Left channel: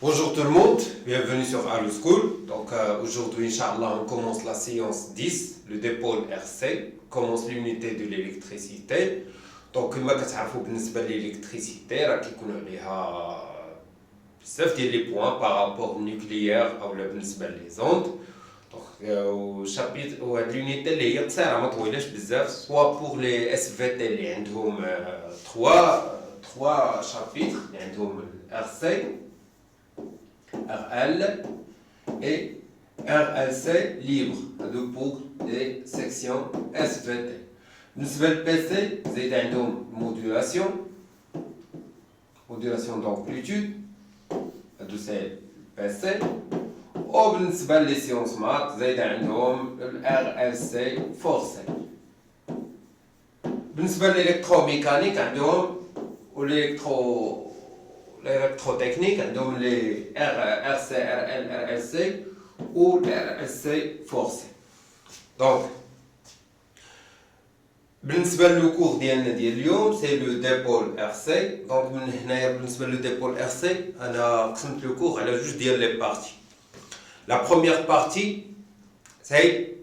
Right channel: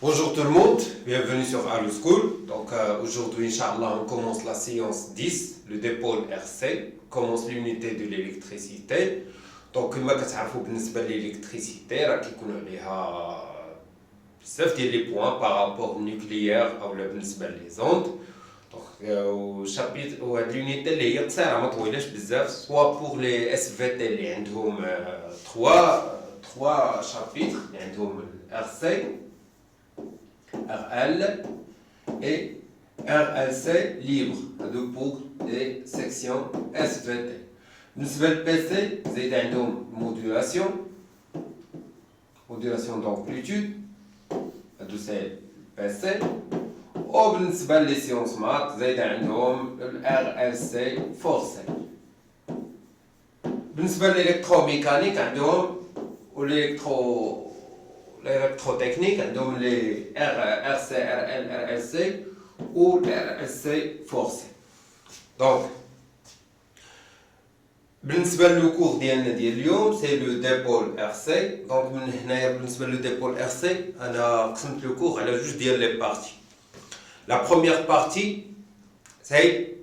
Bonjour tout le monde, bienvenue sur Allo School. Aujourd'hui, Inch'Allah, on commence la séance 10, le dipôle RC, on commence l'unité de l'électricité. Donc, كما كتعرفوا بالنسبة للإلكتريسيتي راه كيكونوا عليها بزاف ديال لي بوان بارابور النيوكليير أو بالنسبة لي زوند. وشابيت وهاد l'unité اللي هي قصيرة ما طويلاش بزاف سوا بوغ لي اس في تي اللي عندهم 3 شابيتر اللي عندهم RC RL et RLC libre pour les sections SVT. Nous avons le PC, c'est une modulation d'amplitude, c'est le PC. Ou بالنسبة les sciences maths, c'est le RLC forcé. بالنسبة l'électromécanique, l'électrotechnique, donc les RC, RL, RLC ou les RLC forcé. Donc, le cours ديالنا ديال اليوم c'est le dipôle RC. Donc, من هنايا بالنسبة le dipôle RC, أنا قسمت le cours على جوج ديال les parties. La première partie c'est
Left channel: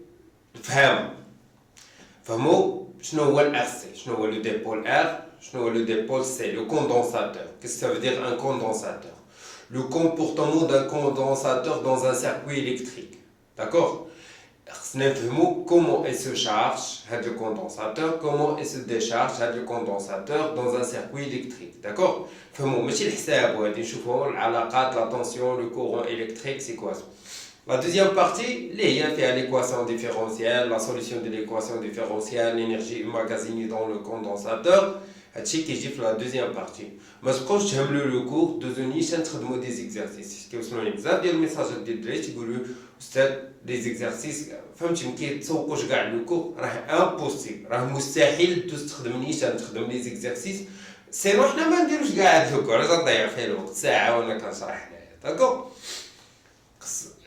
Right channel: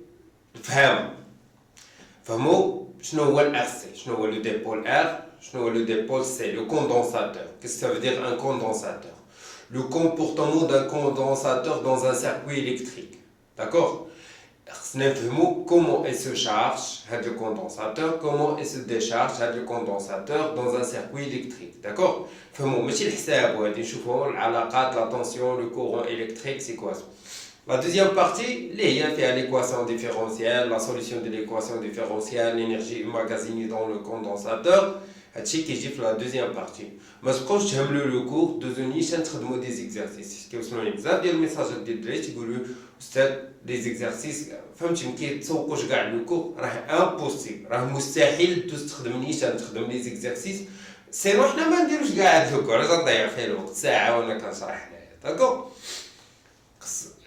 فهموا شنو هو ال RC, شنو هو le dipôle R. Le dipôle, c'est le condensateur. Qu'est-ce que ça veut dire un condensateur? Le comportement d'un condensateur dans un circuit électrique. D'accord? Comment il se charge le condensateur, comment il se décharge le condensateur dans un circuit électrique. D'accord? La tension, le courant électrique, c'est quoi ça? La deuxième partie, c'est l'équation différentielle, la solution de l'équation différentielle, l'énergie emmagasinée dans le condensateur. C'est ce qui est la deuxième partie. Mais quand je termine le cours, je vais des exercices. Parce que le message de des exercices, le cours est impossible. C'est مستحيل تستخدم des exercices. C'est moi ما نديروش قاعد le cours. راك ضيع فيه الوقت ساعة ولا كنشرح لها. D'accord?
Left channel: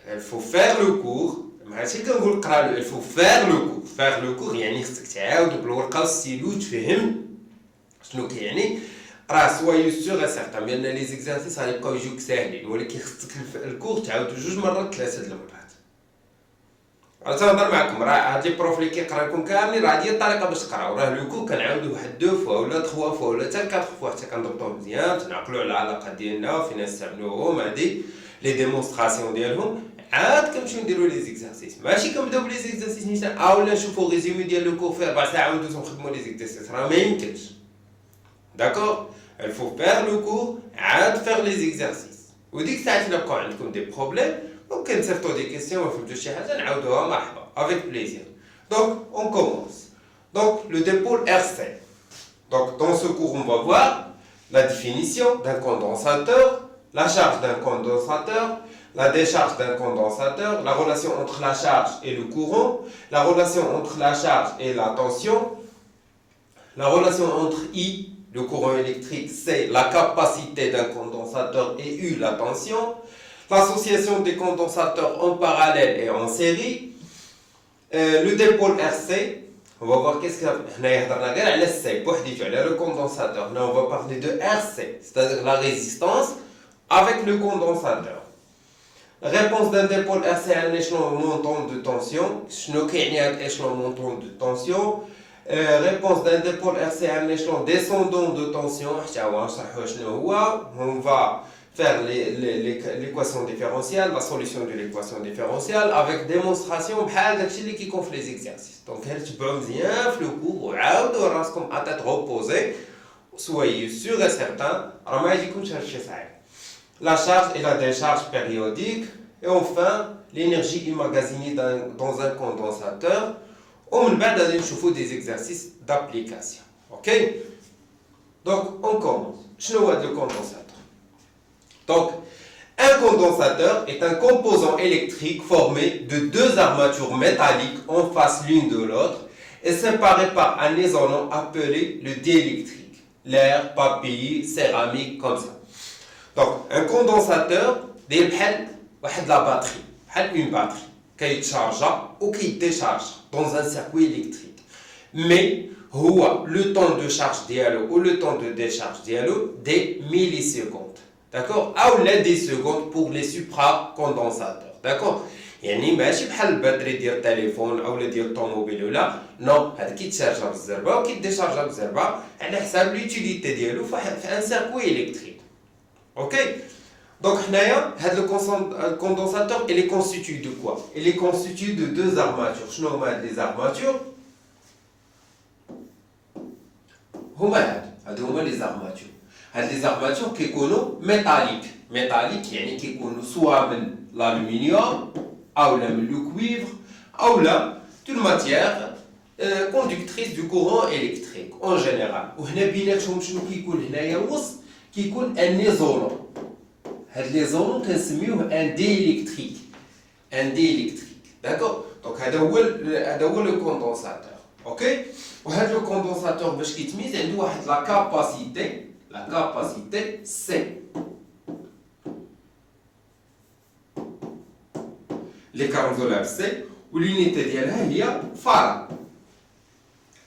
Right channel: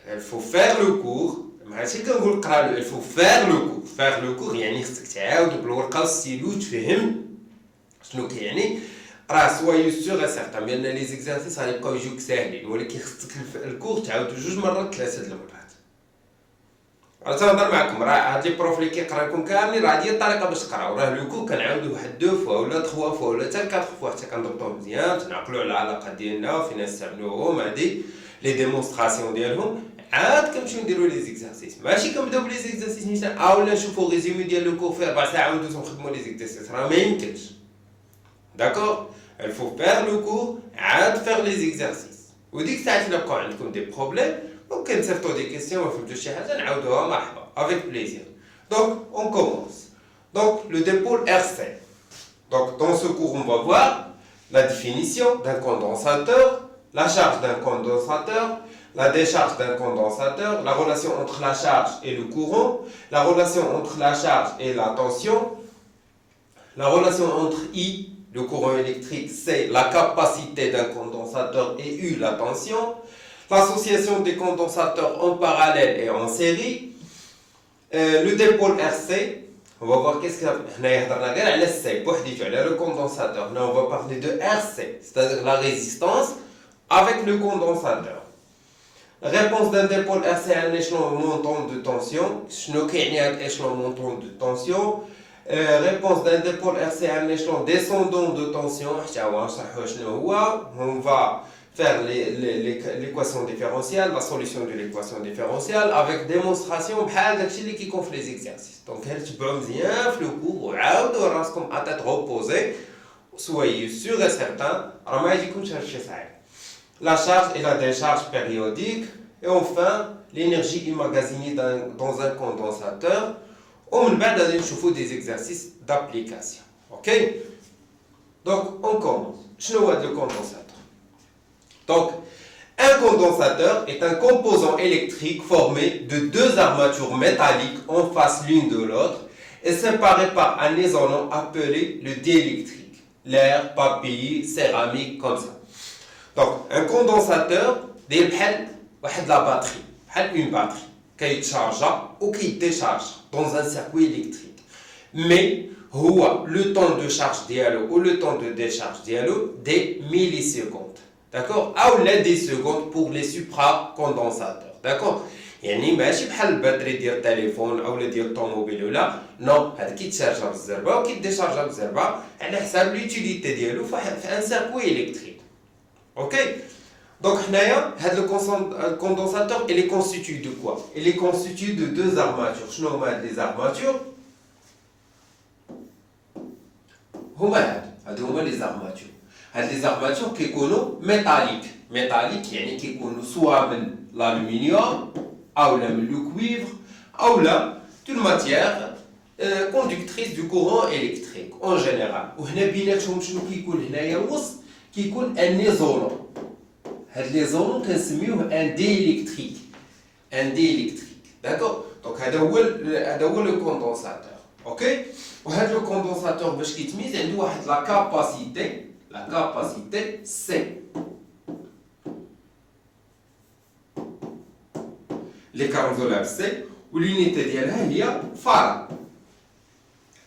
Il faut faire le cours. ماشي كنقول قرا il faut faire le cours. Faire le cours يعني خصك تعاود بالورقة والستيلو تفهم شنو كيعني راه سوايو سيغ سيغتان بان لي زيكزارسيس غيبقاو يجيوك ساهلين ولكن خصك الكور تعاودو جوج مرات ثلاثه د المرات. غنهضر معكم راه هادي بروف اللي كيقرا لكم كاملين راه هادي الطريقه باش تقراو راه لو كور كنعاودو واحد دو فوا ولا تخوا فوا ولا حتى كاتر فوا حتى كنضبطوه مزيان تنعقلوا على العلاقه ديالنا فين نستعملوهم هادي لي ديمونستراسيون ديالهم عاد كنمشيو نديرو لي زيكزارسيس ماشي كنبداو بلي زيكزارسيس نيشان ولا نشوفو ريزومي ديال لو كور في 4 ساعات وندوزو نخدمو لي زيكزارسيس راه ما يمكنش. D'accord? Il faut faire le cours, faire les exercices. Vous dites que ça a des problèmes, donc quand vous avez des questions, avec plaisir. Donc, on commence. Donc, le dipôle RC. Donc, dans ce cours, on va voir la définition d'un condensateur, la charge d'un condensateur, la décharge d'un condensateur, la relation entre la charge et le courant, la relation entre la charge et la tension, la relation entre I, le courant électrique, c'est la capacité d'un condensateur et U, la tension. L'association des condensateurs en parallèle et en série. Le dipôle RC, on va voir qu'est-ce que le condensateur. Là, on va parler de RC, c'est-à-dire la résistance avec le condensateur. La réponse d'un dipôle RC à un échelon montant de tension. Échelon montant de tension. Réponse d'un dipôle RC à un échelon descendant de tension. On va faire l'équation différentielle, la solution de l'équation différentielle avec démonstration qui confie les exercices. Donc, tu peux bien le cours comme à tête reposée. Soyez sûr et certain. La charge et la décharge périodique. Et enfin, l'énergie emmagasinée dans un condensateur. On va faire des exercices d'application. Ok? Donc, on commence. Je ne vois le condensateur. Donc, un condensateur est un composant électrique formé de deux armatures métalliques en face l'une de l'autre et séparées par un isolant appelé le diélectrique. L'air, papier, céramique, comme ça. Donc, un condensateur, c'est la batterie. Une batterie. Qui charge ou qui décharge dans un circuit électrique. Mais le temps de charge ou le temps de décharge des millisecondes. d'accord, ou la des secondes pour les supracondensateurs, d'accord. يعني ماشي بحال الباتري ديال التليفون او ديال الطوموبيل ولا نو، هذا كيتشارجا بالزربه وكيديشارجا بالزربه على حساب لوتيليتي ديالو في ان سيركوي الكتريك. اوكي دونك حنايا هذا الكوندونساتور il est constitué de quoi? Il est constitué de deux armatures. شنو هما هاد لي زارماتور؟ هادو هما لي زارماتور. هاد لي زارماتور كيكونوا ميتاليك يعني كيكونوا سوا من الالومنيوم او لا من لو كويفر او لا دون ماتيير كوندكتريس دو كورون الكتريك اون جينيرال. وهنا بيناتهم شنو كيكون هنايا الوسط؟ كيكون ان ليزولون. هاد ليزولون كنسميوه ان دي الكتريك داكور. دونك هذا هو لو كوندونساتور. اوكي وهذا لو كوندونساتور باش كيتميز عنده واحد لا كاباسيتي سي. لي كارنزولار سي واليونيتي ديالها هي فاراد.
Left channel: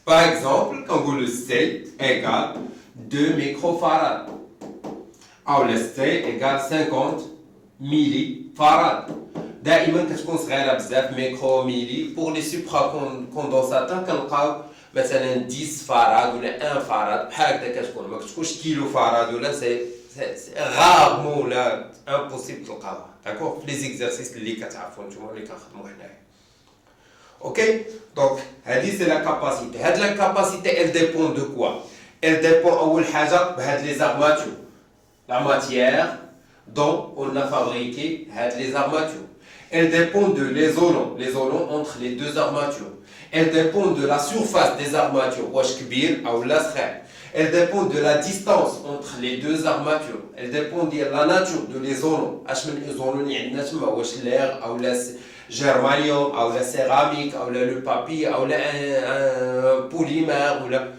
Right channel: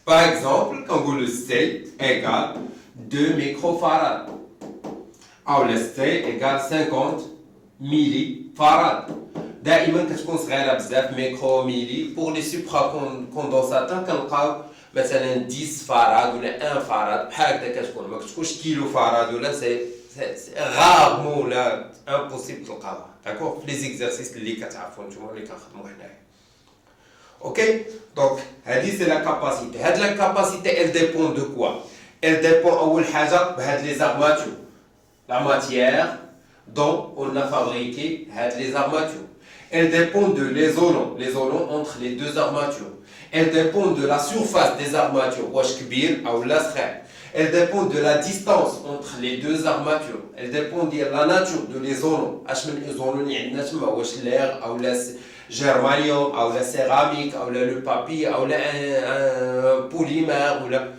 باغ اكزومبل كنقولوا سي ايكال 2 ميكروفاراد او لا سي ايكال 50 ميلي فاراد. دائما كتكون صغيره بزاف ميكرو ميلي. بور لي سوبرا كوندونساتور كنلقاو مثلا 10 فاراد ولا 1 فاراد بحال هكذا كتكون، ما كتكونش كيلو فاراد ولا سي غارمون ولا امبوسيبل تلقاوها داكور في لي زيكزارسيس اللي كتعرفوا نتوما اللي كنخدموا حنايا. اوكي دونك هذه سي لا كاباسيتي. هاد لا كاباسيتي ال ديبون دو كوا؟ ال ديبون اول حاجه بهاد لي زارماتور لا ماتيير دون on a fabriqué les armatures. Elle dépend de l'isolant entre les deux armatures. Elle dépend de la surface des armatures, واش كبير أو لا صغير. Elle dépend de la distance entre les deux armatures. Elle dépend de la nature de l'isolant. اش من isolant اللي عندنا تما، واش l'air أو لا germanium أو لا céramique أو لا le papier أو لا polymère ولا.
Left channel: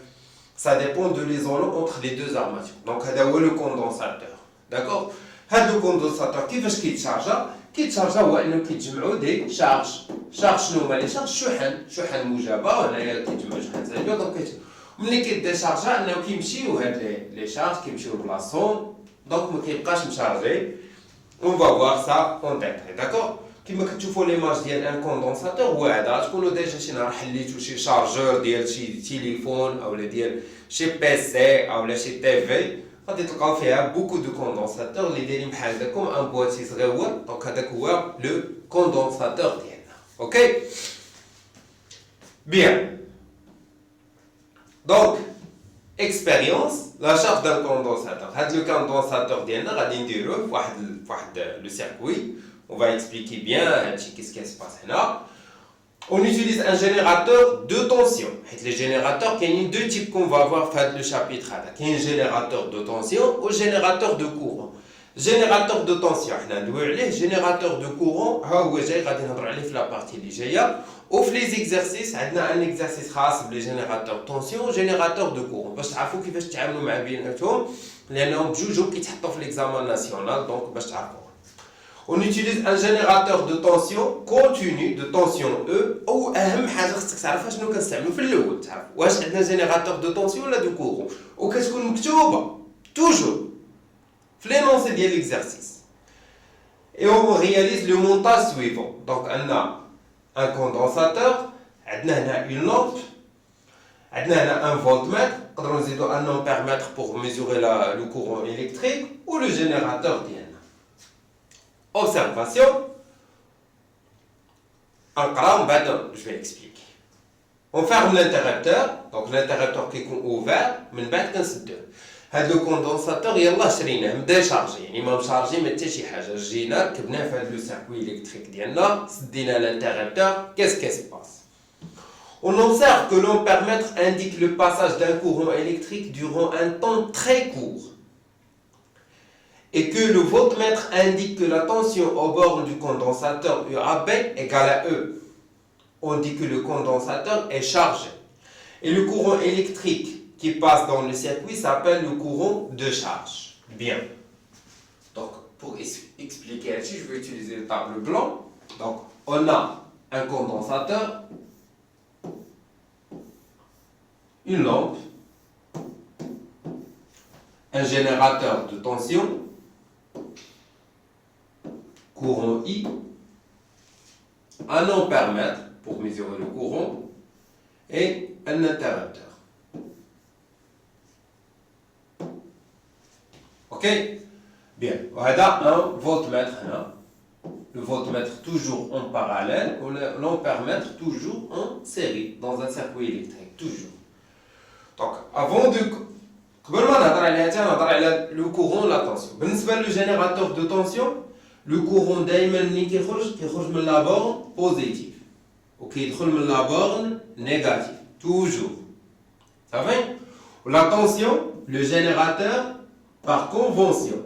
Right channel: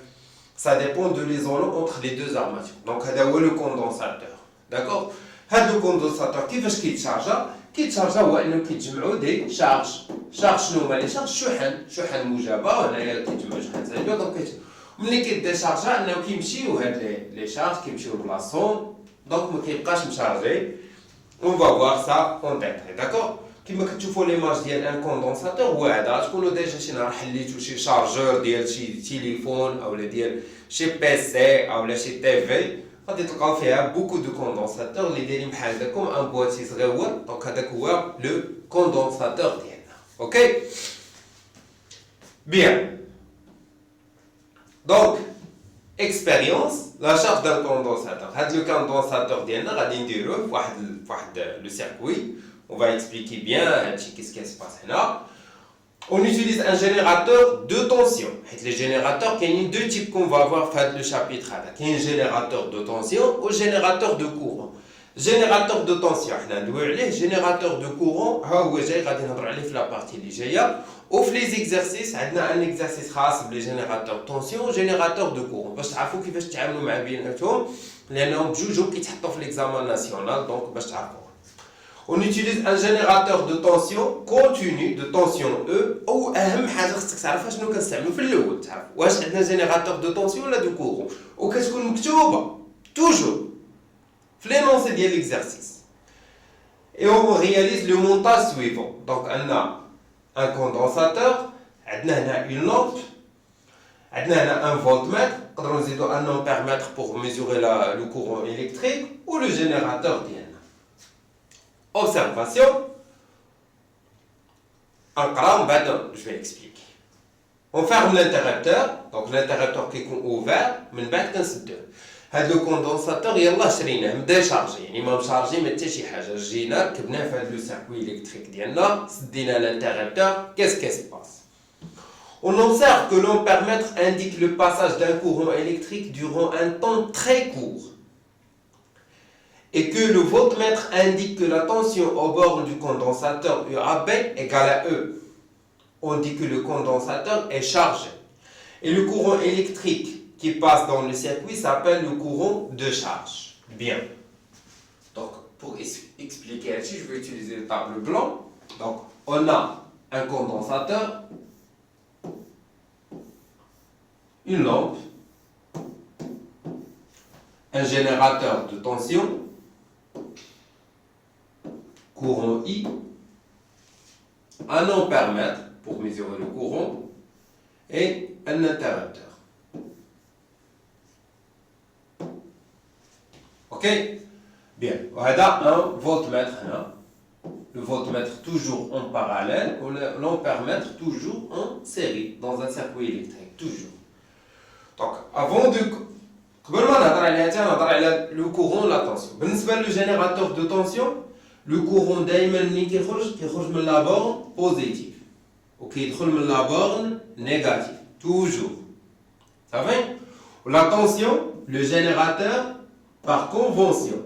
Ça dépend de l'isolant entre les deux armatures. Donc هذا هو le condensateur. D'accord. هذا الكوندونساتور كيفاش كيتشارجا هو انه كيتجمعوا دي شارج. شنو هما لي شارج؟ شحن موجبه وهنايا كيتجمعوا شحن سالبه. دونك ملي كيديشارجا انه كيمشيو هاد لي شارج كيمشيو بلاصتهم، دونك ما كيبقاش مشارجي. اون فا فوار سا اون ديتاي داكور. كيما كتشوفوا ليماج ديال ان كوندونساتور هو هذا. تكونوا ديجا شي نهار حليتو شي شارجور ديال شي تليفون اولا ديال شي بيسي اولا شي تي في، غادي تلقاو فيها بوكو دو كوندونساتور اللي دايرين بحال هكاكم ان بواتي صغيور. دونك هذاك هو لو كوندونساتور ديالنا. اوكي بيان. دونك اكسبيريونس لا شارج دان كوندونساتور. هاد لو كوندونساتور ديالنا غادي نديروه فواحد لو سيركوي. On va expliquer bien qu'est-ce qui se passe là. On utilise un générateur de tension. Les générateurs, il y a deux types qu'on va voir dans le chapitre. Il y a un générateur de tension ou un générateur de courant. Générateur de tension, le générateur de courant, on va la partie légère. Ou les exercices, on a un exercice خاص بالجénérateur de tension ou générateur de courant. باش تعرفوا كيفاش تتعاملوا مع بيناتهم لانهم بجوج كيتحطوا في l'examen national. Donc باش تعرفوا. On utilise un générateur de tension continue de tension E ou اهم حاجه خصك تعرفها شنو كنستعملوا في الاول. تعرف واش عندنا جينيراتور دو طونسيون ولا دو كورون، وكتكون مكتوبه توجور في لينونسي ديال ليكزارسيس. Et on réalise le montage suivant. Donc on a un condensateur, عندنا هنا une lampe, عندنا هنا un voltmètre, نقدروا نزيدوا un ampèremètre pour mesurer le courant électrique ou le générateur ديالنا. Observation. Je vais expliquer. On ferme l'interrupteur. Donc l'interrupteur qui est ouvert, من بعد كنسدوه. هذا الكوندونساتور يلاه شريناه بدا يشارجي، يعني ما مشارجي ما حتى شي حاجه. جينا ركبناه في هذا لو سيركوي الكتريك ديالنا، سدينا l'interrupteur. Qu'est-ce qui se passe? On observe que l'ampèremètre indique le passage d'un courant électrique durant un temps très court. Et que le voltmètre indique que la tension au bord du condensateur UAB égale à E. On dit que le condensateur est chargé. Et le courant électrique qui passe dans le circuit s'appelle le courant de charge. Bien. Donc, pour expliquer ici, je vais utiliser le tableau blanc. Donc, on a un condensateur, une lampe, un générateur de tension, courant I, un ampèremètre pour mesurer le courant et un interrupteur. Ok? Bien, voilà un voltmètre là. Le voltmètre toujours en parallèle, ou l'ampèremètre toujours en série, dans un circuit électrique, toujours. Donc, avant de... le courant, la tension. Le générateur de tension, le courant d'Ayman qui de la borne positive. Ok, de la borne négative, toujours. Ça va? La tension, le générateur, par convention.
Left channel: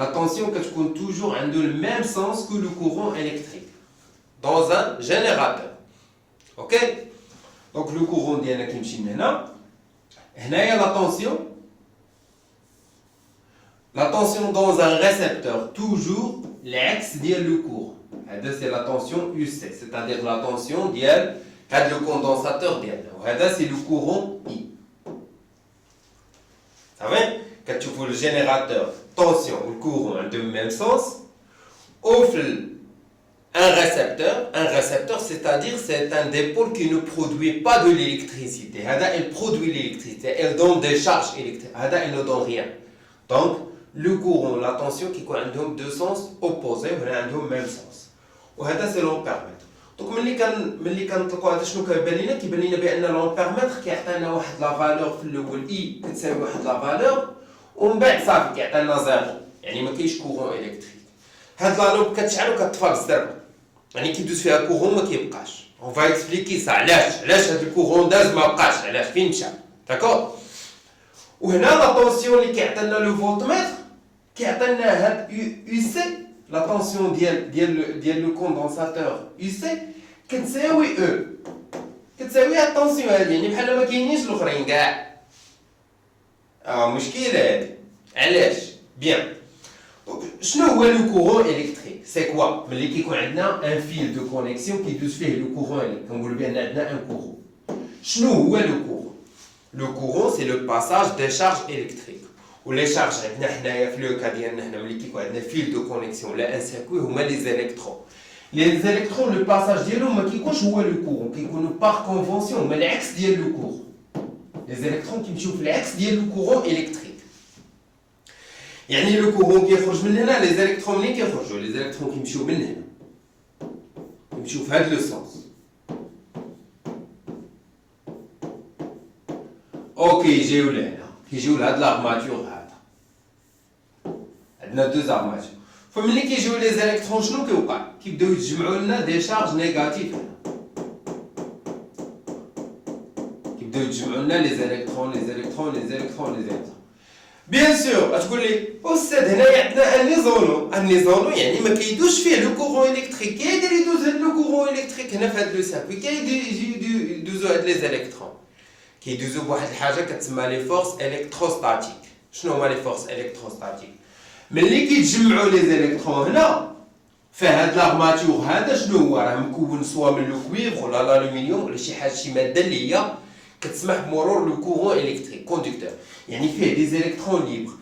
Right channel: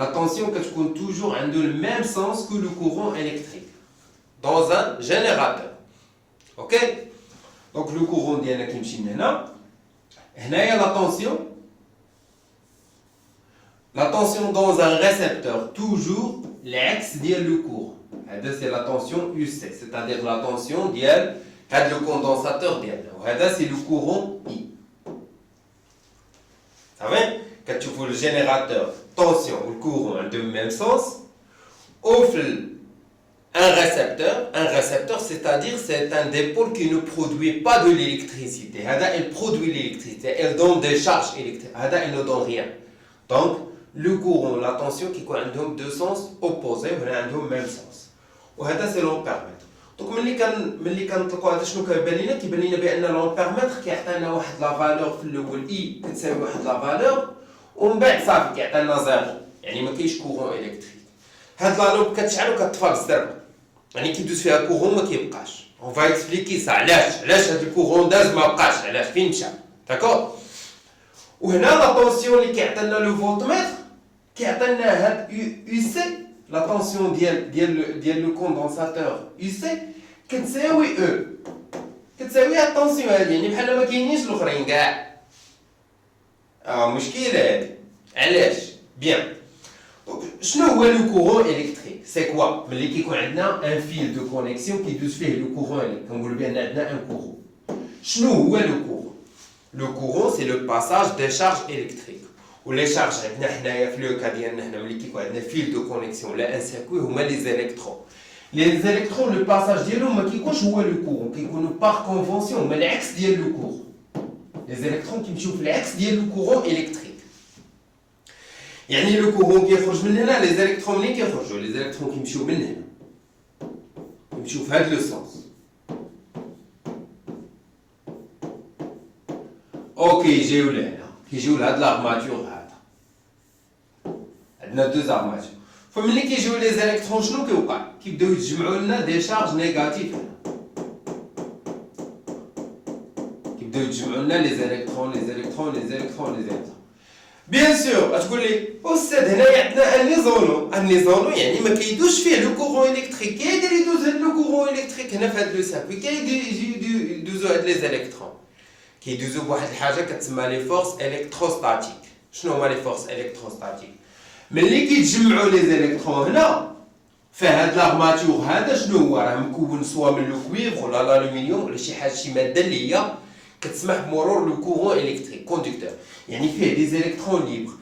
La tension compte toujours dans le même sens que le courant électrique dans un générateur. Ok? Donc le courant est là. Il y a la tension dans un récepteur, toujours l'axe du courant. C'est la tension UC, c'est-à-dire la tension le condensateur. C'est le courant I. Ça va? Quand tu vois le générateur, tension, le courant dans le même sens, offre un récepteur, c'est-à-dire c'est un dépôle qui ne produit pas de l'électricité. Elle produit l'électricité, elle donne des charges électriques. Elle ne donne rien. Donc, le courant, la tension qui ont deux sens opposés, mais ont le même sens. C'est l'ampèremètre. Donc, ملي كنطلقوا هذا شنو كيبان لنا؟ كيبان لنا بان لامبيرمتر كيعطينا واحد لا فالور في الاول اي كتساوي واحد لا فالور ومن بعد صافي كيعطينا زيرو، يعني ما كاينش كورون الكتريك. هاد لا لوب كتشعل وكتطفى بالزربه، يعني كيدوز فيها كورون ما كيبقاش. اون فا اكسبليكي سا علاش هاد الكورون داز ما بقاش، علاش فين مشى، داكور. وهنا لا طونسيون اللي كيعطينا لو فولتمتر كيعطينا هاد يو سي، لا طونسيون ديال لو كوندونساتور يو سي كتساوي او، كتساوي الطونسيون هادي، يعني بحال ما كاينينش الاخرين كاع. مشكله هادي. علاش؟ بيان. شنو هو لو كورون الكتريك؟ سي كوا؟ ملي كيكون عندنا ان فيل دو كونيكسيون كيدوز فيه لو كورون، كنقولوا بان عندنا ان كورون. شنو هو لو كورون؟ لو كورون سي لو باساج دي شارج الكتريك. ولي شارج عندنا حنايا في لو كا ديالنا هنا ملي كيكون عندنا فيل دو كونيكسيون ولا ان سيركوي هما لي زيليكترون. Les électrons, le passage ديالهم ما كيكونش هو لو كورون، كيكونوا باغ كونفونسيون هما العكس ديال لو كورون. Les électrons كيمشيو في العكس ديال لو كورون الكتريك. يعني لو كورون كيخرج من هنا، لي زيليكترون ملي كيخرجوا، لي زيليكترون كيمشيو من هنا، كيمشيو في هذا لو سونس. اوكي يجيو لهنا، كيجيو لهاد لارماتور هذا. عندنا دوز ارماتور. فملي كيجيو لي زيليكترون شنو كيوقع؟ كيبداو يتجمعوا لنا دي شارج نيجاتيف. كيبداو يتجمعوا لنا لي زيليكترون. بيان سور غتقول لي استاذ هنايا عندنا ان نيزولو يعني ما كيدوش فيه لو كورون الكتريك، كيقدر يدوز هاد لو كورون الكتريك هنا في هاد لو سيركوي، كيدوزو هاد لي زيليكترون، كيدوزو بواحد الحاجه كتسمى لي فورس الكتروستاتيك. شنو هما لي فورس الكتروستاتيك؟ ملي كيتجمعوا لي زيليكترون هنا فهاد لارماتور هذا شنو هو؟ راه مكون سوا من لو كويفر ولا الالومنيوم ولا شي حاجه، شي ماده اللي هي كتسمح بمرور لو كورون الكتريك كوندكتور، يعني فيه دي زيليكترون ليبر.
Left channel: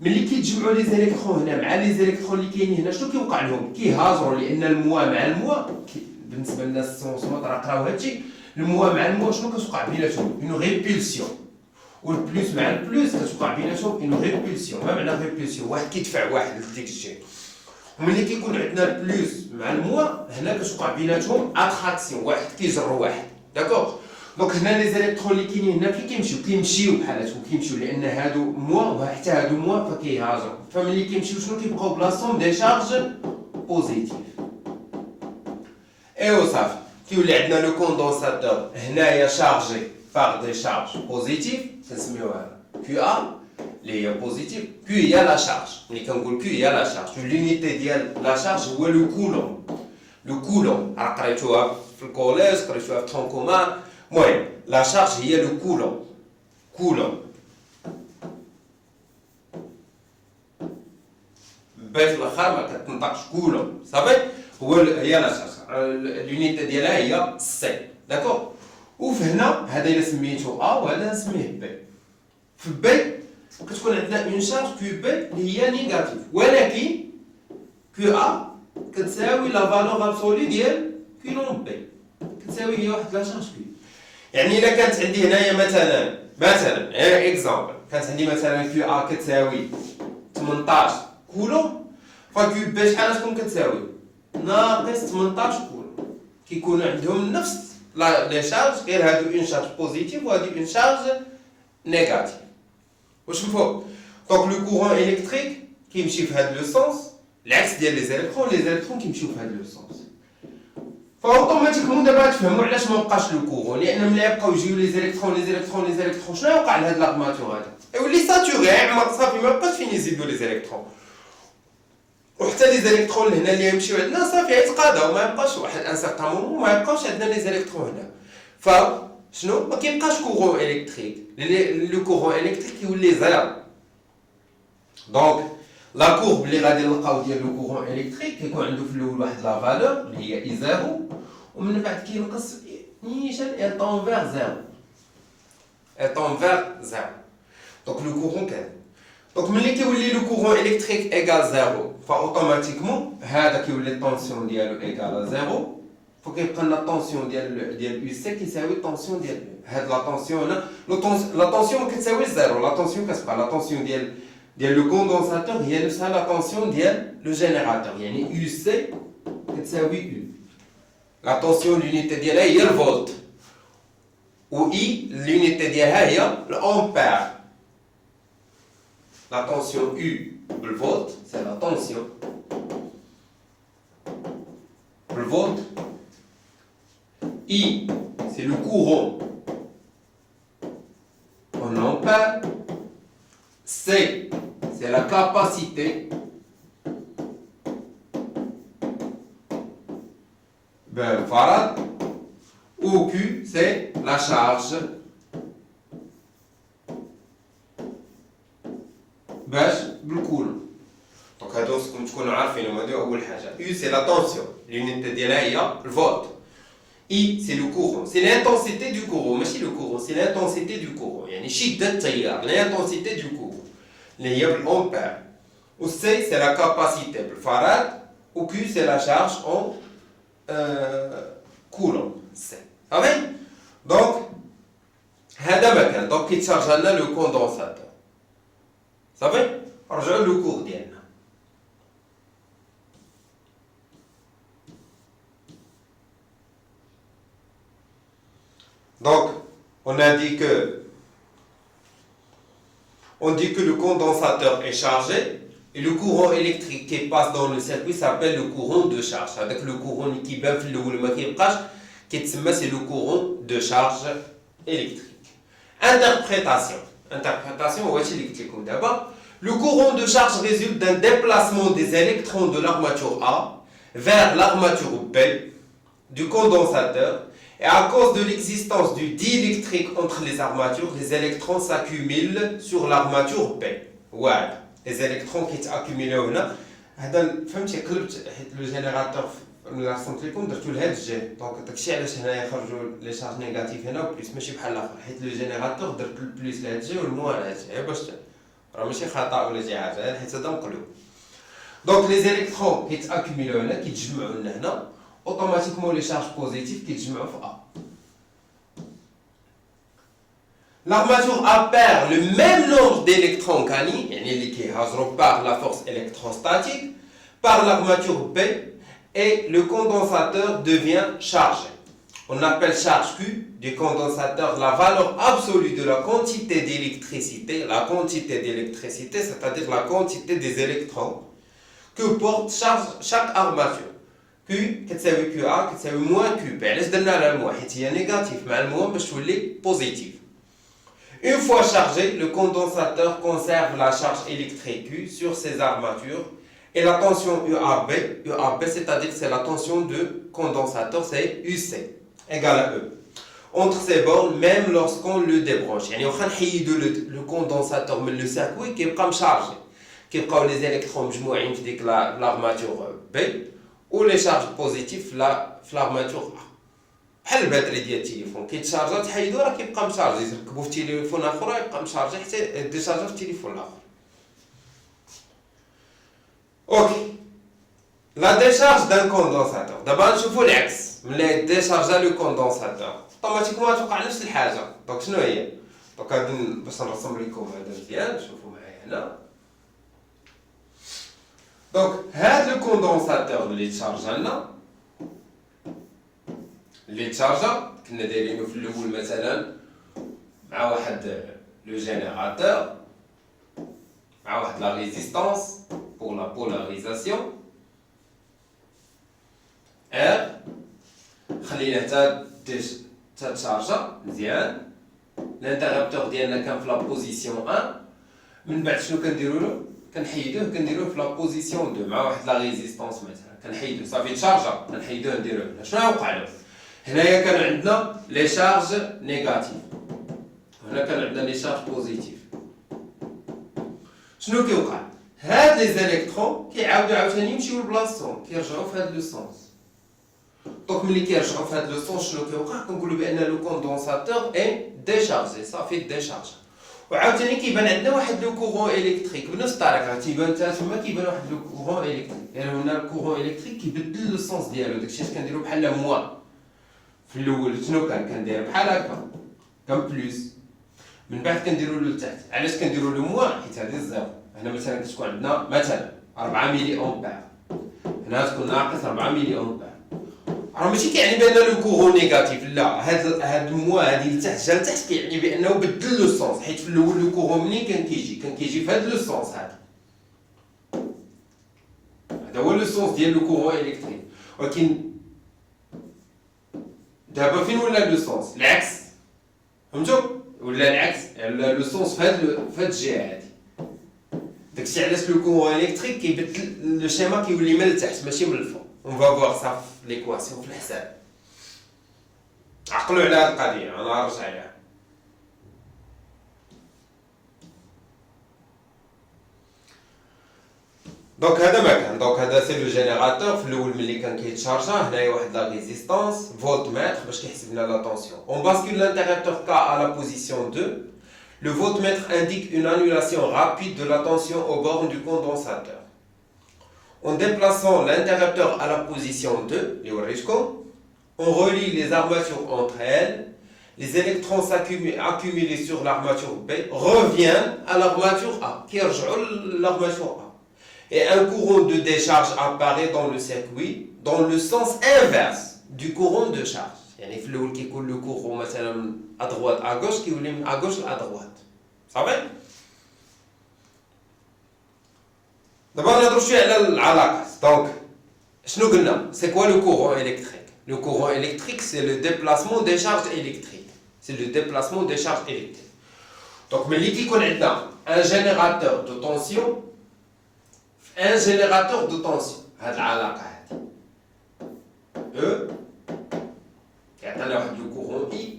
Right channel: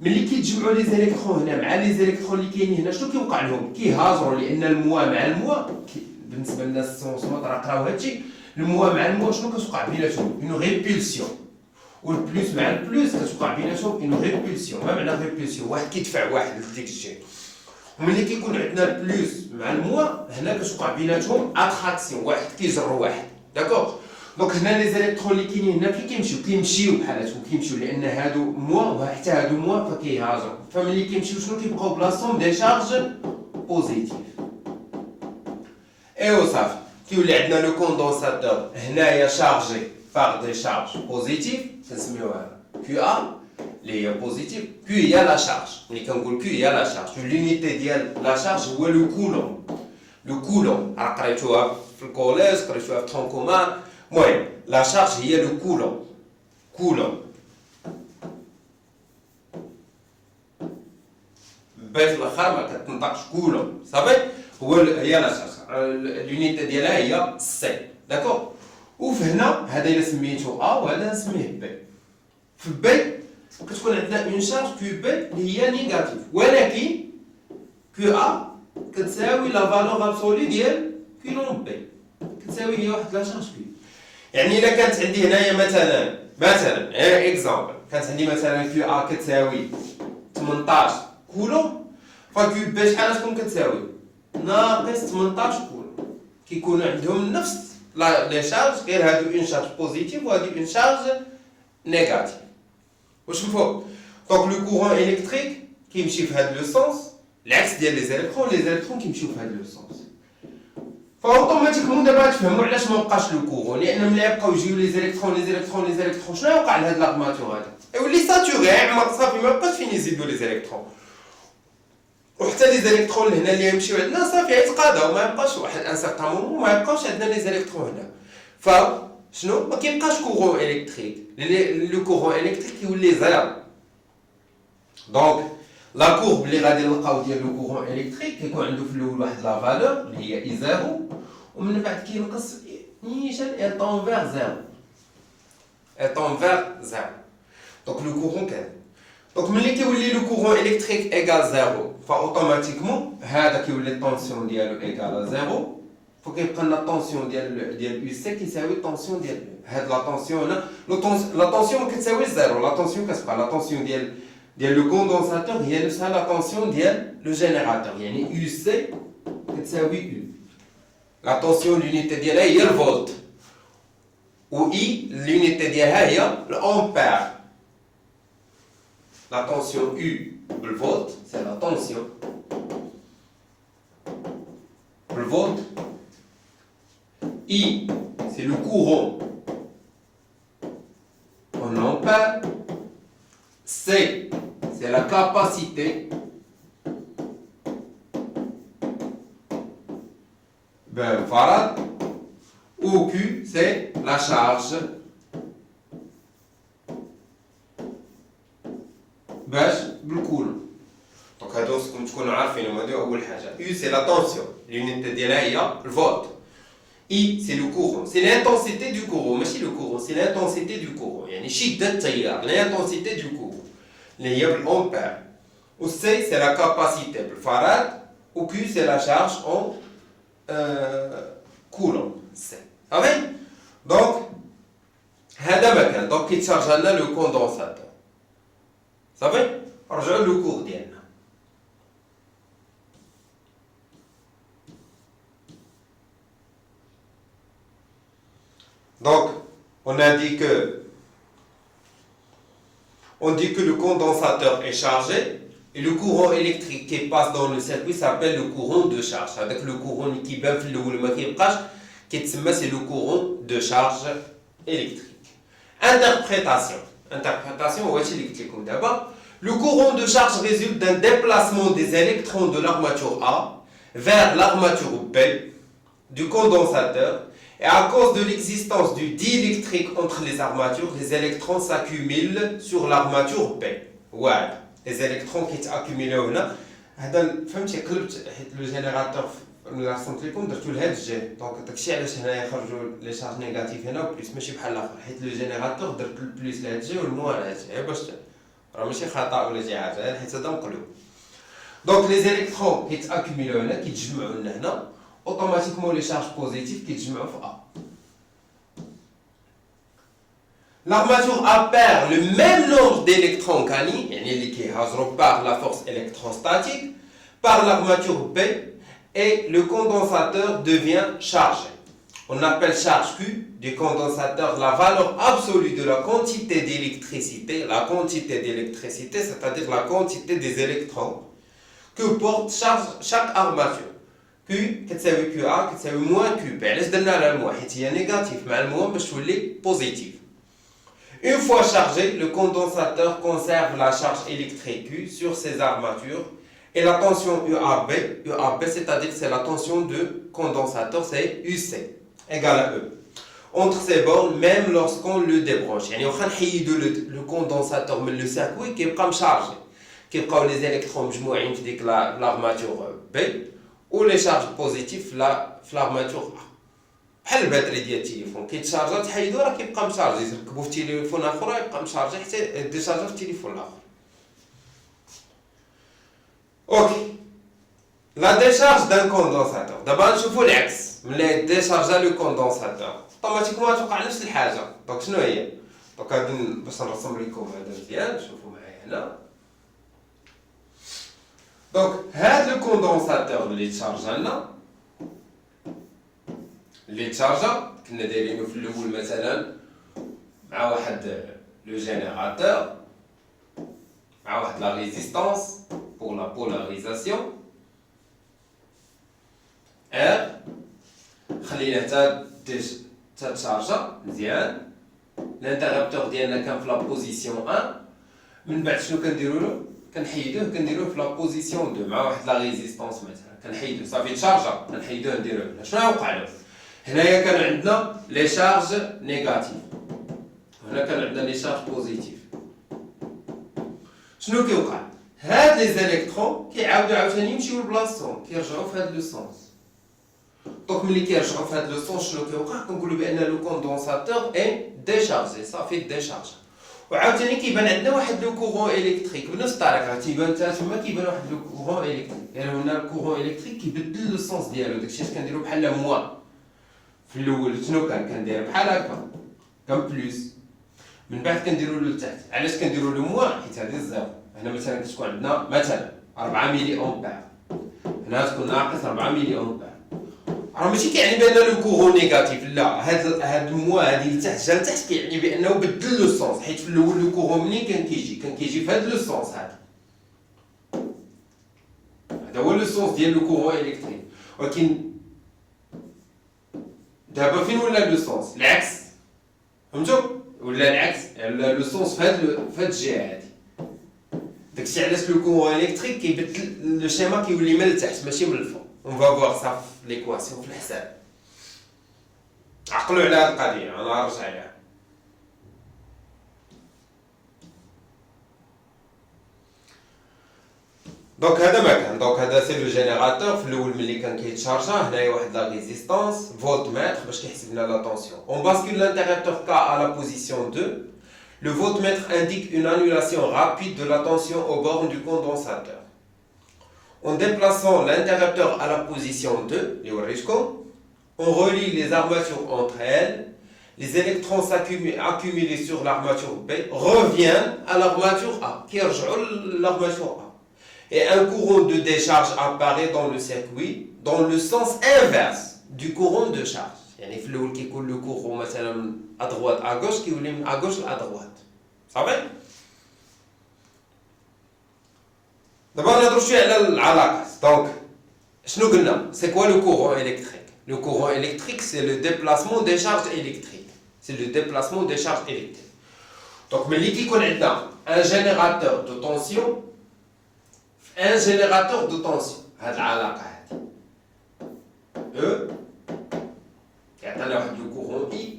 ملي كيتجمعوا لي زيليكترون هنا مع لي زيليكترون اللي كاينين هنا شنو كيوقع لهم؟ كيهاجروا، لان الموا مع الموا بالنسبه للناس السونسموط راه قراو هادشي، الموا مع الموا شنو كتوقع بيناتهم؟ اون ريبولسيون. والبلوس مع البلوس كتوقع بيناتهم اون ريبولسيون. ما معنى ريبولسيون؟ واحد كيدفع واحد لديك الجهه. وملي كيكون عندنا البلوس مع الموا هنا كتوقع بيناتهم اتراكسيون، واحد كيجر واحد، داكوغ. دونك هنا لي زيليكترون اللي كاينين هنا كيمشيو بحالاتهم، كيمشيو لان هادو موا وحتى هادو موا فكيهاجروا. فملي كيمشيو شنو كيبقاو بلاصتهم؟ دي شارج بوزيتيف. ايوا صافي كيولي عندنا لو كوندونساتور هنايا شارجي باغ دي شارج بوزيتيف، كنسميوها كيو ا اللي هي بوزيتيف. كيو هي لا شارج، ملي كنقول كيو هي لا شارج، لونيتي ديال لا شارج هو لو كولوم. لو كولوم قريتوها في الكوليج، قريتوها في ترون كومان. المهم لا شارج هي لو كولوم. باش في الاخر ما كتنطقش كولوم، صافي هي لا شارج، لونيتي ديالها هي سي، داكوغ. وفهنا هذا الا سميتو ا وهذا نسميه بي. في بي كتكون عندنا اون شارج كيو بي اللي هي نيجاتيف، ولكن QA كتساوي لا فالور ابسولي ديال كولوم بي كتساوي هي واحد لا شارج كيو. يعني الا كانت عندي هنايا مثلا غير اكزامبل كانت عندي مثلا QA كتساوي 18 كولوم فكيو بي شحال تكون كتساوي ناقص 18 كولوم. كيكونوا عندهم نفس لي شارج غير هادو اون شارج بوزيتيف وهادو اون شارج نيجاتيف. واش مفهوم؟ دونك لو كورون الكتريك كيمشي في هاد لو سونس العكس ديال لي زيليكترون كيمشيو في هاد لو سونس. فاوتوماتيكمون دابا تفهموا علاش ما بقاش لو كورون، لان ملي يبقاو يجيو لي زيليكترون شنو يوقع لهاد لاغماتور هذا؟ يولي ساتوري عمر صافي ما بقاش فين يزيدوا لي زيليكترون. وحتى لي زيليكترون اللي هنا اللي يمشيو عندنا صافي يتقاضاو ما يبقاش واحد ان سارتان مومون ما يبقاوش عندنا لي زيليكترون هنا. فشنو ما كيبقاش كورون الكتريك، لو كورون الكتريك يولي زيرو. دونك لا كورب اللي غادي نلقاو ديال لو كورون الكتريك كيكون عنده في الاول واحد لا فالور اللي هي اي زيرو ومن بعد كينقص نيشان ايطون فيغ زيرو دونك لو كورون كان دونك ملي كيولي لو كورون الكتريك ايكال زيرو فاوتوماتيكمون هذا كيولي الطونسيون ديالو ايكال زيرو فكيبقى لنا الطونسيون ديال يو سي كيساوي الطونسيون ديال هاد لا طونسيون هنا لا طونسيون ما كتساويش زيرو لا طونسيون كتبقى لا طونسيون ديال لو كوندونساتور هي نفسها لا طونسيون ديال لو جينيراتور يعني يو سي كتساوي يو لا طونسيون لونيتي ديالها هي الفولت و اي لونيتي ديالها هي الامبير. La tension U, le volt, c'est la tension. Le volt. I, c'est le courant en ampères. C, c'est la capacité. Farad. Ou Q, c'est la charge. باش بالكولوم. دونك هادو خصكم تكونوا عارفينهم هادو اول حاجه. يو سي لا طونسيون لونيتي ديالها هي الفولت. اي سي لو كورون سي لانتونسيتي دو كورون ماشي لو كورون سي لانتونسيتي دو كورون يعني شده التيار لانتونسيتي دو كورون اللي هي بالامبير. و سي سي لا كاباسيتي بالفاراد. و كيو سي لا شارج اون كولوم سي صافي. دونك هذا ما كان دونك كيتشارج لنا لو كوندونساتور صافي. رجعوا لو كور ديالنا. Donc on dit que le condensateur est chargé et le courant électrique qui passe dans le circuit s'appelle le courant de charge. Avec le courant qui بان في الاول ما كيبقاش كيتسمى c'est le courant de charge électrique. Interprétation هو هادشي اللي قلت لكم دابا. Le courant de charge résulte d'un déplacement des électrons de l'armature A vers l'armature B du condensateur et à cause de l'existence du diélectrique entre les armatures, les électrons s'accumulent sur l'armature B. Ouais, les électrons qui s'accumulent là. فهمتي قلبت حيت لو جينيراتور ملي رسمت لكم درتو لهاد الجهه دونك داكشي علاش هنا يخرجوا لي شارج نيجاتيف هنا وبليس ماشي بحال الاخر حيت لو جينيراتور درت البليس لهاد الجهه والموان لهاد الجهه باش راه ماشي خطا ولا شي حاجه حيت هذا مقلوب. دونك لي زيليكترون كيتاكيميلو هنا كيتجمعوا لنا هنا اوتوماتيكمون لي شارج بوزيتيف كيتجمعوا في A. L'armature A perd le même nombre d'électrons qu'Ani, يعني اللي كيهاجروا par la force électrostatique, par l'armature B et le condensateur devient chargé. On appelle charge Q du condensateur la valeur absolue de la quantité d'électricité, c'est-à-dire la quantité des électrons que porte chaque armature. Q كتساوي QA كتساوي moins QB. علاش درنا على الموان حيت هي نيجاتيف مع الموان باش تولي بوزيتيف. Une fois chargé, le condensateur conserve la charge électrique Q sur ses armatures et la tension UAB, c'est-à-dire c'est la tension de condensateur, c'est UC égale à E. Entre ces bornes, même lorsqu'on le débranche. يعني واخا نحيدو le condensateur من le circuit كيبقى مشارجي. كيبقاو les électrons مجموعين في ديك l'armature B و les charges positives في l'armature A. بحال الباتري ديال التليفون كيتشارجا تحيدو راه كيبقى مشارجي تركبو في تليفون اخر يبقى مشارجي حتى ديشارجا في التليفون الاخر. اوكي La décharge d'un condensateur. D'abord نشوفوا العكس ملي ديشارجا لو كوندونساتور اوتوماتيكمون غتوقع نفس الحاجه. دونك شنو هي؟ دونك غادي باش نرسم لكم هذا مزيان شوفوا معايا هنا. دونك هذا لو كوندونساتور اللي تشارجا لنا كنا دايرينو في الاول مثلا مع واحد لو جينيراتور مع واحد لا ريزيستانس pour la polarisation R خلينا حتى تشارجا مزيان. الانترابتور ديالنا كان في لا بوزيسيون 1. من بعد شنو كنديروا له؟ كنديروه في لا بوزيسيون 2 مع واحد لا ريزيستانس مثلا كنحيدوه صافي تشارجا كنحيدوه نديروه هنا. شنو غيوقع له؟ هنايا كان عندنا لي شارج نيجاتيف هنا كان عندنا لي شارج بوزيتيف. شنو كيوقع؟ هاد لي زالكترون كيعاودوا عاوتاني يمشيو لبلاصتهم كيرجعوا في هاد لو سونس. دونك ملي كيرجعوا في هاد لو سونس شنو كيوقع؟ كنقولوا بان لو كوندونساتور اي ديشارجي صافي ديشارج. وعاوتاني كيبان عندنا واحد لو كورون الكتريك بنفس الطريقه تيبان حتى تما كيبان واحد لو كورون الكتريك. يعني هنا الكورون الكتريك كيبدل لو سونس ديالو داكشي اللي كنديرو بحال موان. في الاول شنو كندير بحال هكا كان بلوس من بعد كنديرو له لتحت. علاش كنديرو له موان؟ حيت هذه الزيرو. هنا مثلا كتكون عندنا مثلا 4 ملي امبير هنا تكون ناقص 4 ملي امبير. راه ماشي كيعني بان لو كورون نيجاتيف لا هاد الموان هادي لتحت جا لتحت كيعني بانه بدل لو سونس. حيت في الاول لو كورون منين كان كيجي في هاد لو سونس. هذا هو لو سونس ديال لو كورون الكتريك. ولكن دابا فين ولا لو سونس؟ العكس فهمتوا؟ ولا العكس لو سونس في هاد الجهه هادي. داكشي علاش لو كورون الكتريك كيبدل لو شيما كيولي من التحت ماشي من الفوق. اون فا فوار سا في ليكواسيون في الحساب. عقلوا على هاد القضيه انا نرجع لها. دونك هذا ما كان. دونك هذا سي لو جينيراتور في الاول ملي كان كيتشارجا هنايا واحد لا ريزيستانس فولت متر باش كيحسب لنا لا طونسيون. اون باسكول l'interrupteur K à la position 2. Le voltmètre indique une annulation rapide de la tension aux bornes du condensateur. En déplaçant l'interrupteur à la position 2, on relie les armatures entre elles. Les électrons accumulés sur l'armature B reviennent à l'armature A, qui rejoint l'armature A. Et un courant de décharge apparaît dans le circuit dans le sens inverse du courant de charge. يعني في الأول كيكون le courant مثلا à droite à gauche كيولي من à gauche à droite. صافي؟ دابا نهضروا شويه على العلاقات. دونك شنو قلنا؟ سي كوا لو كورون الكتريك؟ لو كورون الكتريك سي لو ديبلاسمون دي شارج الكتريك. سي لو ديبلاسمون دي شارج الكتريك. دونك ملي كيكون عندنا ان جينيراتور دو طونسيون ان جينيراتور دو طونسيون هاد العلاقه هادي او كيعطينا واحد لو كورون اي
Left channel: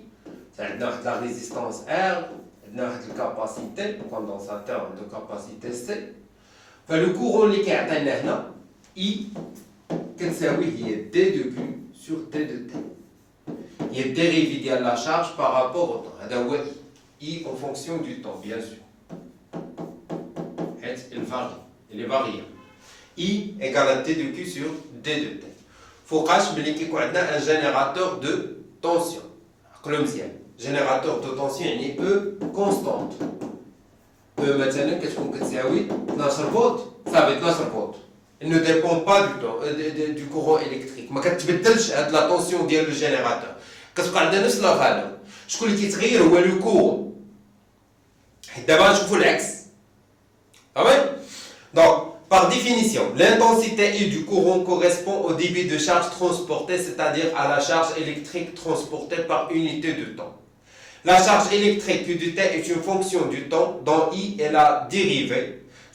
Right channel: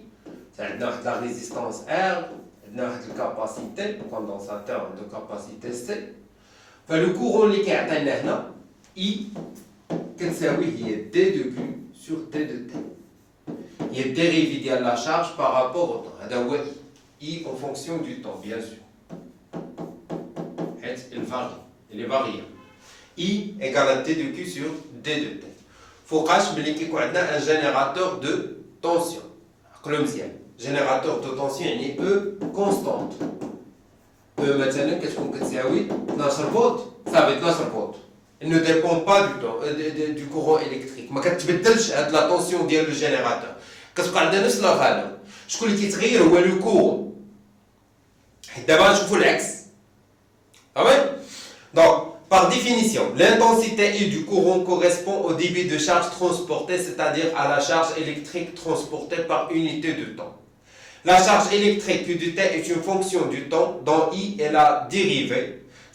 عندنا واحد لا ريزيستانس ار عندنا واحد الكاباسيتي الكوندونساتور عنده كاباسيتي سي. فلو كورون اللي كيعطينا هنا اي كتساوي هي دي دو بي سور دي دو تي. هي الديريفي ديال لا شارج بارابور او طون. هذا هو اي اون فونكسيون دو طون بيان سور حيت الفاري اللي فاريا اي ايكال دي دو بي سور دي دو تي. فوقاش ملي كيكون عندنا ان جينيراتور دو طونسيون. عقلوا مزيان جينيراتور دو طونسيون يعني او كونستانت. او مثلا كتكون كتساوي 12 فولت صافي 12 فولت. Il ne dépend pas du courant électrique. ما كتبدلش هاد لا طونسيون ديال لو جينيراتور. كتبقى عندنا نفس لا فالور. شكون اللي كيتغير هو لو كورون. حيت دابا نشوفوا العكس. تمام؟ Donc, par définition, l'intensité I du courant correspond au débit de charge transporté, c'est-à-dire à la charge électrique transportée par unité de temps. La charge électrique Q de T est une fonction du temps dont I est la dérivée.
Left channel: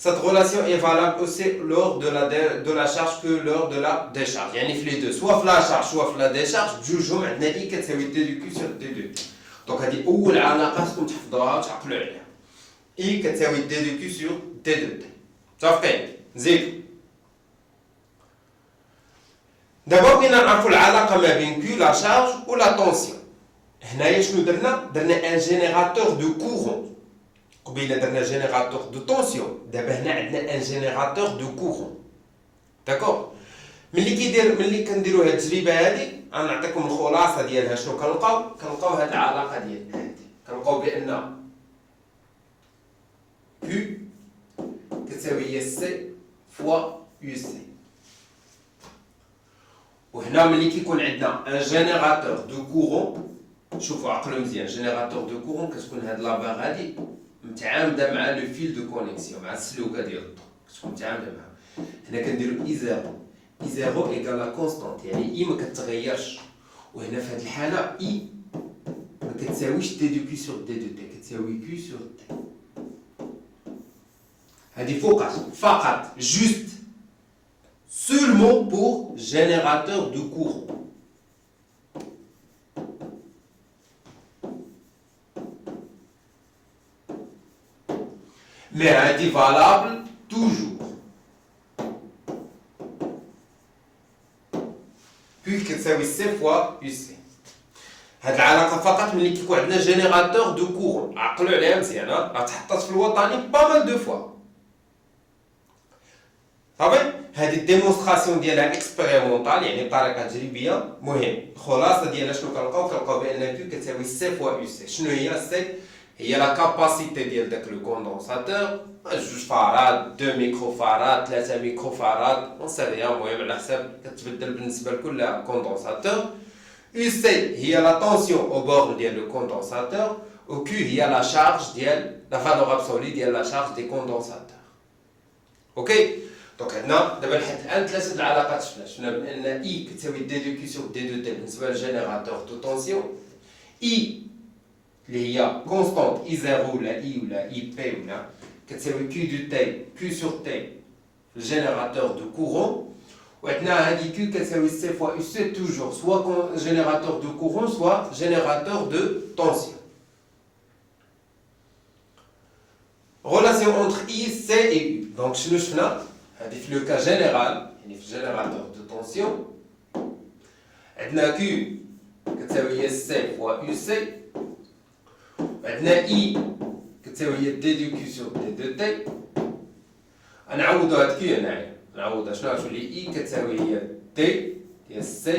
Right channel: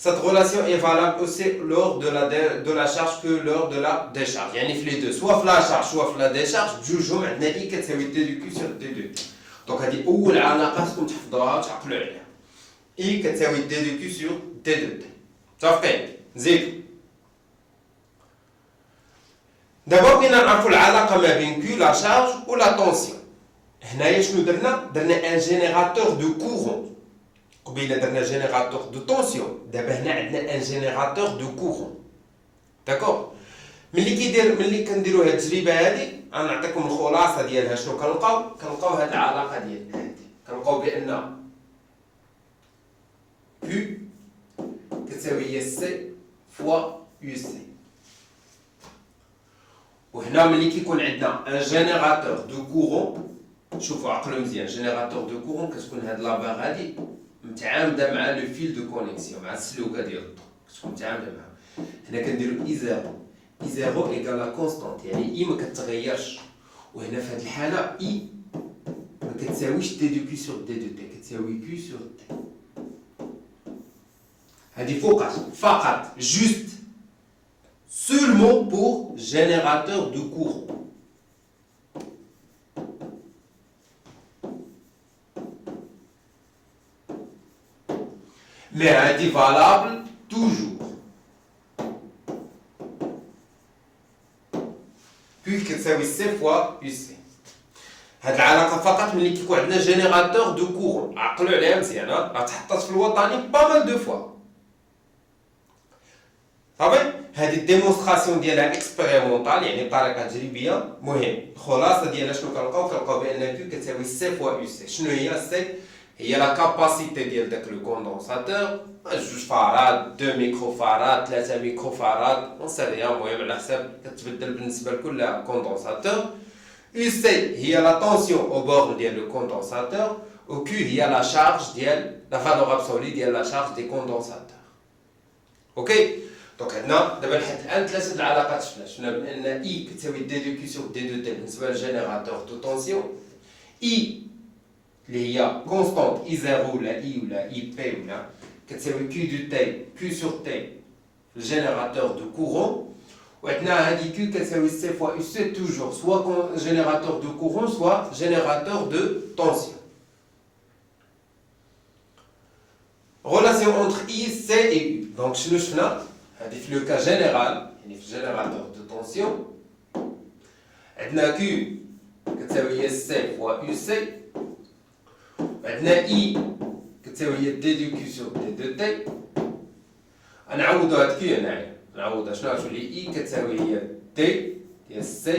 Cette relation est valable aussi lors de la charge que lors de la décharge. يعني في les deux, soit في la charge soit في la décharge, جوجهم عندنا I كتساوي D de Q sur D de T. Donc هذه أول علاقة خصكم تحفظوها وتعقلوا عليها. I كتساوي D de Q sur D de T. متفقين؟ زيد. دابا بغينا نعرفوا العلاقة ما بين Q la charge و la tension. هنايا شنو درنا؟ درنا ان جينيراتور دو كورون. قبيله درنا جينيراتور دو طونسيون، دابا هنا عندنا ان جينيراتور دو كورون. داكور؟ ملي كنديروا هاد التجربه هادي غنعطيكم الخلاصه ديالها. شنو كنلقاو هاد العلاقه ديال هادي، كنلقاو بان Q كتساوي هي سي فوا يو سي. وهنا ملي كيكون عندنا ان جينيراتور دو كورون، شوفوا عقلوا مزيان، جينيراتور دو كورون كتكون هاد لابار هادي متعامده مع لو فيل دو كونيكسيون، مع السلوكه ديال الضوء كتكون متعامده معها. هنا كنديرو اي زيرو، اي زيرو ايكال لا كونستانت، يعني اي ما كتغيرش. وهنا في هاد الحاله اي ما كتساويش دي دو كيو سور دي دو تي، كتساوي كيو سور تي. هادي فقط juste seulement pour générateur de courant. Mais هادي valable toujours. Puis كتساوي C fois UC. هاد العلاقه فقط ملي كيكون عندنا جينيراتور دو كورون. عقلوا عليها مزيان، راه تحطات في الوطني بامال دو فوا. صافي هذه الديمونستراسيون ديالها اكسبيريمونطال، يعني بطريقه تجريبيه. مهم الخلاصه ديالها شنو كنلقاو بان كيو كتساوي سي فوا يو سي. شنو هي سي؟ هي لا كاباسيتي ديال داك لو كوندونساتور، 2 فراد، 2 ميكرو فراد، 3 ميكرو فراد، اون سي ريان. المهم على حساب كتبدل بالنسبه لكل كوندونساتور. يو سي هي لا طونسيون او بور ديال لو كوندونساتور، و كيو هي لا شارج ديال لا فالور ابسولي ديال لا شارج دي كوندونساتور. اوكي دونك عندنا دابا لحد الان ثلاثه العلاقات شفنا بان اي كتساوي دي دو كي سور دي دو تي بالنسبه للجينيراتور دو طونسيون. اي اللي هي كونستانت اي زيرو ولا اي ولا اي بي ولا كتساوي كيو دو تي كيو سور تي الجينيراتور دو كورون. وعندنا هادي كيو كتساوي سي فوا يو سي توجور سوا جينيراتور دو كورون سوا جينيراتور دو طونسيون. relation entre I, C et U. Donc شنو شفنا؟ هذه في لو كا جينيرال، يعني في الجينيراتور دو طونسيون عندنا Q كتساوي هي C فوا يو سي، عندنا I كتساوي هي دي دو كيو سور دي دو تي. غنعوضو هاد كيو هنايا، نعوضها شنو غتولي I كتساوي هي دي ديال C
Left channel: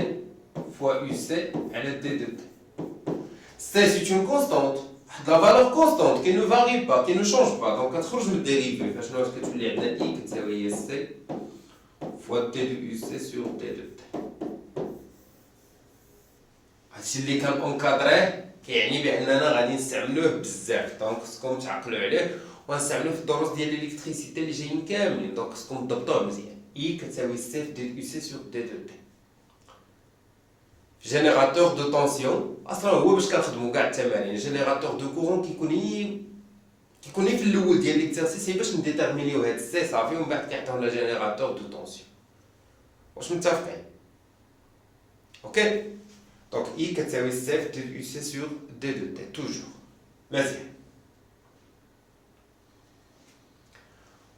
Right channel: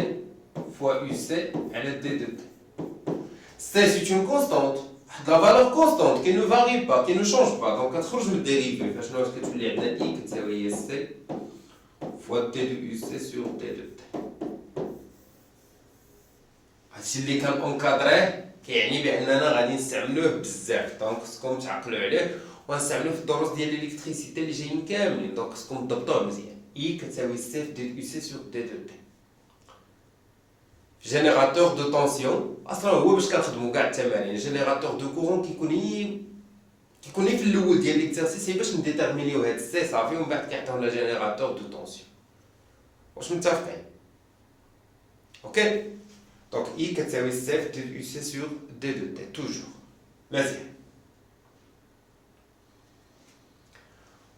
فوا يو سي على دي دو تي. C c'est une constante، la valeur constante qui ne varie pas, qui ne change pas. Donc كتخرج من الديريفي، فاش ناقص كتولي عندنا I كتساوي هي C فوا دي دو يو سي سور دي دو تي. هادشي اللي كان اونكادريه كيعني باننا غادي نستعملوه بزاف، دونك خصكم تعقلوا عليه. ونستعملوه في الدروس ديال الالكتريسيتي اللي جايين كاملين، دونك خصكم تضبطوه مزيان. I كتساوي C دي يو سي سور دي دو تي. جينيراتور دو طونسيون اصلا هو باش كنخدمو كاع التمارين. جينيراتور دو كورون كيكون في الاول ديال ليكزارسيس باش نديتيرمينيو هاد السي صافي، ومن بعد كيعطيونا جينيراتور دو طونسيون. واش متفقين؟ اوكي دونك اي كتساوي سي دي يو سي سور دي دو تي توجور. مزيان.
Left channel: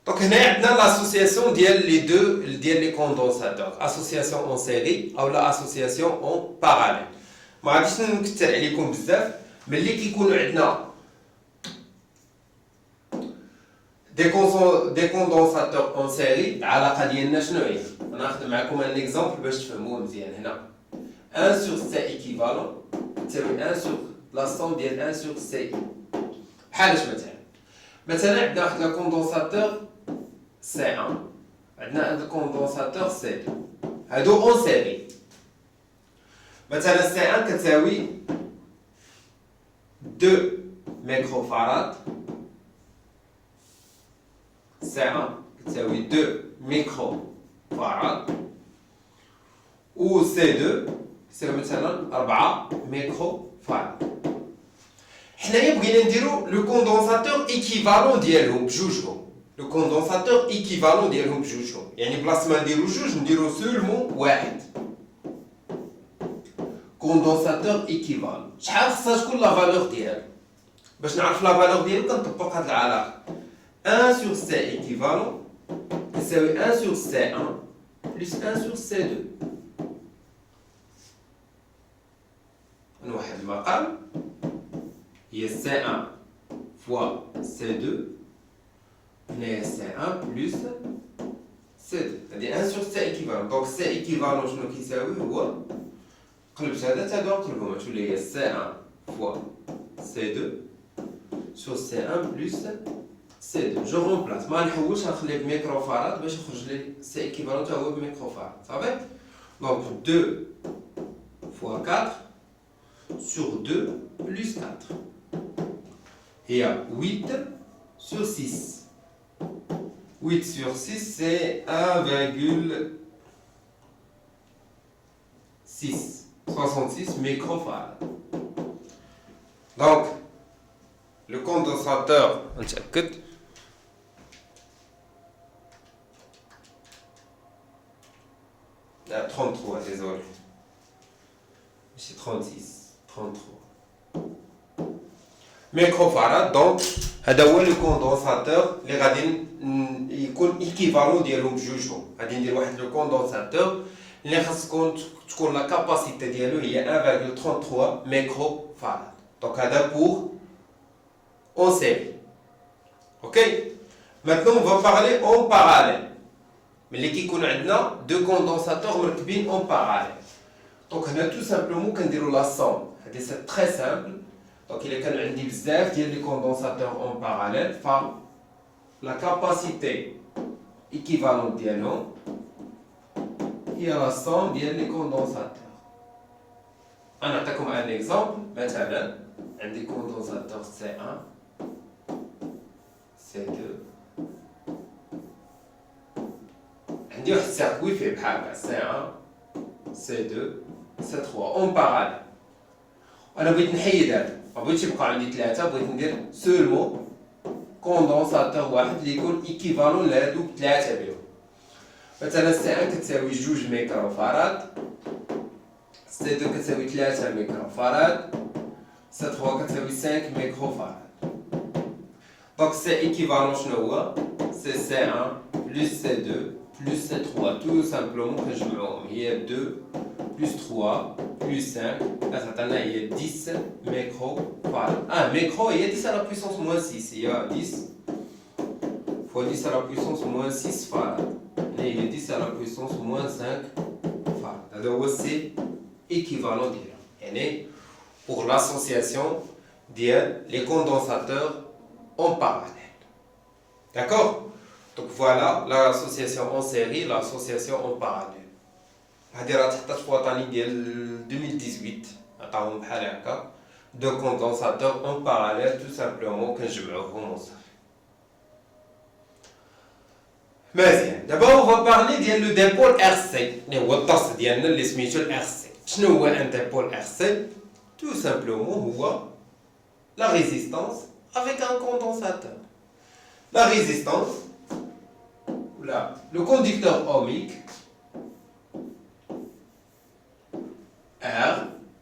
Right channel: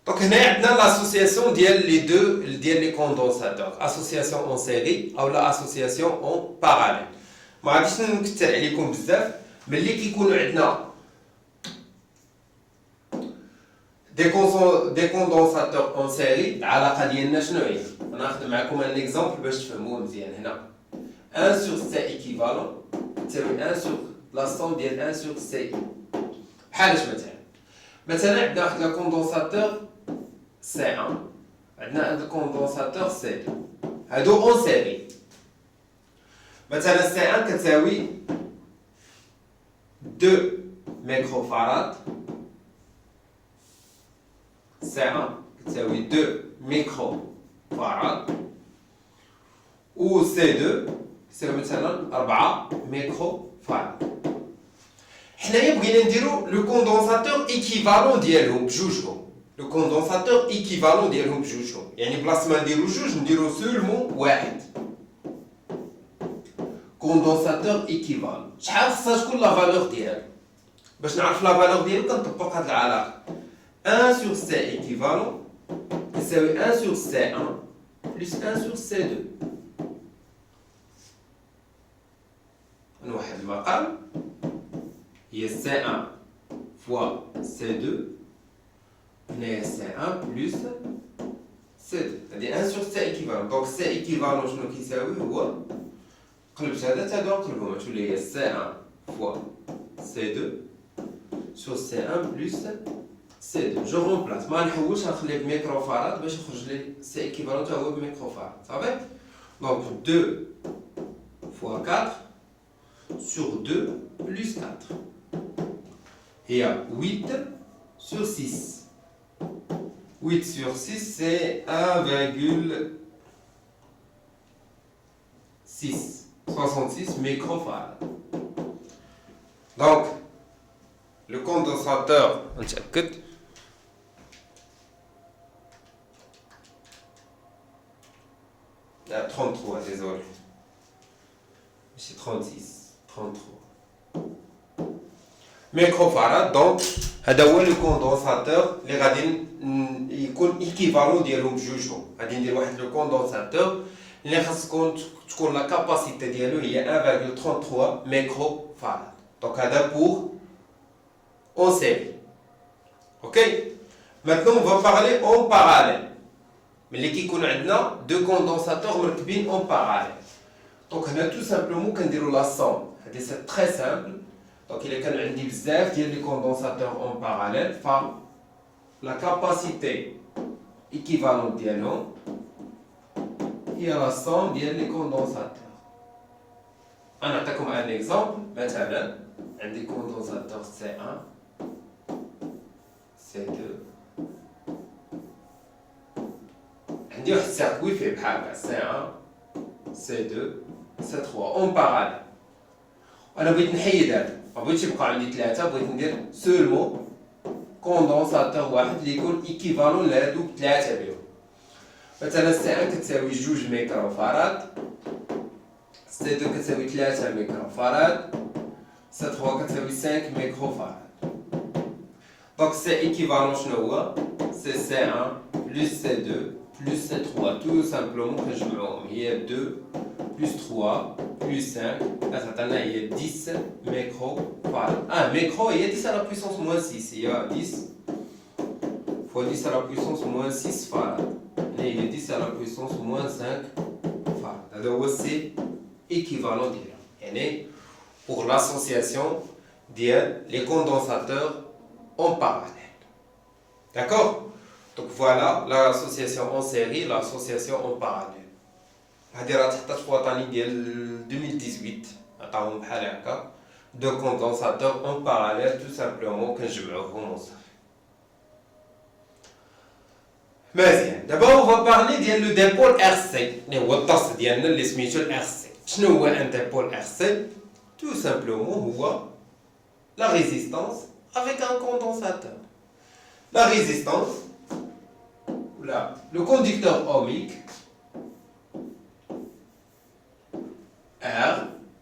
دونك هنا عندنا لاسوسياسيون ديال لي دو ديال لي كوندونساتور، اسوسياسيون اون سيري او لا اسوسياسيون اون باراليل. ما غاديش نكثر عليكم بزاف. ملي كيكونوا عندنا دي كوندونساتور اون سيري، العلاقه ديالنا شنو هي؟ ناخذ معكم ان اكزامبل باش تفهموه مزيان. هنا 1 sur C équivalent تساوي 1 sur la somme ديال 1 sur C. بحال اش مثلا عندنا واحد لا كوندونساتور C1، عندنا un condensateur C2، هادو اون سيري. مثلا C1 كتساوي 2 ميكروفاراد، C1 كتساوي 2 ميكروفاراد، و C2 كتساوي مثلا 4 ميكروفاراد. حنايا بغينا نديرو لو كوندونساتور ايكيفالون ديالهم بجوجهم، لو كوندونساتور ايكيفالون ديالهم بجوجهم، يعني بلاص ما نديرو جوج نديرو سولمون واحد. كوندونساتور ايكيفالون شحال خصها تكون لا فالور ديالو؟ باش نعرف لا فالور ديالو كنطبق هاد العلاقه 1 sur C équivalent يساوي 1 sur C1 plus 1 sur C2. نوحد المقام هي C1 fois C2 هنايا C1 plus C2 هذه 1 sur C équivalent donc C équivalent شنو كيساوي هو قلبت هذا تا هذا نقلبهم تولي هي C1 fois C2 sur C1 plus C2 je remplace ما نحولش نخليه بميكروفاراد باش يخرج لي C équivalent تا هو بميكروفاراد صافي donc 2 fois 4 sur 2 plus 4 il y a 8 sur 6 8 sur 6 c'est 1,6 66 microfarads. Donc, le condensateur, on check it. Il y a 33, désolé. C'est 36, 33. Microfarad, donc, هذا هو le condensateur اللي غادي يكون équivalent ديالهم بجوجهم. غادي ندير واحد le condensateur اللي خاص تكون la capacité ديالو هي 1,33 microfarad. Donc هذا pour en série. Ok? Maintenant on va parler en parallèle. ملي كيكون عندنا deux condensateurs مركبين en parallèle. Donc هنا tout simplement كنديروا la somme. هذه c'est très simple. Donc il كان عندي بزاف ديال لي كوندونساتور en parallèle la capacité équivalente ديالهم هي la somme ديال لي كوندونساتور. انا نعطيكم un exemple مثلا عندي كوندونساتور C1 C2 عندي واحد السيركوي فيه بحال هكا C1 C2 C3 en parallèle. انا بغيت نحيد هذا ما بغيتش يبقى عندي ثلاثه بغيت ندير سولمون كوندونساتور واحد اللي يكون ايكيفالون لهادوك ثلاثه بهم مثلا سي 1 كتساوي 2 ميكروفاراد سي 2 كتساوي 3 ميكروفاراد سي 3 كتساوي 5 ميكروفاراد دونك سي ايكيفالون شنو هو سي سي 1 بلس سي 2 بلس سي 3 تو سامبلومون كنجمعوهم هي 2 plus 3 plus 5 تعطينا هي 10 microfarad micro هي 10 à la puissance moins 6 هي 10 fois 10 à la puissance moins 6 farad هي 10 à la puissance moins 5 farad هذا هو سي équivalent ديالها يعني pour l'association ديال les condensateurs en parallèle. D'accord? Donc voilà l'association en série, l'association en parallèle. هذه راه تحطات في وطني ديال 2018 عطاوهم بحال هكا دو كوندونساتور اون باراليل تو سامبلومون كنجمعوهم وصافي. مزيان دابا اون فا بارلي ديال لو ديبول ار سي اللي هو الطاس ديالنا اللي سميتو الار سي. شنو هو ان ديبول ار سي؟ تو سامبلومون هو لا ريزيستانس افيك ان كوندونساتور. لا ريزيستانس ولا لو كونديكتور اوميك R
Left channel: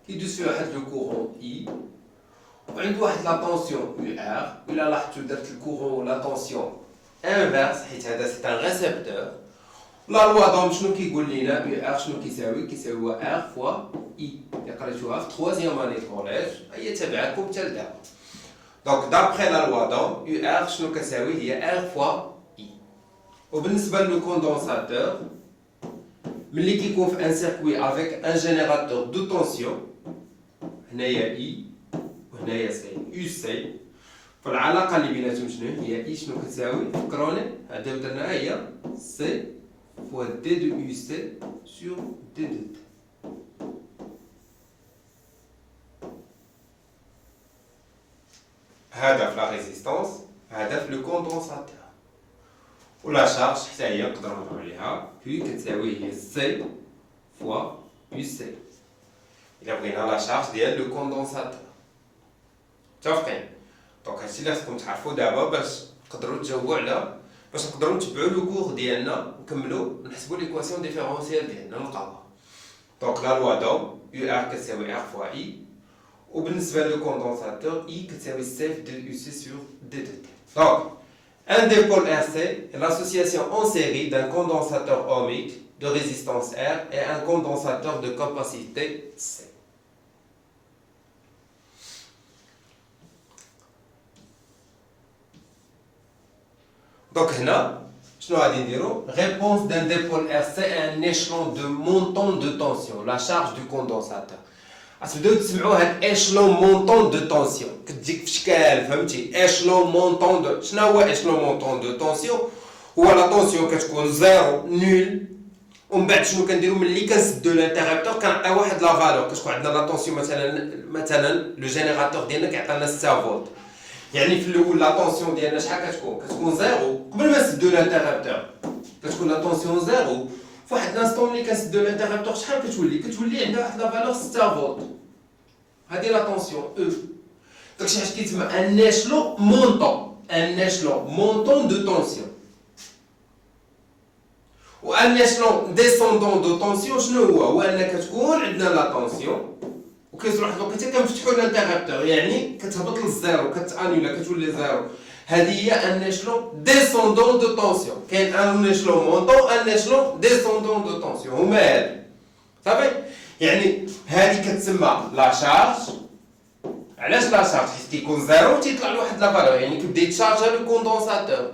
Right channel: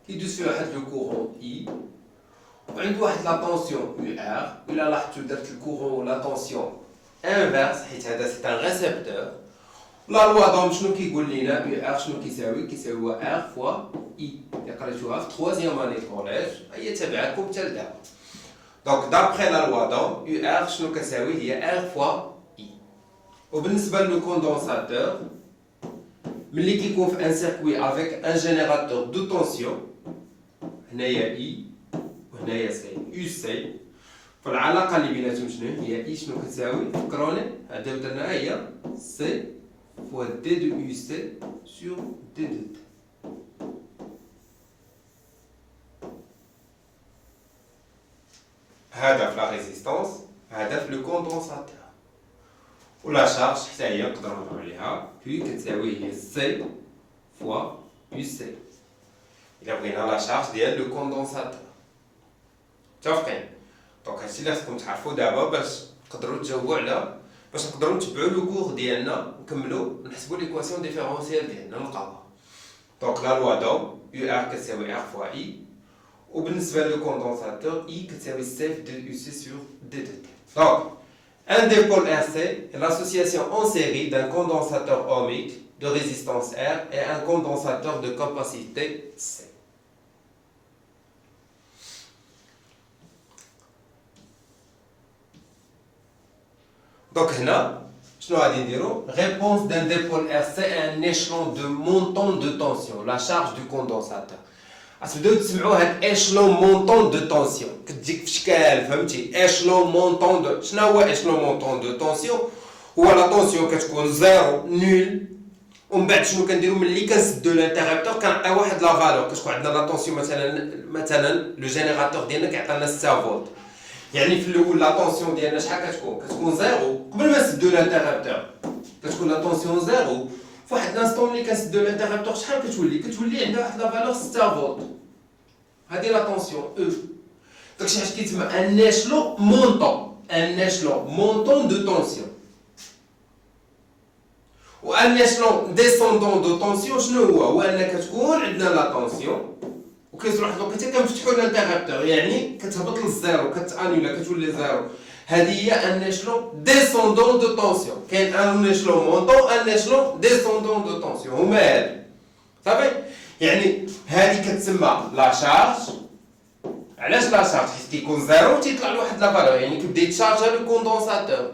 qui dessus واحد لو كورون I وعنده واحد لا طونسيون UR إلا لاحظتو درت الكورون ولا طونسيون انفيرس حيت هذا سي ان ريسبتور. لا لوا دوم شنو كيقول لينا UR شنو كيساوي؟ كيساوي R فوا I اللي قريتوها في تخوازيام اني كوليج هي تابعاكم حتى لدابا. دونك دابخي لا لوا دوم UR شنو كتساوي هي R فوا I. وبالنسبة لو كوندونساتور ملي كيكون في ان سيركوي افيك ان جينيراتور دو طونسيون هنايا اي وهنايا سي يو سي فالعلاقه اللي بيناتهم شنو هي اي شنو كتساوي فكروني هذا درناها هي سي فوا دي دو يو سي سور دي دو تي. هذا في لا ريزيستانس هذا في لو كوندونساتور ولا شارج حتى هي نقدروا نهضروا عليها بي كتساوي هي سي فوا يو سي. الا بغينا لا شارج ديال لو كوندونساتور متفقين. دونك هادشي اللي خصكم تعرفوا دابا باش تقدروا تجاوبوا على باش نقدروا نتبعوا لو كور ديالنا نكملوا نحسبوا ليكواسيون ديفيرونسيال ديالنا نلقاوها. دونك لا لوا دوم يو ار كتساوي ار فوا اي وبالنسبه لو كوندونساتور اي كتساوي سي في دي يو سي سور دي دو تي. دونك un dipôle RC est l'association en série d'un condensateur ohmique de résistance R et un condensateur de capacité C. Donc هنا شنو غادي نديرو réponse d'un dipôle RC à un échelon de montant de tension la charge du condensateur غتبداو تسمعوا هاد échelon montant de tension كتجيك في شكال فهمتي échelon montant de شنو هو échelon montant de tension هو لا طونسيون كتكون زيرو نول ومن بعد شنو كنديرو ملي كنسدو الانتربتور كنعطيو واحد لا فالور كتكون عندنا لا طونسيون مثلا لو جينيراتور ديالنا كيعطينا 6 فولت يعني في الاول لا طونسيون ديالنا شحال كتكون زيرو قبل ما نسدو الانتربتور كتكون لا طونسيون زيرو فواحد لانستون ملي كنسدو الانتربتور شحال كتولي عندها واحد لا فالور 6 فولت هادي لا طونسيون او داكشي علاش كيتسمى ان échelon montant de tension و ان échelon descendant de tension شنو هو ان كتكون عندنا لا طونسيون وكيوصل واحد الوقيته كنفتحوا الانتربتور يعني كتهبط للزيرو كتانيلا كتولي زيرو هذه هي ان échelon descendant de tension كاين ان échelon montant ان échelon descendant de tension هما هادو صافي يعني هذه كتسمى لا شارج علاش لا شارج حيت كيكون زيرو تيطلع له واحد لا فالور يعني كيبدا يتشارجا لو كوندونساتور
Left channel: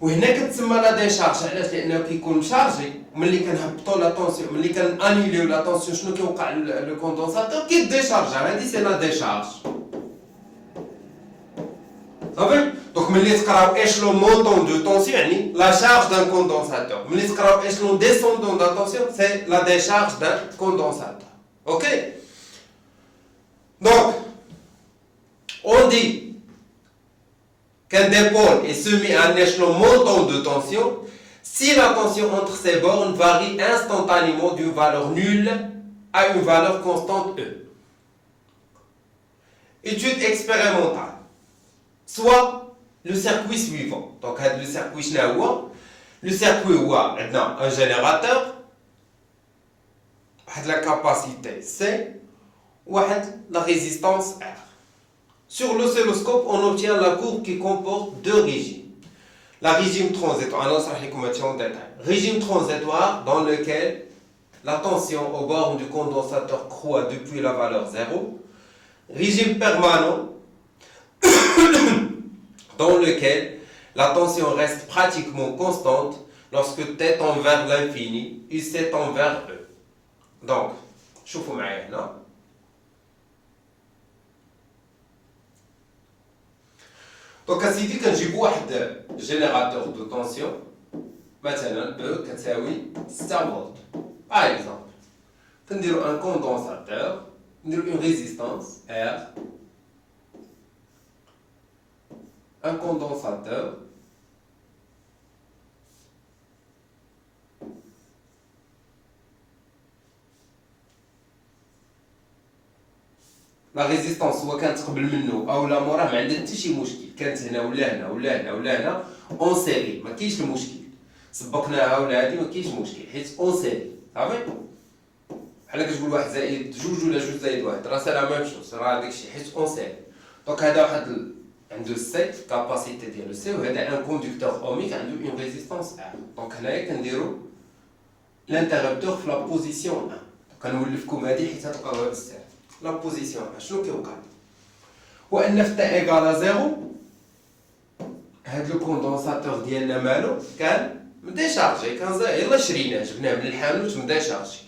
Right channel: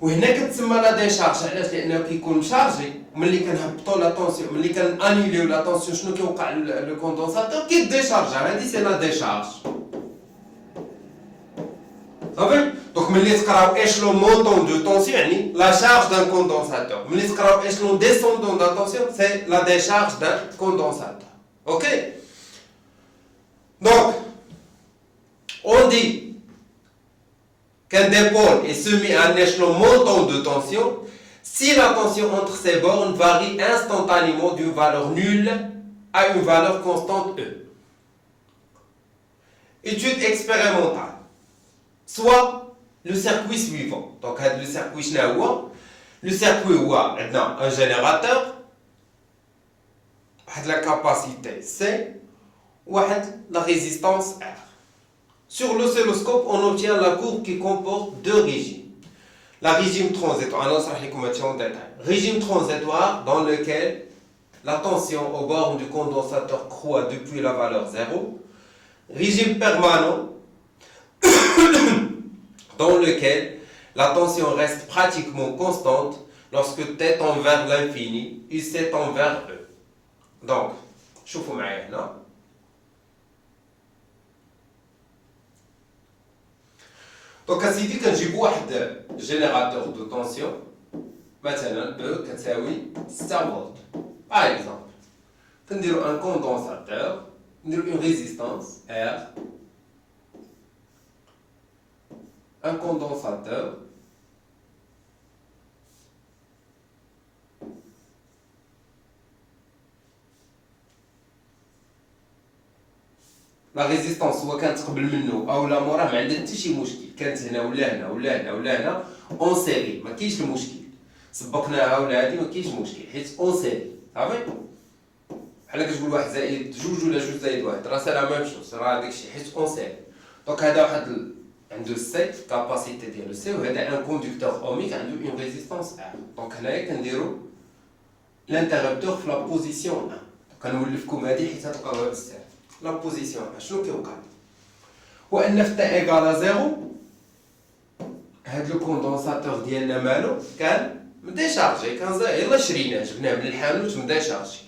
وهنا كتسمى لا ديشارج علاش لانه كيكون مشارجي ملي كنهبطوا لا طونسيون ملي كنانيليو لا طونسيون شنو كيوقع لو كوندونساتور كيديشارجا هادي سي لا ديشارج صافي دونك ملي تقراو échelon montant de tension يعني la charge d'un condensateur ملي تقراو échelon descendant de tension c'est la décharge d'un condensateur ok donc on dit qu'un dipôle est soumis à un échelon montant de tension si la tension entre ces bornes varie instantanément d'une valeur nulle à une valeur constante E. Étude expérimentale. Soit le circuit suivant. Donc, le circuit شنو le circuit هو عندنا un générateur واحد la capacité C واحد la résistance R. Sur l'oscilloscope, on obtient la courbe qui comporte deux régimes. La régime transitoire, régime transitoire dans lequel la tension au bord du condensateur croît depuis la valeur 0. Régime permanent dans lequel la tension reste pratiquement constante lorsque T tend vers l'infini et C tend vers E. Donc, شوفوا معايا هنا. دونك اسيدي كنجيبو واحد جينيراتور دو طونسيون مثلا او كتساوي 6 فولت باغ اكزومبل كنديرو ان كوندونساتور نديرو اون ريزيستانس ار ان كوندونساتور لا ريزيستانس هو كانت قبل منه او لا موراه ما عندها حتى شي مشكل كانت هنا ولا هنا ولا هنا ولا هنا اون سيري ما كاينش المشكل سبقناها ولا هادي ما كاينش مشكل حيت اون سيري صافي بحال كتقول واحد زائد جوج ولا جوج زائد واحد راه سي لا ميم شوز راه داكشي حيت اون سيري دونك هذا واحد عنده السي كاباسيتي ديالو سي وهذا ان كوندكتور اوميك عنده اون ريزيستانس ار دونك هنايا كنديرو الانتربتور في لا بوزيسيون كنولفكم هادي حيت تلقاوها بزاف لا بوزيسيون شنو كيوقع هو ان في تا ايكال زيرو هاد لو كوندونساتور ديالنا مالو كان مديشارجي كان يلاه شريناه جبناه من الحانوت مديشارجي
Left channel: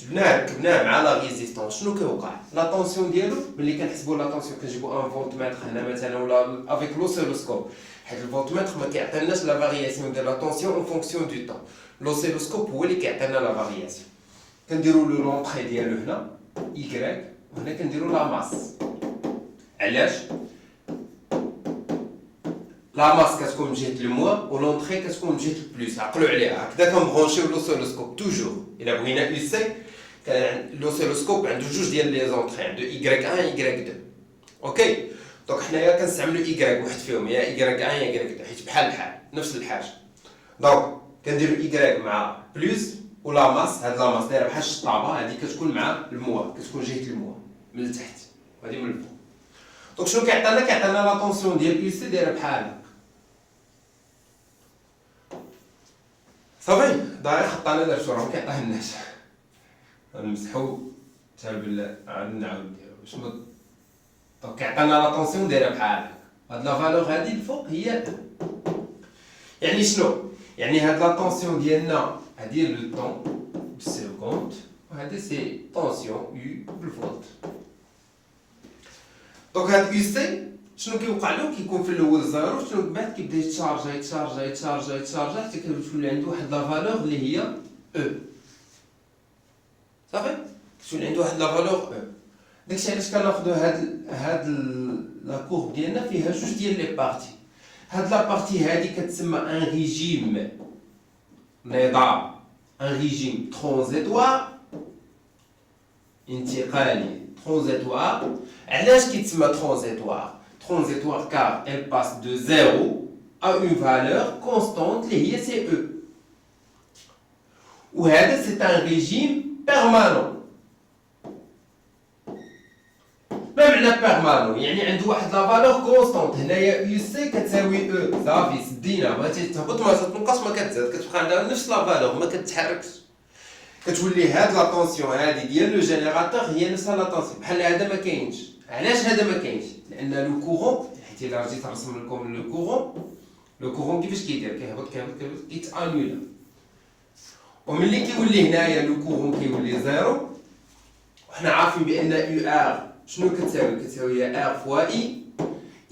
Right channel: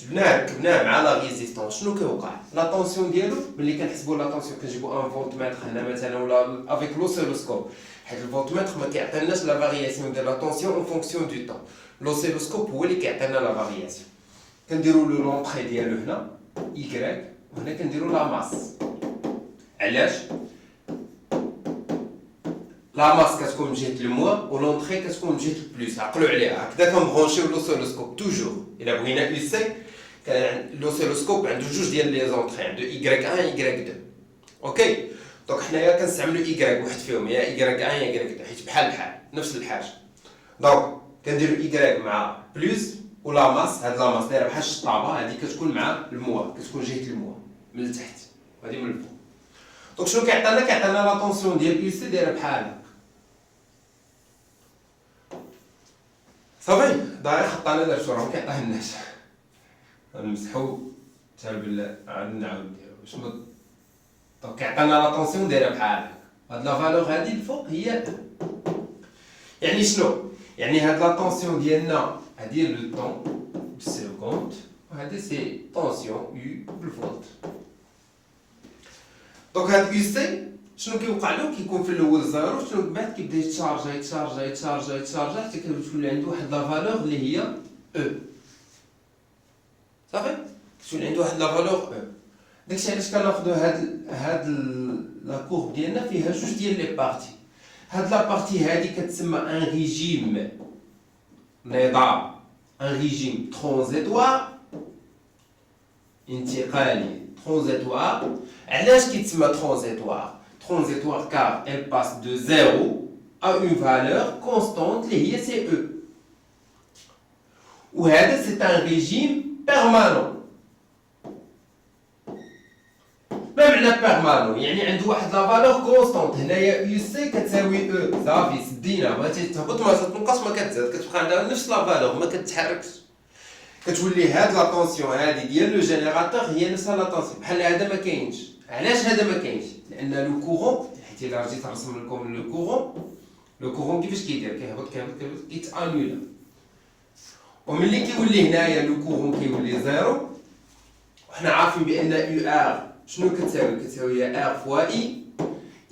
جبناه ركبناه مع لا ريزيستونس شنو كيوقع لا طونسيون ديالو ملي كنحسبوا لا طونسيون كنجيبوا ان فولتمتر هنا مثلا ولا افيك لوسيلوسكوب حيت الفولتمتر ما كيعطيناش لا فارياسيون ديال لا طونسيون اون فونكسيون دو طون لوسيلوسكوب هو اللي كيعطينا لا فارياسيون كنديروا له لونطري ديالو هنا y وهنا كنديروا لا ماس علاش لا ماس كتكون من جهه الموا ولونطري كتكون من جهه البلوس عقلوا عليها هكذا كنبرونشيو لوسيلوسكوب توجور الا بغينا اي سي كان لوسيلوسكوب عنده جوج ديال لي زونطري عنده y1 y2 اوكي دونك حنايا كنستعملوا y واحد فيهم يا y1 يا y2 حيت بحال نفس الحاجه دونك كنديروا y مع بلوس ولا ماس هاد لا ماس دايره بحال الشطابه هادي كتكون مع الموا كتكون جهه الموا من التحت وهادي من الفوق دونك شنو كيعطينا لا طونسيون ديال يو سي دايره بحال هكا صافي داير خطانا درتو راه كيعطيه الناس غنمسحو حتى بالله عاد نعاود نديرو باش ما دونك كيعطينا لا طونسيون دايره بحال هكا هاد لا فالور هادي الفوق هي يعني شنو يعني هاد لا طونسيون ديالنا هادي هي لو طون بالسكوند وهادي سي طونسيون يو بالفولت. دونك هاد يو سي شنو كيوقع له؟ كيكون في الاول زيرو، شنو من بعد كيبدا يتشارجا يتشارجا يتشارجا يتشارجا حتى كتولي عنده واحد لا فالور اللي هي او. صافي كتولي عنده واحد لا فالور او. داكشي علاش كناخدو هاد لا كورب ديالنا فيها جوج ديال لي بارتي. هاد لا بارتي هادي كتسمى ان ريجيم نظام، ان ريجيم ترانزيتوار انتقالي ترانزيتوار. علاش كيتسمى ترانزيتوار؟ ترانزيتوار car elle passe de 0 à une valeur constante اللي هي سي او. وهذا سي ان ريجيم بيرمانون. ما معنى بيرمانون؟ يعني عنده واحد لا فالور كونستونت. هنايا يو سي كتساوي او، صافي سدينا، ما تتهبط ما تتنقص ما كتزاد، كتبقى عندها نفس لا فالور ما كتحركش. كتولي هاد لا طونسيون هادي ديال لو جينيراتور هي نفس لا طونسيون. بحال هذا ما كاينش. علاش هذا ما كاينش؟ لان لو كورون، حيت الا رجيت نرسم لكم لو كورون كيفاش كيدير؟ كيهبط كيتانول. وملي كيولي هنايا لو كورون كيولي زيرو، وحنا عارفين بان يو ار شنو كتساوي؟ كتساوي ار فوا اي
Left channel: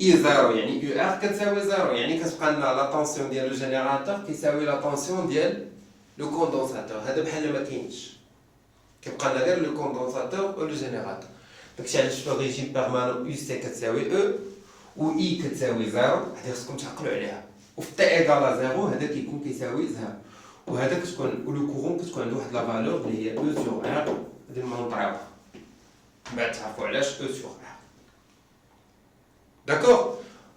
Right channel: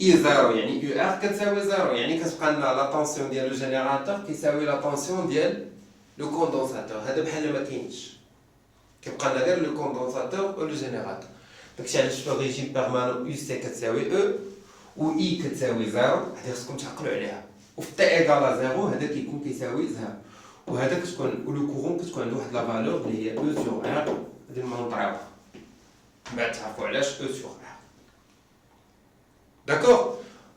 زيرو، يعني يو ار كتساوي زيرو، يعني كتبقى لنا لا طونسيون ديال لو جينيراتور كيساوي لا طونسيون ديال لو كوندونساتور. هذا بحال ما كاينش، كيبقى لنا غير لو كوندونساتور و لو جينيراتور. داكشي علاش في الريجيم بيرمانون يو سي كتساوي او و اي كتساوي زيرو. هادي خصكم تعقلوا عليها. وفي تي ايكال زيرو هذا كيكون كيساوي زيرو، وهذا كتكون لو كورون كتكون عنده واحد لا فالور اللي هي او سور ار. هادي نمونطراوها من بعد تعرفوا علاش او سور ار. داكور؟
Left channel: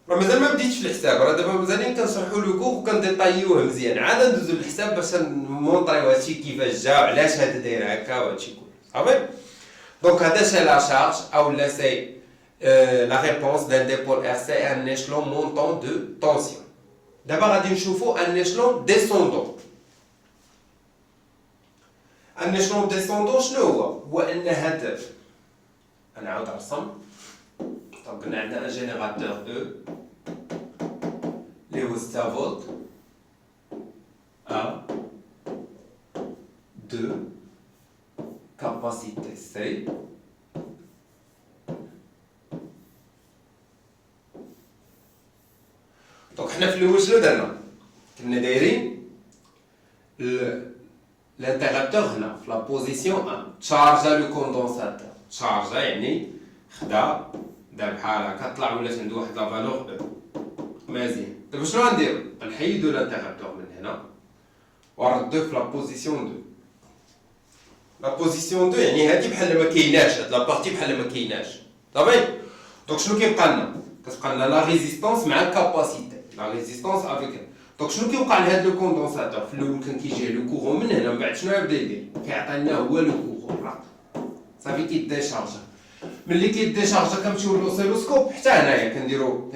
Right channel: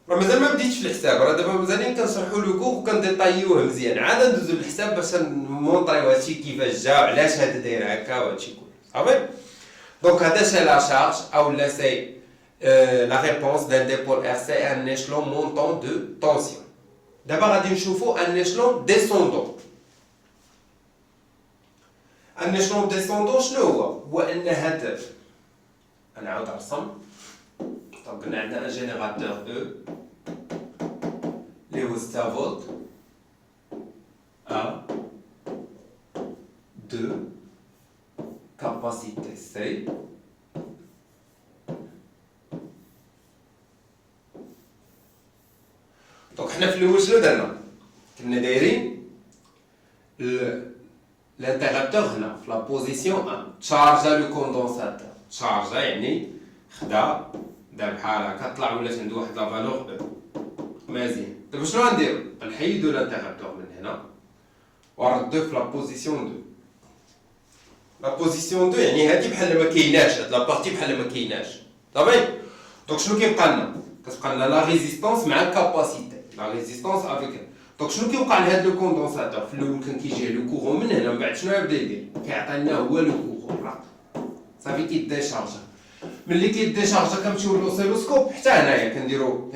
راه مازال ما بديتش في الحساب، راه دابا مازالين كنشرحوا لو كور وكنديطايوه مزيان. عاد ندوزو للحساب باش نمونطريو هادشي كيفاش جا وعلاش هذا داير هكا وهادشي كله. صافي؟ دونك هذا سي لا شارج او لا سي لا ريبونس دان ديبول ار سي ان échelon montant de tension. دابا غادي نشوفوا ان échelon descendant. ان échelon descendant شنو هو؟ هو ان هذا انا عاود نرسم. طب قلنا عندنا ان جينيراتور او اللي هو 6 فولت، 1 2 capacité C دونك حنا في الاول شنو درنا؟ كنا دايرين الانتيغابتور هنا في لا بوزيسيون 1 تشارجا لو كوندونساتور. تشارجا يعني خدا دار بحال هكا طلع ولات عنده واحد لا فالور مزيان. دابا شنو غنديرو؟ غنحيدو الانتيغابتور من هنا ونردوه في لا بوزيسيون 2. لا بوزيسيون 2 يعني هادي بحال ما كايناش، هاد لا بارتي بحال ما كايناش. صافي؟ دونك شنو كيبقى لنا؟ كتبقى لنا لا ريزيستونس مع الكاباسيتي، لا ريزيستونس افيك. دونك شنو كيوقع لهاد لو كوندونساتور؟ في الاول كان كيجي لو كورون من هنا، من بعد شنو يبدا يدير؟ كيعطي لنا هو لو كورون صافي كيديشارجا. ملي كيديشارجا كنمشيو للأوسيلوسكوب حتى هنايا كنديرو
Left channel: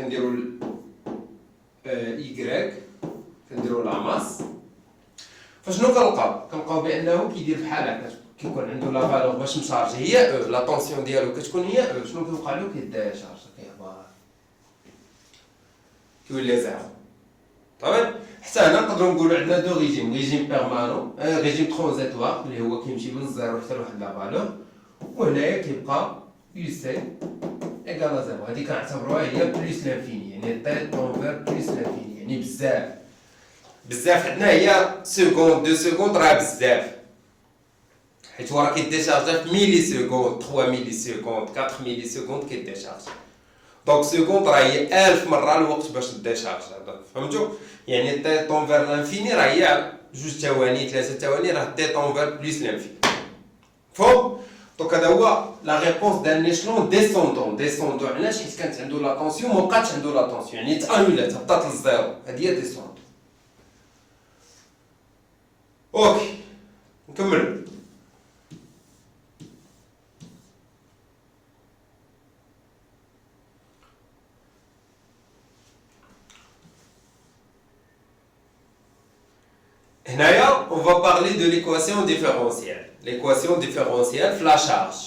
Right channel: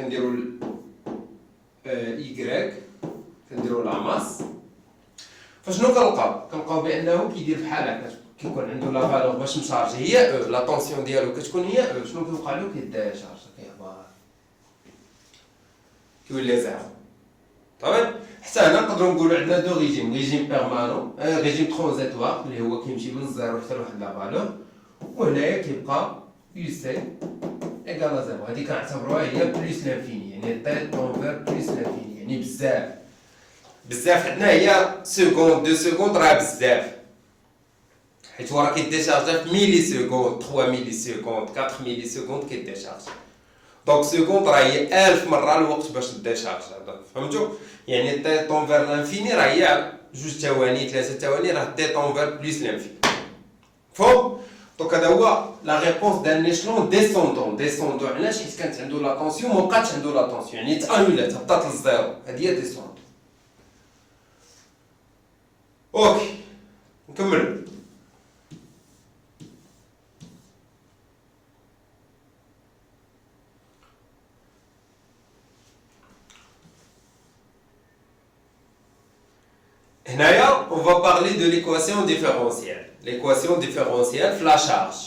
ايكغيك، كنديرو لا ماس. فشنو كنلقاو بانه كيدير بحال هكا، كيكون عنده لا فالور باش مشارجي هي او، لا طونسيون ديالو كتكون هي او. شنو كيوقع له؟ كيديشارج كيهبط كيولي زيرو. صافي؟ حتى هنا نقدروا نقولوا عندنا دو ريجيم بيرمانون، ريجيم ترانزيتوار اللي هو كيمشي من الزيرو حتى لواحد لا فالور، وهنايا كيبقى يو سي ايكال زيرو. هادي كنعتبروها هي بليس لانفيني، يعني تي طونفير بليس لانفيني، يعني بزاف عندنا هي سكوند 2 سكوند راه بزاف، حيت هو راه كيديشارجا في ميلي سكوند، 3 ميلي سكوند 4 ميلي سكوند كيديشارجا. دونك سكوند راه هي 1000 مره الوقت باش ديشارجا. فهمتوا؟ يعني تي طونفير لانفيني راه هي 2 ثواني 3 ثواني، راه تي طونفير بليس لانفيني. فهم؟ دونك هذا هو لا ريبونس دان ايشلون ديسوندون. علاش؟ حيت كانت عنده لا طونسيون ما بقاتش عنده لا طونسيون، يعني تانولات هبطات للزيرو. هذه هي ديسوندون. اوكي نكملو. هنايا on va parler de l'équation différentielle. L'équation différentielle في la charge.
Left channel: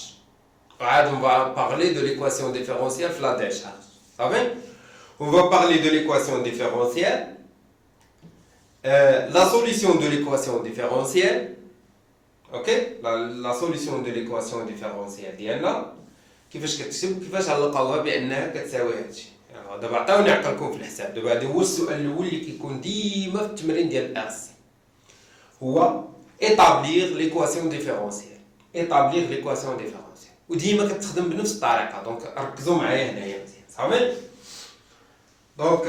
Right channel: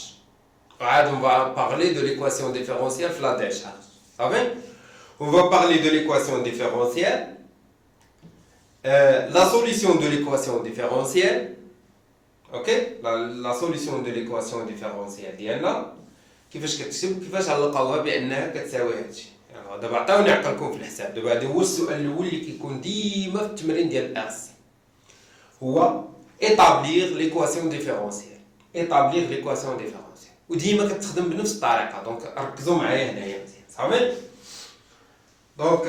عاد on va parler de l'équation différentielle في la décharge. صافي؟ On va parler de l'équation différentielle la solution de l'équation différentielle, ok, la solution de l'équation différentielle ديالنا كيفاش كتكتب وكيفاش غنلقاوها بانها كتساوي هادشي. دابا عطاوني عقلكم في الحساب. دابا هذا هو السؤال الاول اللي كيكون ديما في التمرين ديال الاس، هو établir l'équation différentielle. établir l'équation différentielle وديما كتخدم بنفس الطريقه. دونك ركزوا معايا هنايا مزيان صافي. دونك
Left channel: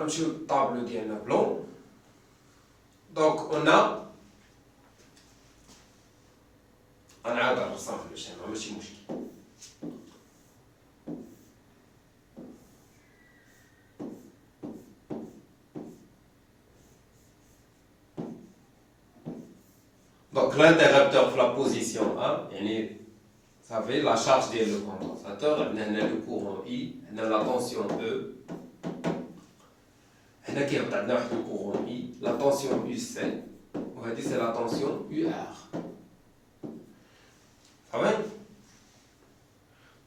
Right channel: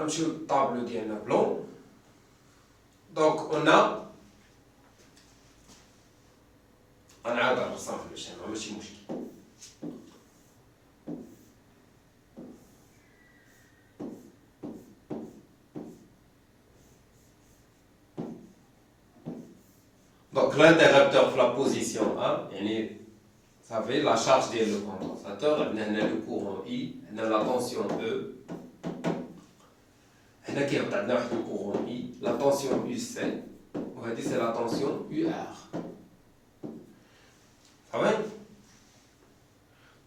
نمشيو للطابلو ديالنا بلون. دونك قلنا غنعاود الرسم باش ماشي مشكل. Donc l'interrupteur في la position 1 يعني صافي la charge ديال le condensateur. عندنا هنا le courant I، عندنا la tension E، هنا كيهبط عندنا واحد le courant I، la tension UC، وهذه c'est la tension UR. صافي.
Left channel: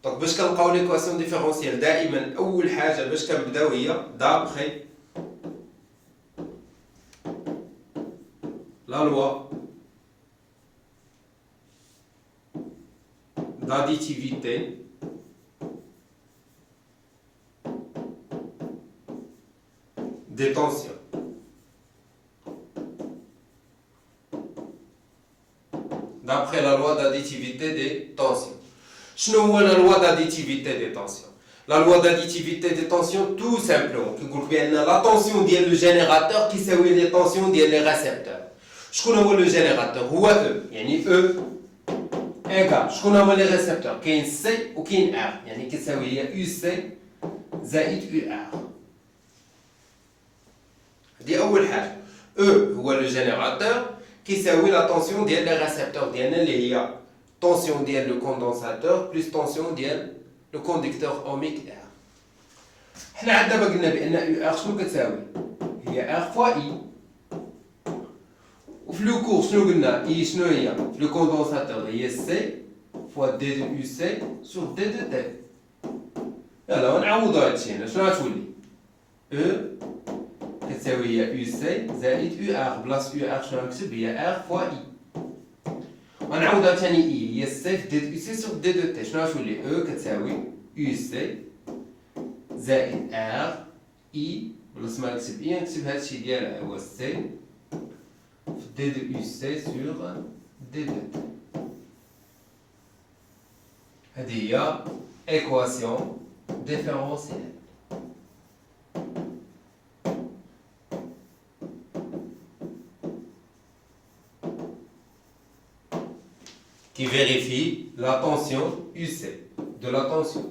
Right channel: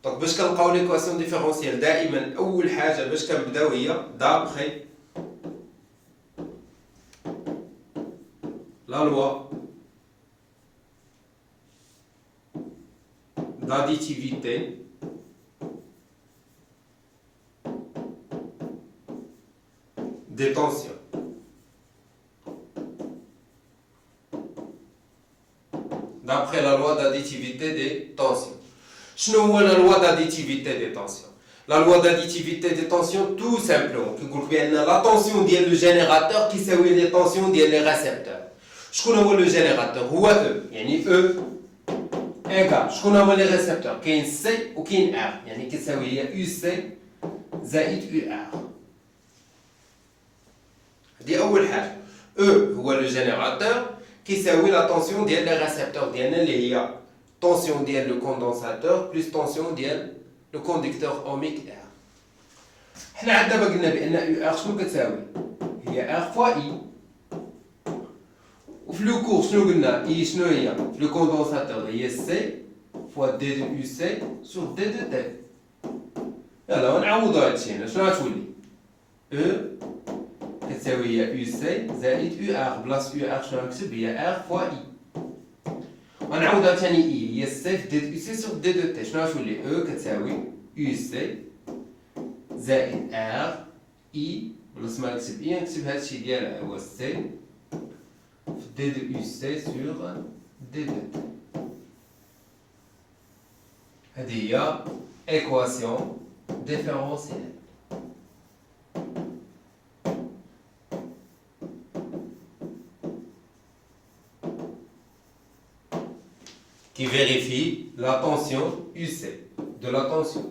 دونك باش كنلقاو ليكواسيون ديفيرونسيال دائما اول حاجه باش كنبداو هي دابخي لا لوا d'additivité des tensions. D'après la loi d'additivité des tensions. شنو هو la loi d'additivité des tensions? La loi d'additivité des tensions tout simplement كيقول بان la tension ديال le générateur كيساوي les tensions ديال les récepteurs. شكون هو le générateur؟ هو E، يعني E إيكال شكون هما لي ريسبتور؟ كاين سي وكاين ار، يعني كتساوي هي يو سي زائد يو ار. دي أول حاجة. او هو لو جينيراتور كيساوي لا طونسيون ديال لي ريسبتور ديالنا اللي هي طونسيون ديال لو كوندونساتور بلس طونسيون ديال لو كونديكتور اوميك ار. حنا عاد دابا قلنا بأن يو ار شنو كتساوي؟ هي ار فوا اي. وفي لو كور شنو قلنا؟ اي شنو هي؟ لو كوندونساتور هي سي فوا دي دو يو سي سور دي دو تي. يلا نعوضو هادشي هنا شنو غتولي؟ او كتساوي هي يو سي زائد يو ار. بلاص يو ار شنو غنكتب؟ هي ار فوا اي. غنعوضها ثاني اي هي سي في دي دو يو سي سور دي دو تي. شنو غتولي؟ او كتساوي يو سي زائد ار اي. بلاص ما نكتب اي نكتب هادشي ديالها هو سي d de UC sur d de T. هذه هي équation différentielle. Qui vérifie la tension UC de la tension.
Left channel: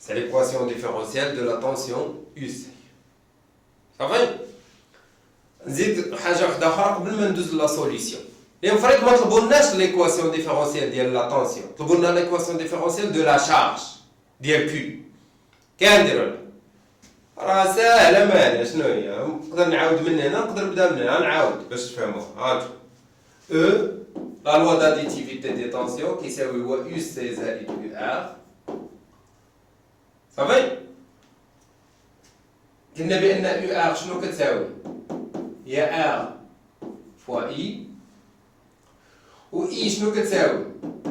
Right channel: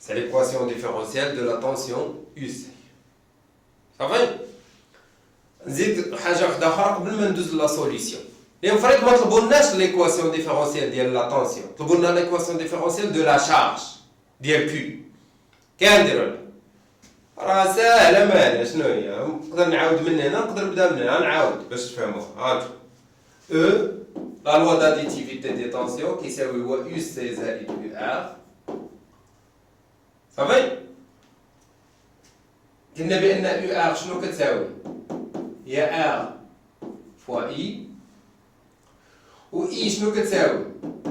C'est l'équation différentielle de la tension UC. صافي. نزيد حاجه واحده اخرى قبل ما ندوز لا سوليسيون. اليوم فريق ما طلبولناش ليكواسيون ديفيرونسيال ديال لا طونسيون، طلبولنا ليكواسيون ديفيرونسيال دو لا شارج ديال كيو. كنديروا راه ساهله مالها شنو هي؟ نقدر نعاود من هنا نقدر نبدا من هنا نعاود باش تفهموها. هانتو او لا لوا داديتيفيتي دي طونسيون كيساوي هو يو سي زائد يو ار. صافي. قلنا بان يو ار شنو كتساوي؟ هي ار فوا اي، و اي شنو كتساوي؟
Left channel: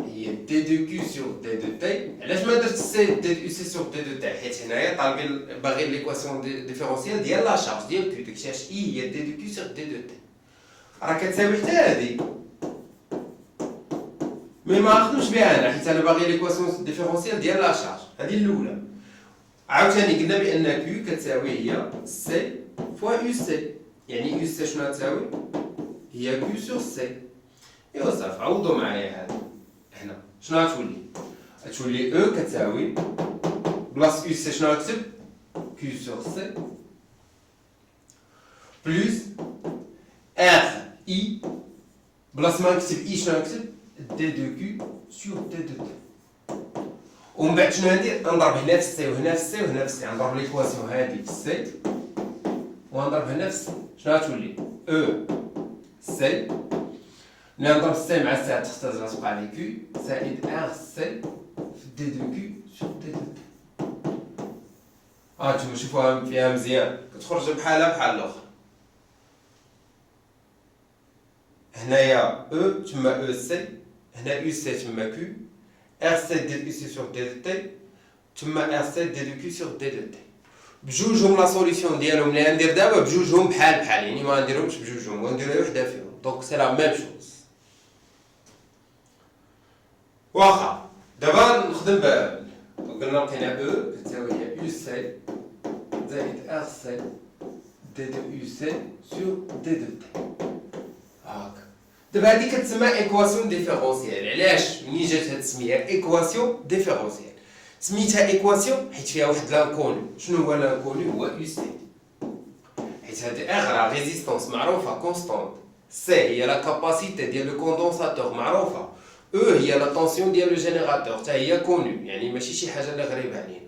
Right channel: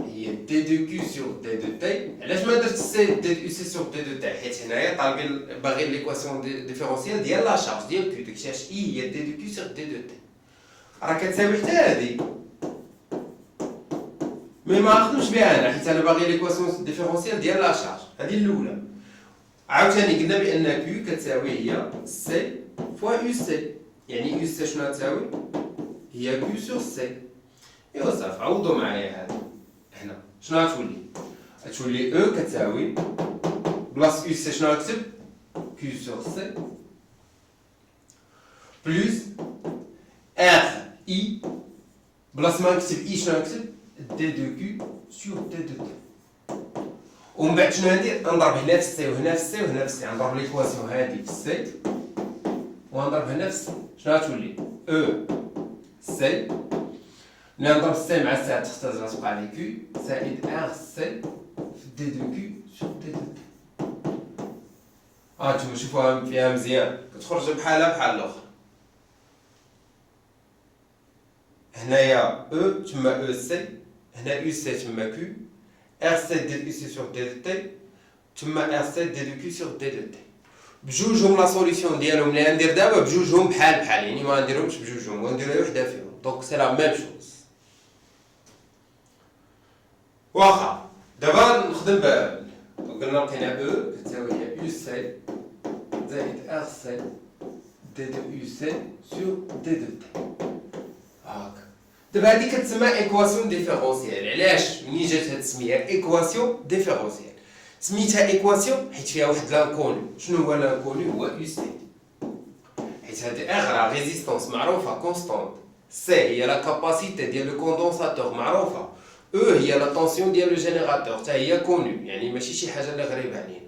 هي دي دو كيو سور دي دو تي. علاش ما درت سي دي دو سي سور دي دو تي؟ حيت هنايا طالبين باغيين ليكواسيون ديفيرونسيال ديال لا شارج ديال كيو. داكشي علاش اي هي دي دو كيو سور دي دو تي. راه كتساوي حتى هادي، مي ما نخدمش بها انا حيت انا باغي ليكواسيون ديفيرونسيال ديال لا شارج. هادي الاولى. عاوتاني قلنا بان كيو كتساوي هي سي فوا يو سي، يعني يو سي شنو تساوي؟ هي كيو سور سي. ايوا صافي عوضوا معايا هذا. هنا شنو غتولي؟ غتولي او كتساوي بلاص يو سي شنو غنكتب؟ كيو سور سي بلس ار اي. بلاص ما نكتب اي شنو غنكتب؟ دي دو كيو سور دي دو تي. ومن بعد شنو ندير؟ نضرب هنا في السي وهنا في السي وهنا في السي. نضرب ليكواسيون هادي في السي ونضرب هنا في السي. شنو غتولي؟ او سي ملي نضرب السي مع السي تختزل غتوقع لي كيو زائد ار سي في دي دو كيو سور دي دو تي. هانتوما شوفوها فيها مزيان كتخرج بحالها بحال الاخرى. هنايا او تما او سي، هنا يو سي تما كيو، ار سي ديال يو سي سور دي دو تي، تما ار سي دي دو كيو سور دي دو تي. بجوجهم لا سوليسيون ديالهم اللي غندير دابا بجوجهم بحال بحال، يعني ما غنديرهمش بجوجهم وندير غير وحده فيهم. دونك سي لا ميم شوز. واخا دابا نخدم قلنا لقينا او كتساوي يو سي زائد ار سي دي دو يو سي سور دي دو تي. هاكا دابا هادي كتسمى ايكواسيون ديفيرونسيال. علاش منين جات هاد السميه ايكواسيون ديفيرونسيال؟ سميتها ايكواسيون حيت فيها واحد لانكوني. شنو هو لانكوني؟ هو يو سي، حيت هاد ار لا ريزيستونس معروفه كونستانت، سي هي لا كاباسيتي ديال لو كوندونساتور معروفه، او هي لا طونسيون ديال لو جينيراتور حتى هي كوني، يعني ماشي شي حاجه اللي غريبه علينا.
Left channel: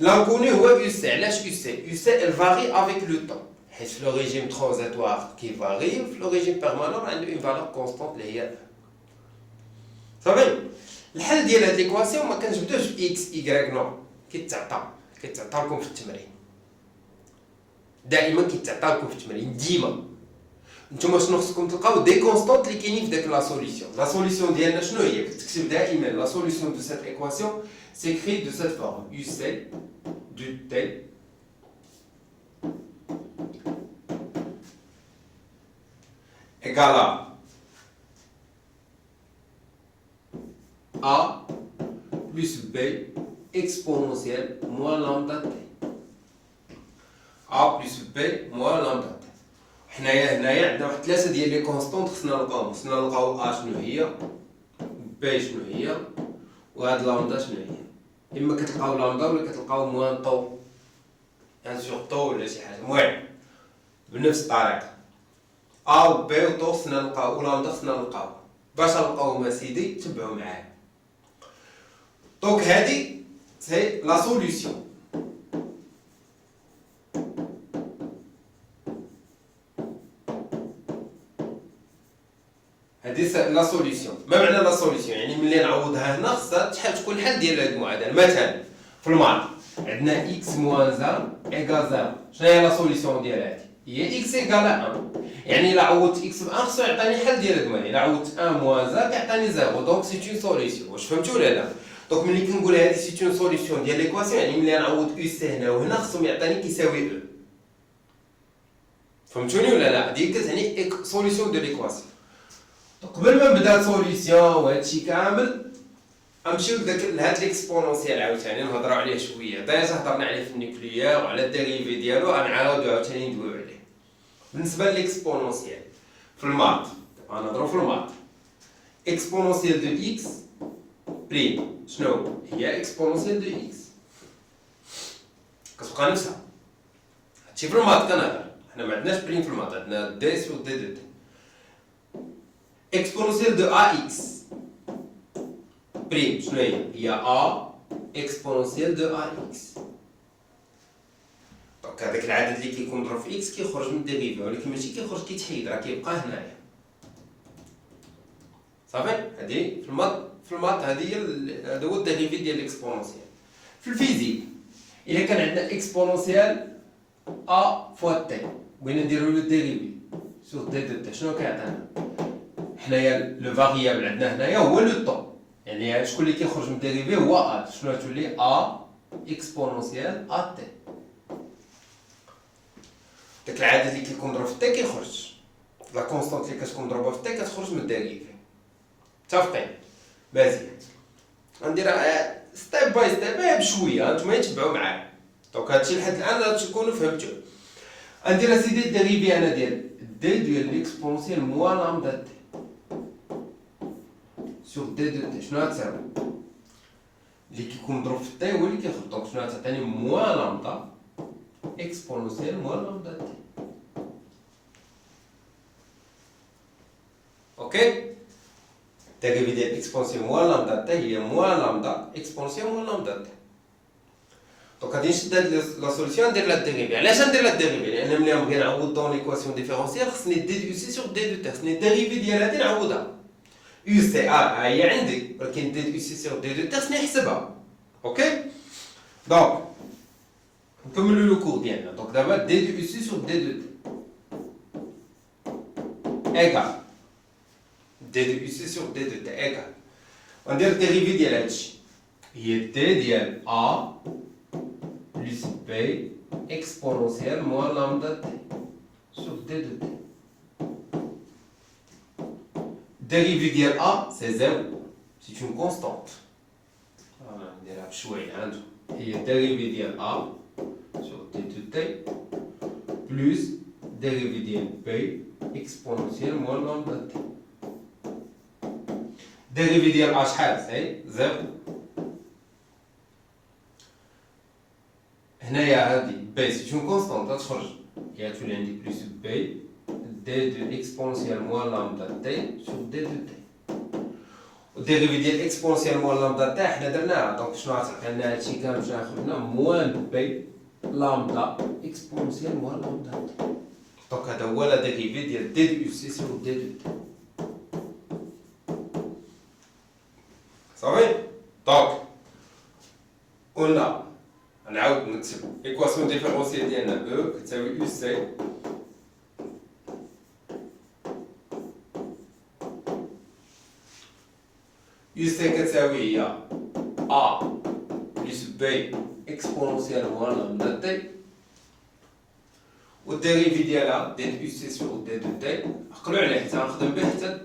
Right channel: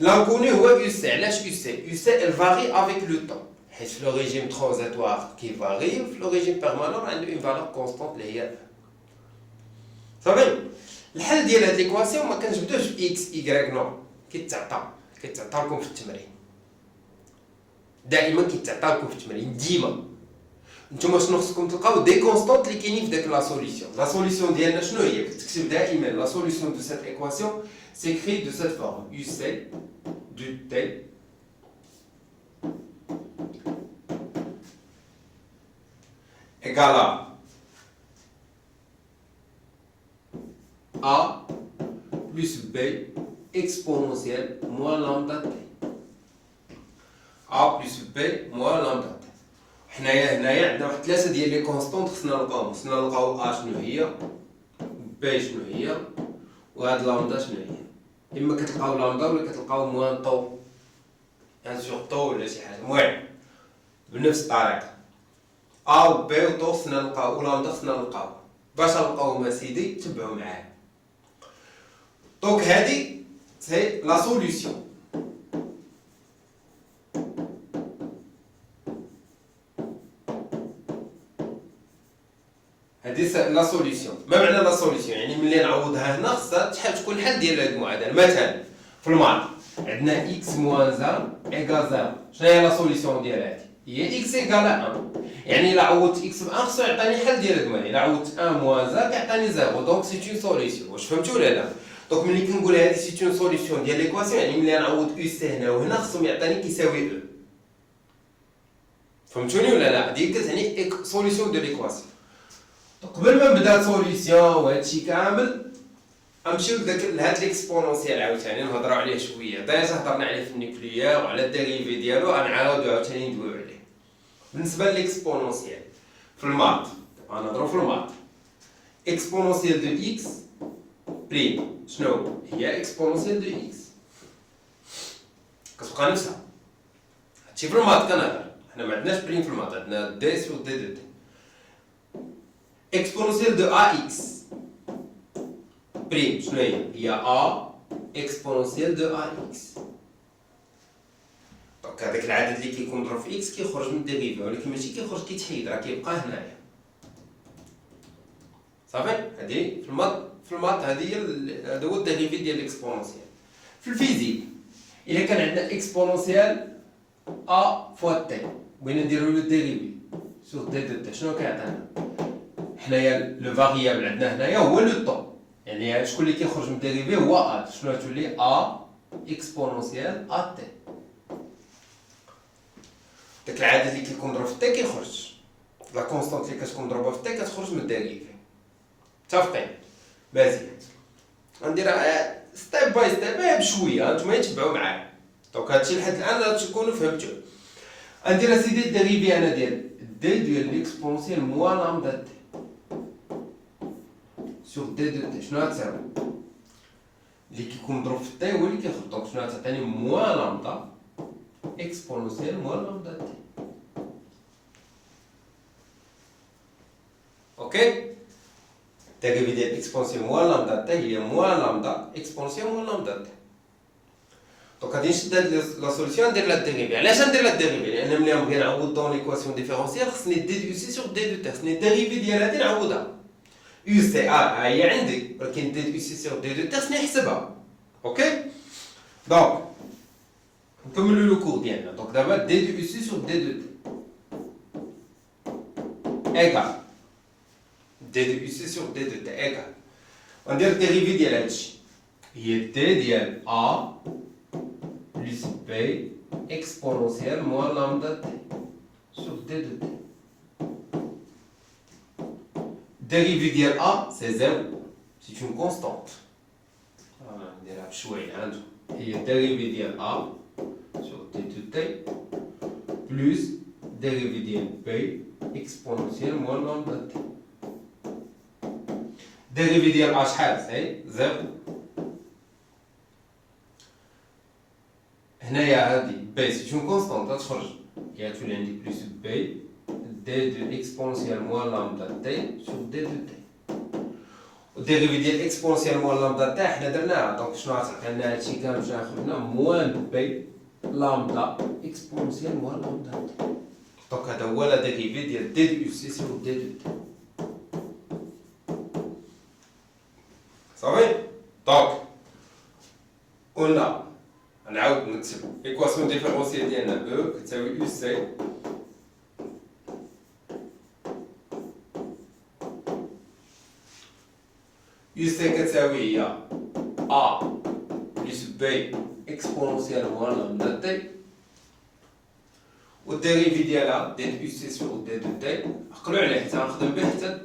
لانكوني هو يو سي. علاش يو سي؟ يو سي ال فاري افيك لو طون، حيت في لو ريجيم ترانزيتوار كيفاري، في لو ريجيم بيرمانون عنده اون فالور كونستانت اللي هي صافي. الحل ديال هاد ليكواسيون ما كنجبدوش باكس ايكغيك نو، كيتعطى لكم في التمرين، دائما كيتعطى لكم في التمرين ديما. نتوما شنو خصكم تلقاو؟ دي كونستانت اللي كاينين في داك لا سوليسيون. لا سوليسيون ديالنا شنو هي؟ كتكتب دائما لا سوليسيون دو سيت ايكواسيون سيكري دو سيت فورم يو سي دو تي égale à A plus B exponentielle moins lambda t. A plus B moins lambda t. هنايا عندنا واحد 3 ديال لي كونستونط خصنا نلقاو A شنو هي، B شنو هي، وهاد لامدا شنو هي. اما كتلقاو لامدا ولا كتلقاو موان طو، يعني سيغ طو ولا شي حاجه. المهم بنفس الطريقه A و B و طو خصنا نلقاو، و لامدا خصنا نلقاو. باش نلقاوهم اسيدي تبعو معايا. دونك هادي سي لا سوليسيون. هادي سي لا سوليسيون. ما معنى لا سوليسيون؟ يعني ملي نعوضها هنا خصها تكون حل ديال هاد المعادله. مثلا في الماط عندنا اكس موان زان ايكال زيرو. شنو هي لا سوليسيون ديال هادي؟ هي اكس ايكال 1. يعني الا عوضت اكس ب 1 خصو يعطيني حل ديال هاد المعادله. الا عوضت 1 موان زان كيعطيني زيرو. دونك سي اون سوليسيون. واش فهمتوا ولا لا؟ دونك ملي كنقول هادي سي اون سوليسيون ديال ليكواسيون، يعني ملي نعوض يو سي هنا وهنا خصهم يعطيني كيساوي او. فهمتوني ولا لا؟ هادي كتعني سوليسيون دو ليكواسيون. قبل ما نبدا سوليسيون وهادشي كامل غنمشيو لهاد ليكسبونونسيال عاوتاني نهضروا عليه شويه. دايما هضرنا عليه في النيكليير وعلى الديريفي ديالو، غنعاودو عاوتاني ندويو عليه. بالنسبه لليكسبونونسيال في الماط غنهضروا في الماط. اكسبونونسيال دو اكس بريم شنو هي؟ اكسبونونسيال دو اكس كتبقى نفسها. هادشي في الماط كنهضر، حنا ما عندناش بريم في الماط، عندنا دي سور دي دو تي. اكسبونونسيال دو ا اكس بريم شنو هي؟ ا اكسبونونسيال دو ا اكس. دونك هذاك العدد اللي كيكون مضروب في اكس كيخرج من الديريفي، ولكن ماشي كيخرج كيتحيد، راه كيبقى هنايا. صافي هادي في الماط هادي هذا هو الديريفي ديال الاكسبونونسيال. في الفيزيك الا كان عندنا اكسبونونسيال ا فوا تي بغينا نديرو لو ديريفي سور دي دو تي، شنو كيعطينا؟ حنايا لو فاريابل عندنا هنايا هو لو طون، يعني شكون اللي كيخرج من الديريفي هو ا. شنو تولي ا اكسبونونسيال ا تي. داك العدد اللي كيكون مضروب في تي كيخرج، لا كونستانت اللي كتكون مضروبه في تي كتخرج من الديريفي. متفقين؟ مزيان. غنديرها ستيب باي ستيب بشويه، هانتوما تبعوا معايا. دونك هادشي لحد الان غادي تكونوا فهمتوا. غندير اسيدي الديريفي انا ديال دي ديال ليكسبونونسيال موان لامدا تي سور دي دو تي. شنو غتساوي؟ اللي كيكون مضروب في تي هو اللي كيخرج. دونك شنو غتعطيني؟ موان لامدا اكسبونونسيال موان لامدا تي. اوكي؟ الديريفي ديال اكسبونسيون موان لامدا تي هي موان لامدا اكسبونسيون موان لامدا تي. دونك غادي نشد هاد لا سوليسيون ندير لها الديريفي. علاش ندير لها الديريفي؟ لان ملي نبغي نعوض دون ليكواسيون ديفيرونسيال خصني ديديوسي سور دي دو تي، خصني الديريفي ديال هادي نعوضها. يو سي ار ها هي عندي، ولكن ديديوسي سور دي دو تي خصني نحسبها. اوكي؟ دونك نكملوا لو كور ديالنا. دونك دابا دي دو سي سور دي دو تي ايكال دي دو سي سور دي دو تي ايكال. غندير الديريفي ديال هادشي هي دي ديال ا بلس بي اكسبونونسيال موان لامدا تي سور دي دو تي. الديريفي ديال ا سي زيرو سي اون كونستانت. نديرها بشويه عندو هي الديريفي ديال ا sur d de t plus dérivé de b exponentielle moins lambda t. Dérivé de h c'est 0. هنايا هادي b c'est une constante تخرج كيعطيو عندي plus b d de exponentielle moins lambda t sur d de t. والديريفي ديال اكسبونسيال موان لامدا تاع حنا درناها. دونك شنو غتعطي لنا هادشي كامل باش ناخذنا موان بي لامدا اكسبونسيال موان لامدا تي. دونك هذا هو لا ديريفي ديال دي دو سي سور دي دو تي. صافي. دونك قلنا نعاود نكتبو ليكواسيون ديفيرونسيال ديالنا او كتساوي يو سي U C كتساوي هي A بلس B اكسبونونسيال موان لامدا تي. والديريفي ديالها ديال U C سور دي دو تي عقلو عليه حتى غنخدم به حتى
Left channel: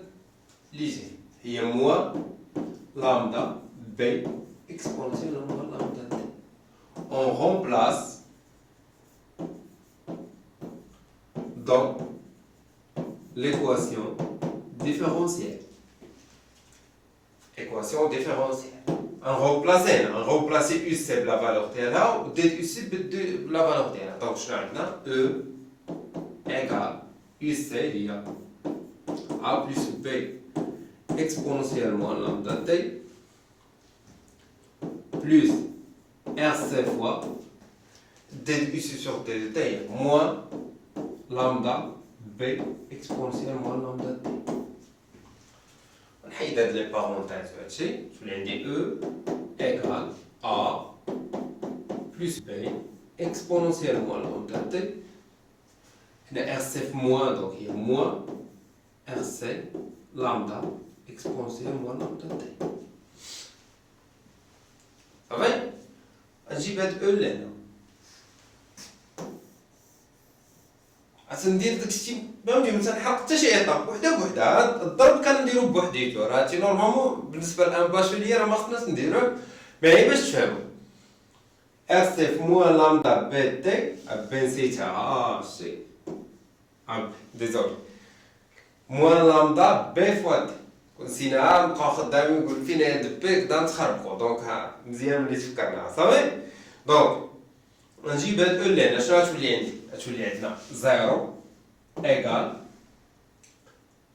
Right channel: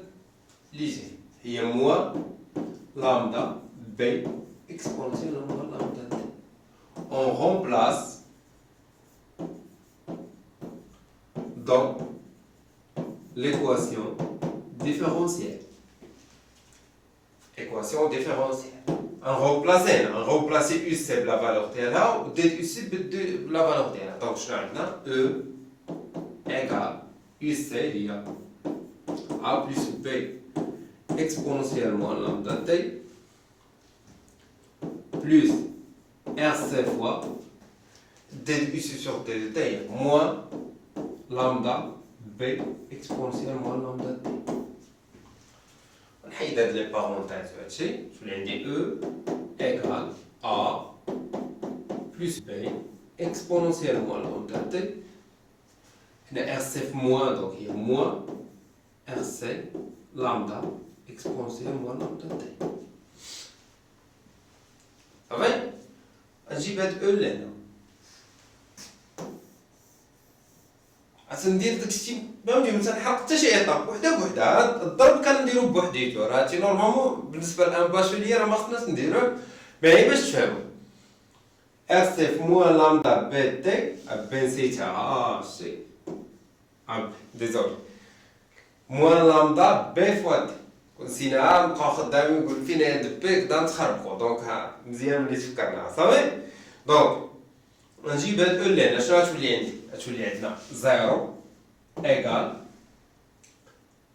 لي جي هي موان لامدا B اكسبونونسيال موان لامدا تي. On remplace dans l'équation différentielle. Équation différentielle. On remplace UC la valeur ديالها و UC la valeur ديالها. Donc شنو عندنا E égale UC هي A plus B exponentiellement lambda t plus RC fois d UC sur d de t moins lambda B exponentiellement lambda t. نحيد هاد لي بارونتيز هادشي تولي عندي او ايكال ا بلس بي اكسبونونسيال موان لامدا تي. هنا ار سي في موان دونك هي موان ار سي لامدا اكسبونونسيال موان لامدا تي. صافي. نجيب هاد او لهنا ندير داكشي فهمتي ما تنحرق حتى شي ايطاب وحده بوحدها. الضرب كنديرو بوحديتو راه هادشي نورمالمون بالنسبه لان باشوليه راه ما خصناش نديروه مي هي باش تفهمو. ار سي في موان لامدا بي تي بي نسيتها شي ديزولي موان لامدا بي فوا تي نسيناها نبقاو خدامين نقول فين هاد بي كدا نتخربقو. دونك ها مزيان ملي تفكرناها. صافي. دونك نجيب هاد او لهنا شنو غتولي عندي؟ غتولي عندنا 0 égale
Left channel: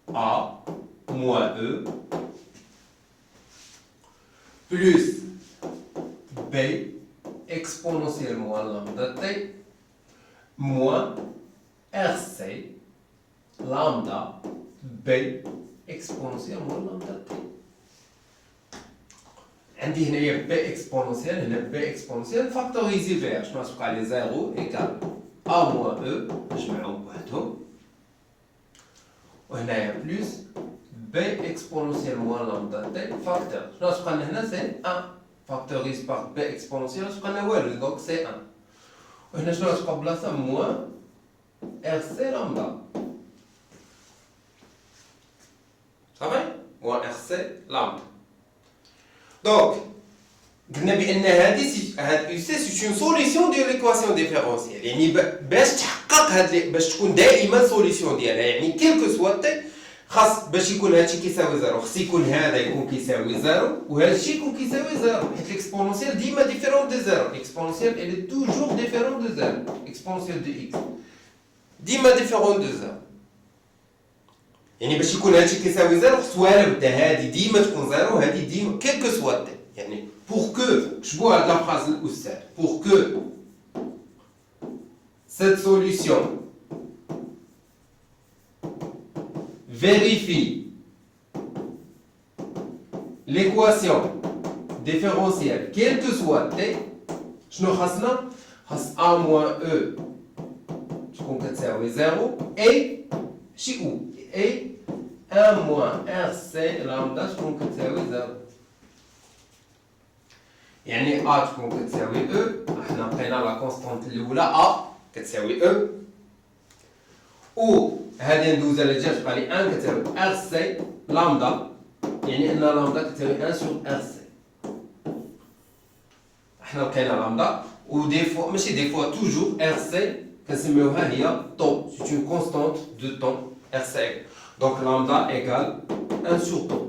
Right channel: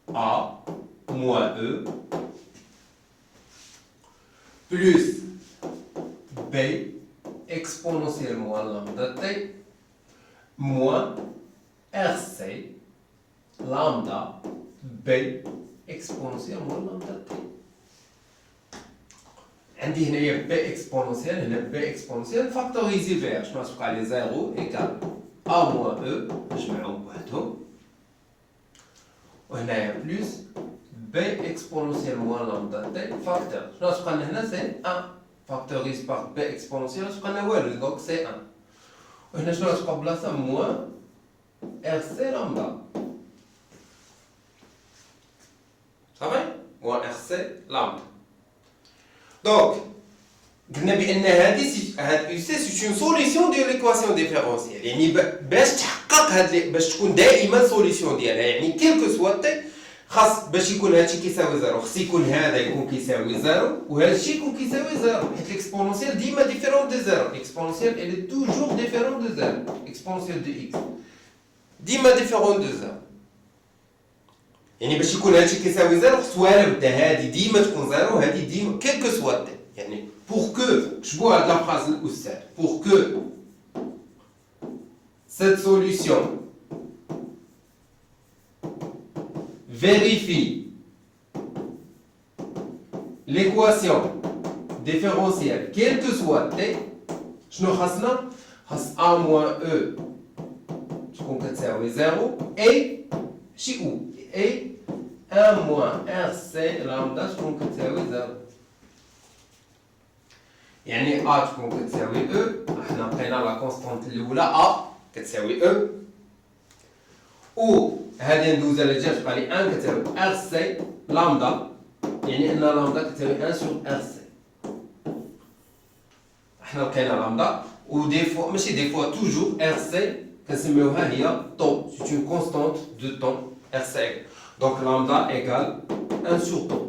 A moins E plus B exponentielle moins lambda t moins RC lambda B exponentielle moins lambda t. عندي هنايا B exponentielle هنا B exponentielle فاكتوريزي فيها شنو غتبقى لي 0 égale A moins E نجمعهم بوحدهم وهنايا بلس B exponentielle moins lambda t facteur. شنو غتبقى لنا هنا سي 1 فاكتوريز باغ B exponentielle غتبقى لنا والو دونك سي 1. وهنا شنو غتبقى بلاصه موان RC لامدا. صافي. موان RC لامدا. دونك قلنا بان هاد يو سي سي اون سوليسيون ديال ليكواسيون ديفيرونسيال. يعني باش تحقق باش تكون دائما سوليسيون ديالها يعني كيلكو سوا تي خاص باش يكون هادشي كيساوي زيرو خاص يكون هذا يكون كيساوي زيرو وهادشي يكون كيساوي زيرو حيت ليكسبونونسيال ديما ديفيرون دو زيرو. ليكسبونونسيال الي توجور ديفيرون دو زيرو. اكسبونونسيال دو اكس ديما ديفيرون دو زيرو. يعني باش يكون هادشي كيساوي زيرو خص ولا بدا هادي ديما تكون زيرو هادي ديما كيلكو سوا تي. يعني pour que je vois la phrase pour que cette solution vérifie l'équation différentielle quelle que soit t شنو خاصنا خاص A moins E تكون كتساوي 0 اي شي او اي 1 moins RC لامدا تكون كتساوي 0 يعني A تكون كتساوي E حنا لقينا لا كونستانت الاولى A كتساوي E و هذه ندوزها للجهه تبقى لي 1 كتساوي RC لامدا يعني ان لامدا كتساوي 1 sur RC حنا لقينا لامدا و دي فوا ماشي دي فوا توجور RC كنسميوها هي طو سي اون كونستانت دو طون RC دونك لامدا ايكال 1 sur طو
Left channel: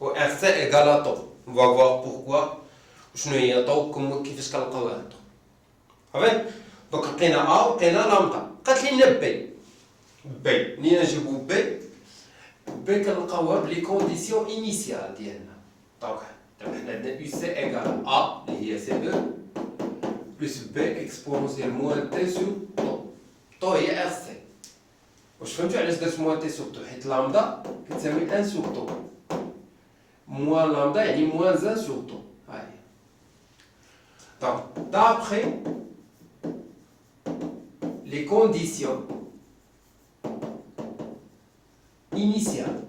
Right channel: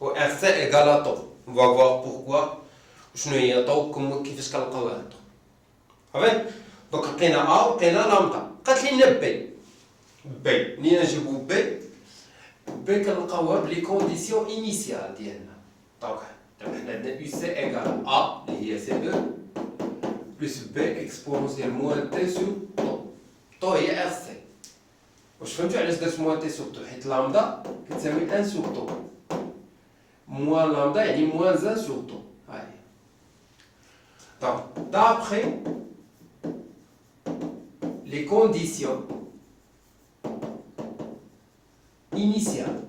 و RC ايكال طو on va voir pourquoi شنو هي طو كيفاش كنلقاوها طو صافي دونك لقينا A لقينا لامدا قالت لنا بي منين نجيبو بي كنلقاوها بلي كونديسيون انيسيال ديالنا دونك حنا عندنا يو سي ايكال A اللي هي سي او بلس بي اكسبونونسيال موان تي سو طو هي ار سي واش فهمتوا علاش درت موان تي سو طو حيت لامدا كتساوي 1 سو طو موان لامدا يعني موان 1 سو طو هاي دونك d'après les conditions initiales.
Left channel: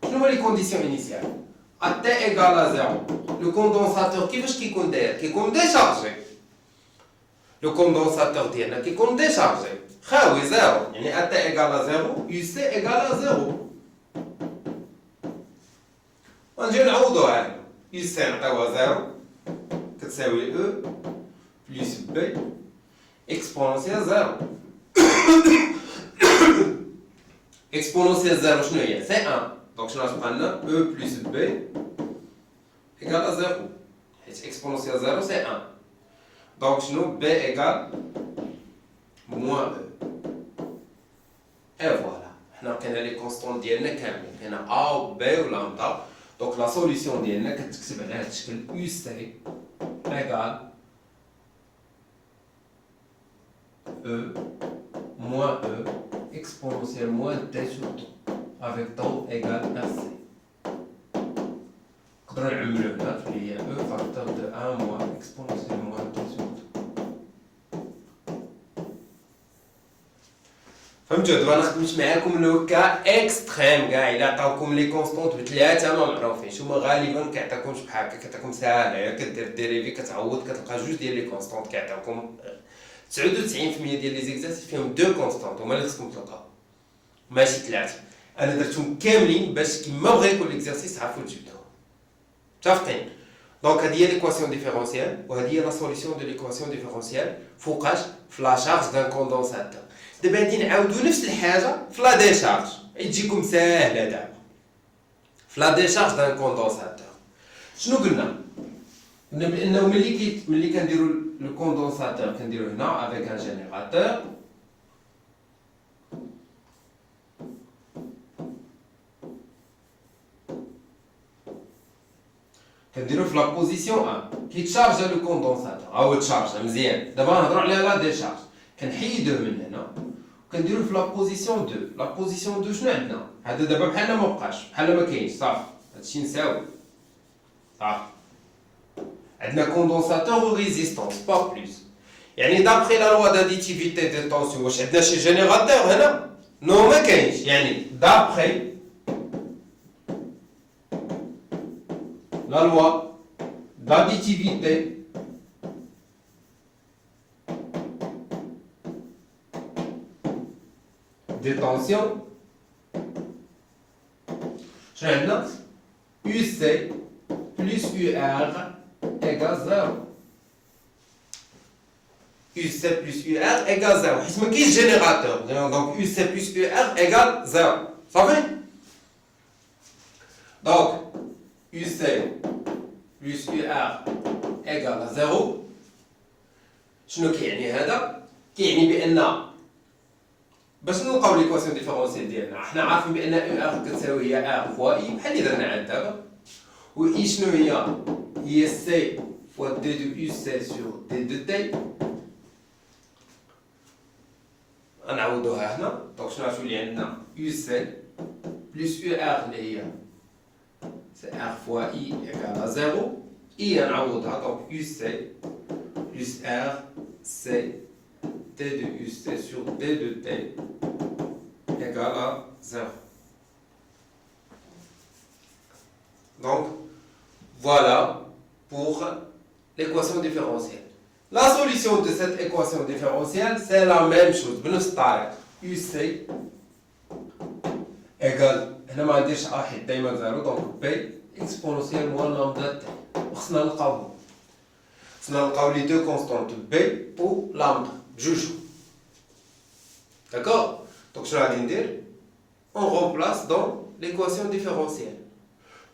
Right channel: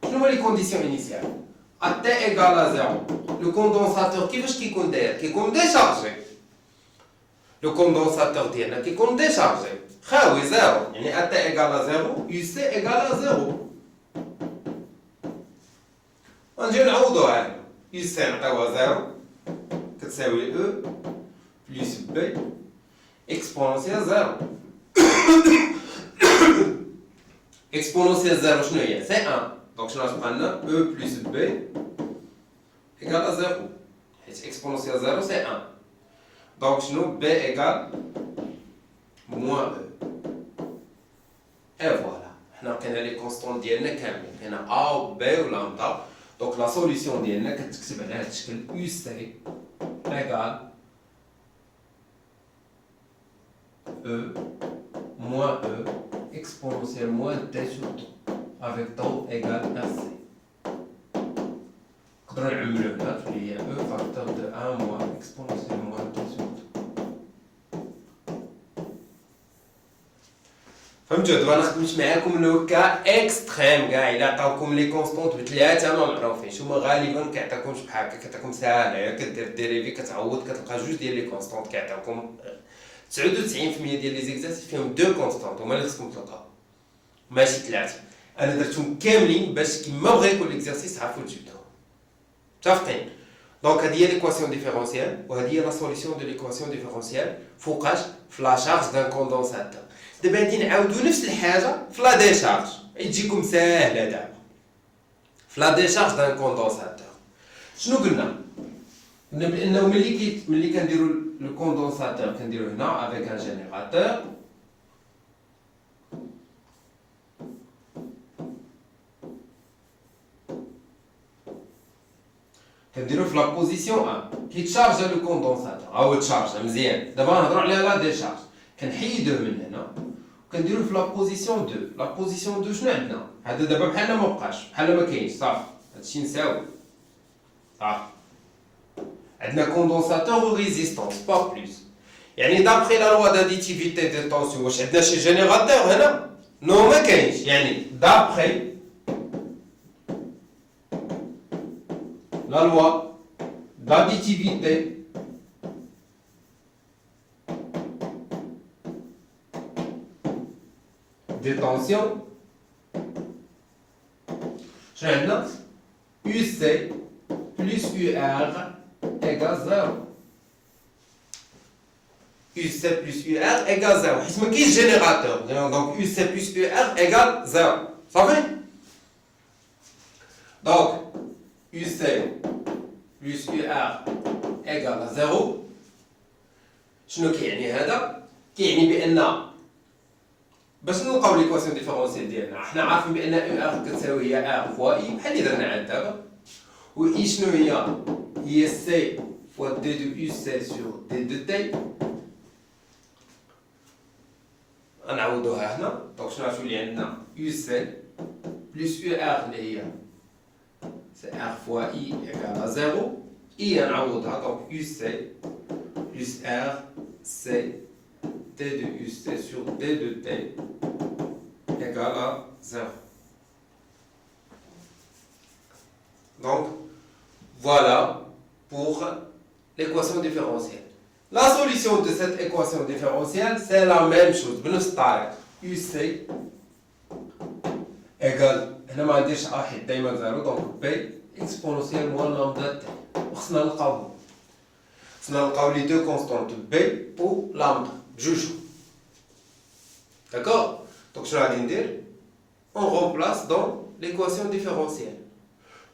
Quelles sont les conditions initiales? À T égale à 0, le condensateur qui est déchargé. Le condensateur qui est déchargé. Oui, 0. Yani à T égale à 0, UC égale à 0. On dit que UC égale à 0, que c'est E plus B exponentielle 0. Exponentielle 0, c'est 1. Donc, je vais prendre E plus B égale à 0. Exponentielle 0, c'est 1. Donc, B égale moins E. Et voilà. Nous avons les constantes d'IN. On a A ou B ou lambda. Donc, la solution d'IN, c'est UC égale E moins E exponentielle moins T sur T avec tau égale RC. نقدروا نعملوا هنا اللي هي E facteur de 1 moins exponentielle moins T sur T. فهمتوا دابا انا خدمت معاكم لو كا اكستريم كاع الا عطاوكم لي كونستونط بثلاثه ما معروفينش هما غالبا كيعطيكمش بحال هكا كتعطيكم ساهله كدير ديريفي كتعوض كتلقى جوج ديال لي كونستونط كيعطيوكم 99% ديال لي زيكزارسيس فيهم دو كونستانت هما اللي خصكم تلقاو ماشي ثلاثه انا درتهم كاملين باش كيما بغا يكون ليكزارسيس تعرفوا تجبدوهم متفقين دونك هذه هي ليكواسيون ديفيرونسيال وهذه هي لا سوليسيون دو ليكواسيون ديفيرونسيال فوقاش في لا شارج دان كوندونساتور دابا غادي نعاودو نفس الحاجه في لا ديشارج تجيكم ساهله دابا في لا ديشارج دان كوندونساتور شنو قلنا بانه ملي كنديروا le condensateur كنديرو هنا avec un générateur كنديرو في لا بوزيسيون 1 كيتشارج لو كوندونساتور هاو تشارج مزيان دابا نهضروا على لا ديشارج كنحيدوه من هنا وكنديرو في لا بوزيسيون 2 لا بوزيسيون 2 شنو عندنا هذا دابا بحال ما بقاش بحال ما كاينش صافي هادشي نساوي صافي عندنا كوندونساتور و ريزيستونس با بلوس يعني دابخي لا لوا داديتيفيتي دي طونسيون واش عندنا شي جينيراتور هنا نو ما كاينش يعني دابخي لا لوا داديتيفيتي دي طونسيون شنو عندنا يو سي بلس يو ار égale 0. UC plus UR égale 0. حيت ما كاينش جينيراتور دونك UC plus UR égale 0 صافي دونك UC plus UR égale 0 شنو كيعني هذا كيعني بان باش نلقاو ليكواسيون ديفيرونسيال ديالنا حنا عارفين بان UR كتساوي هي R فوا I بحال اللي درنا عاد دابا و I شنو هي C fois D de UC sur D de T غنعوضوها هنا دونك شنو غتولي عندنا UC plus UR اللي هي C R fois I égale à 0 I نعوضها donc UC plus RC D de UC sur D de T égale à 0. Donc, voilà pour l'équation différentielle. La solution de cette équation différentielle, c'est la même chose. بنفس الطريقة. UC égale هنا ما عنديش A حيت دايما 0 donc B exponentielle moins lambda T. وخصنا نلقاو les deux constantes B ou lambda بجوج. D'accord? Donc شنو غادي ندير؟ On remplace dans l'équation différentielle.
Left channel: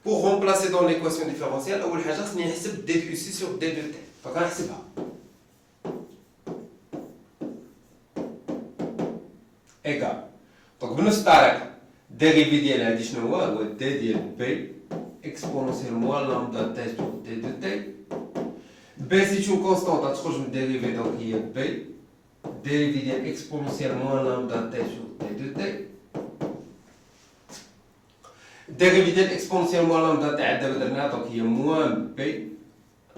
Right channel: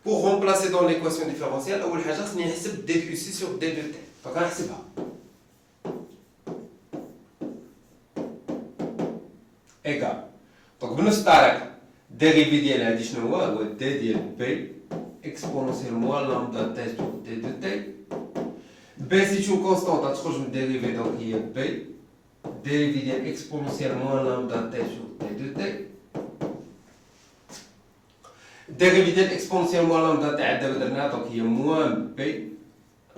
Pour remplacer dans l'équation différentielle, أول حاجة خصني نحسب D de UC sur D de T. Donc غنحسبها. Égal. Donc بنفس الطريقة dérivé ديال هادي شنو هو D ديال B exponentielle moins lambda T sur D de T. B c'est une constante غتخرج من dérivé donc هي B dérivé ديال exponentielle moins lambda T sur D de T. dérivé ديال exponentielle moins lambda T عاد دابا درناها donc هي moins B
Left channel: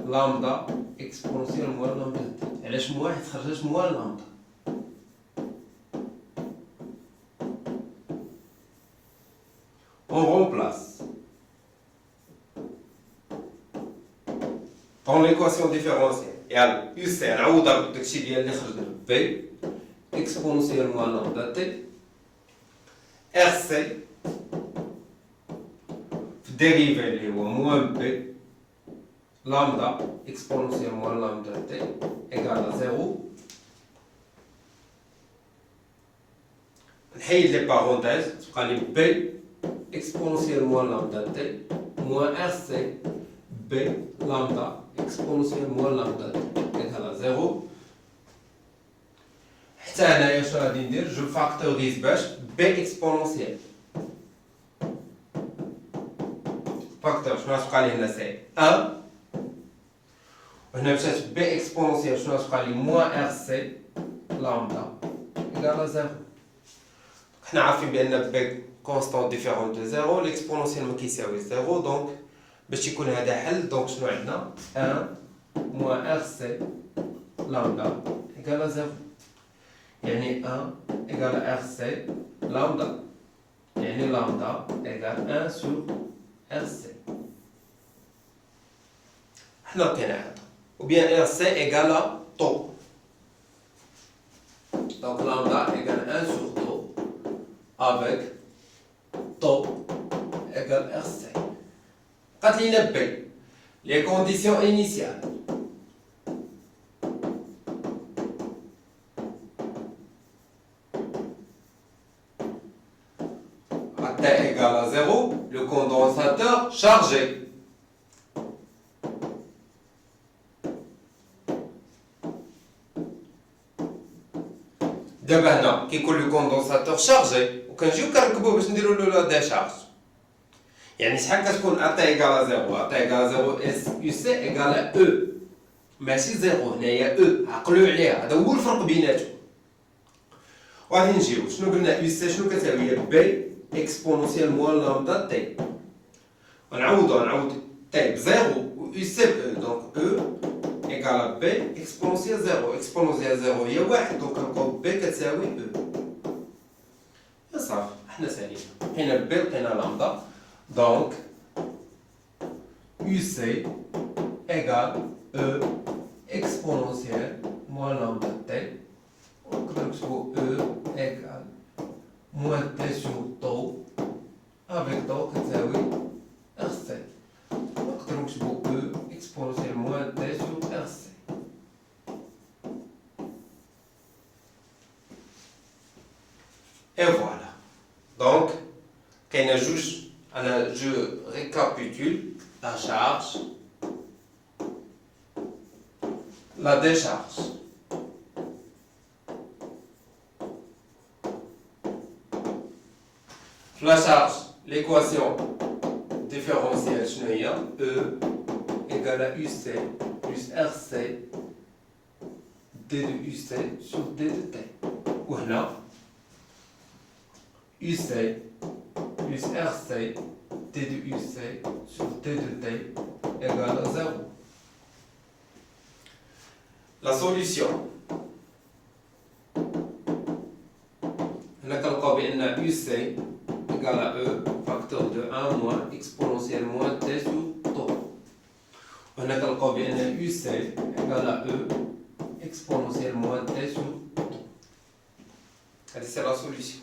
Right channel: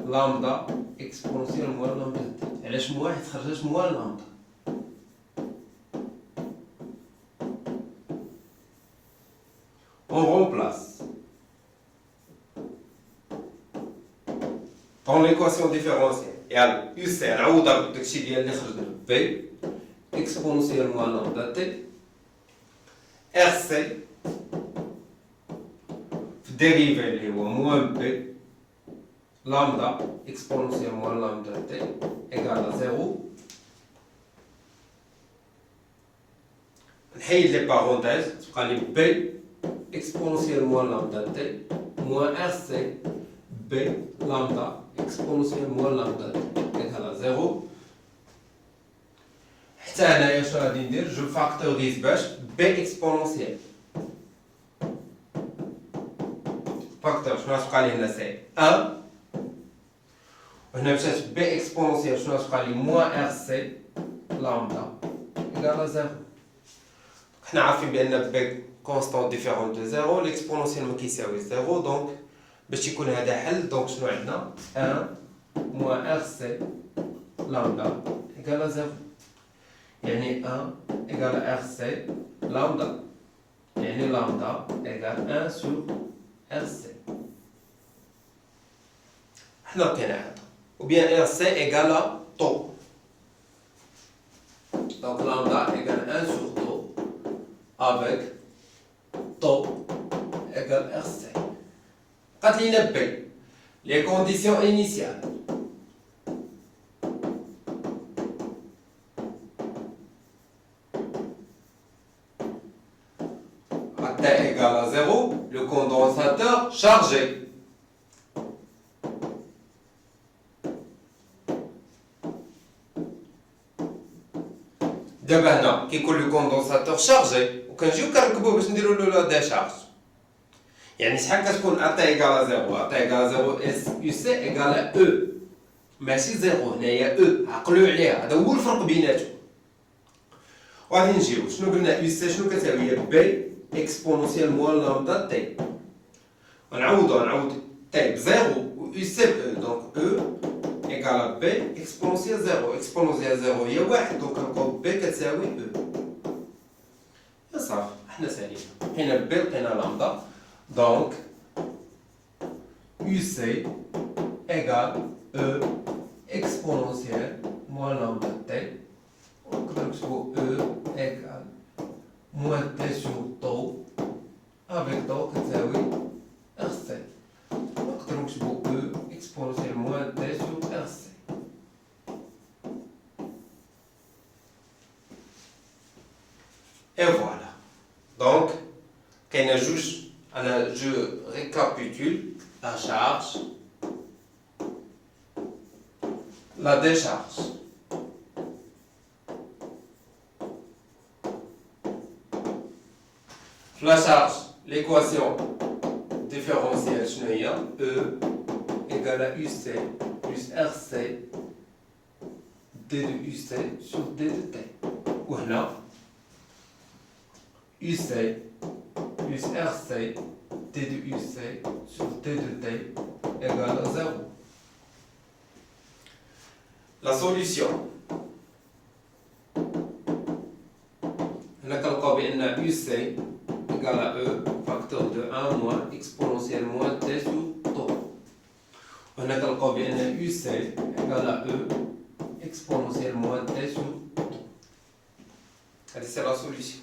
lambda exponentielle moins lambda T. علاش moins حيت خرجت moins lambda. On remplace dans l'équation différentielle. يعني UC نعوضها بداكشي ديال اللي خرج B exponentielle moins lambda T RC في dérivé اللي هو moins B lambda exponentielle moins lambda T égale à 0. نحيد لي بارونتيز تبقى لي B exponentielle moins lambda T moins RC B lambda exponentielle moins lambda T égale à 0. حتى هنايا شنو غادي ندير؟ جو فاكتوريز باش B exponentielle. فاكتور شنو غتبقى لي هنا سي 1 وهنا مشات B exponentielle شنو غتبقى لي moins RC lambda égale à 0. حنا عارفين بأن B constante différente de 0, l'exponentielle ما كيساوي 0 donc باش يكون هذا حل donc شنو عندنا 1 moins RC lambda égale à 0 يعني 1 égale à RC lambda يعني lambda égale 1 sur RC. حنا لقينا هذا ou bien RC égale à tau donc lambda égale 1 sur tau avec tau égale RC. قالت لينا B les conditions initiales. À T égale à 0, le condensateur chargé. دابا هنا كيكون لو كوندونساتور شارجي وكنجيو كنركبوه باش نديرو له لا ديشارج. يعني شحال كتكون A T égale à 0 A T égale à 0 S UC égale à E ماشي 0 هنايا E عقلوا عليها هذا هو الفرق بيناتهم. وغادي نجيو شنو قلنا UC شنو كتساوي هي B exponentielle moins lambda T ونعوض T ب 0 و UC ب E donc E égale à B exponentielle 0 exponentielle 0 هي 1 donc كنلقاو B كتساوي E. صافي حنا سالينا لقينا B لقينا لامدا donc UC égale E exponentielle moins lambda T ونقدر نكتبو E égale moins T sur tau avec tau كتساوي RC ونقدر نكتبو E exponentielle moins T sur RC. Et voilà. Donc, كاينة جوج. Alors, je récapitule la charge, la décharge. La charge, l'équation différentielle, E égale à UC plus RC D de UC sur D de T. Voilà. UC plus RC D de UC sur D de T égale à 0. la solution. On a calculé que UC égale à E facteur de 1 moins exponentielle moins T sur tau. On a calculé que UC égale à E exponentielle moins T sur tau. C'est la solution.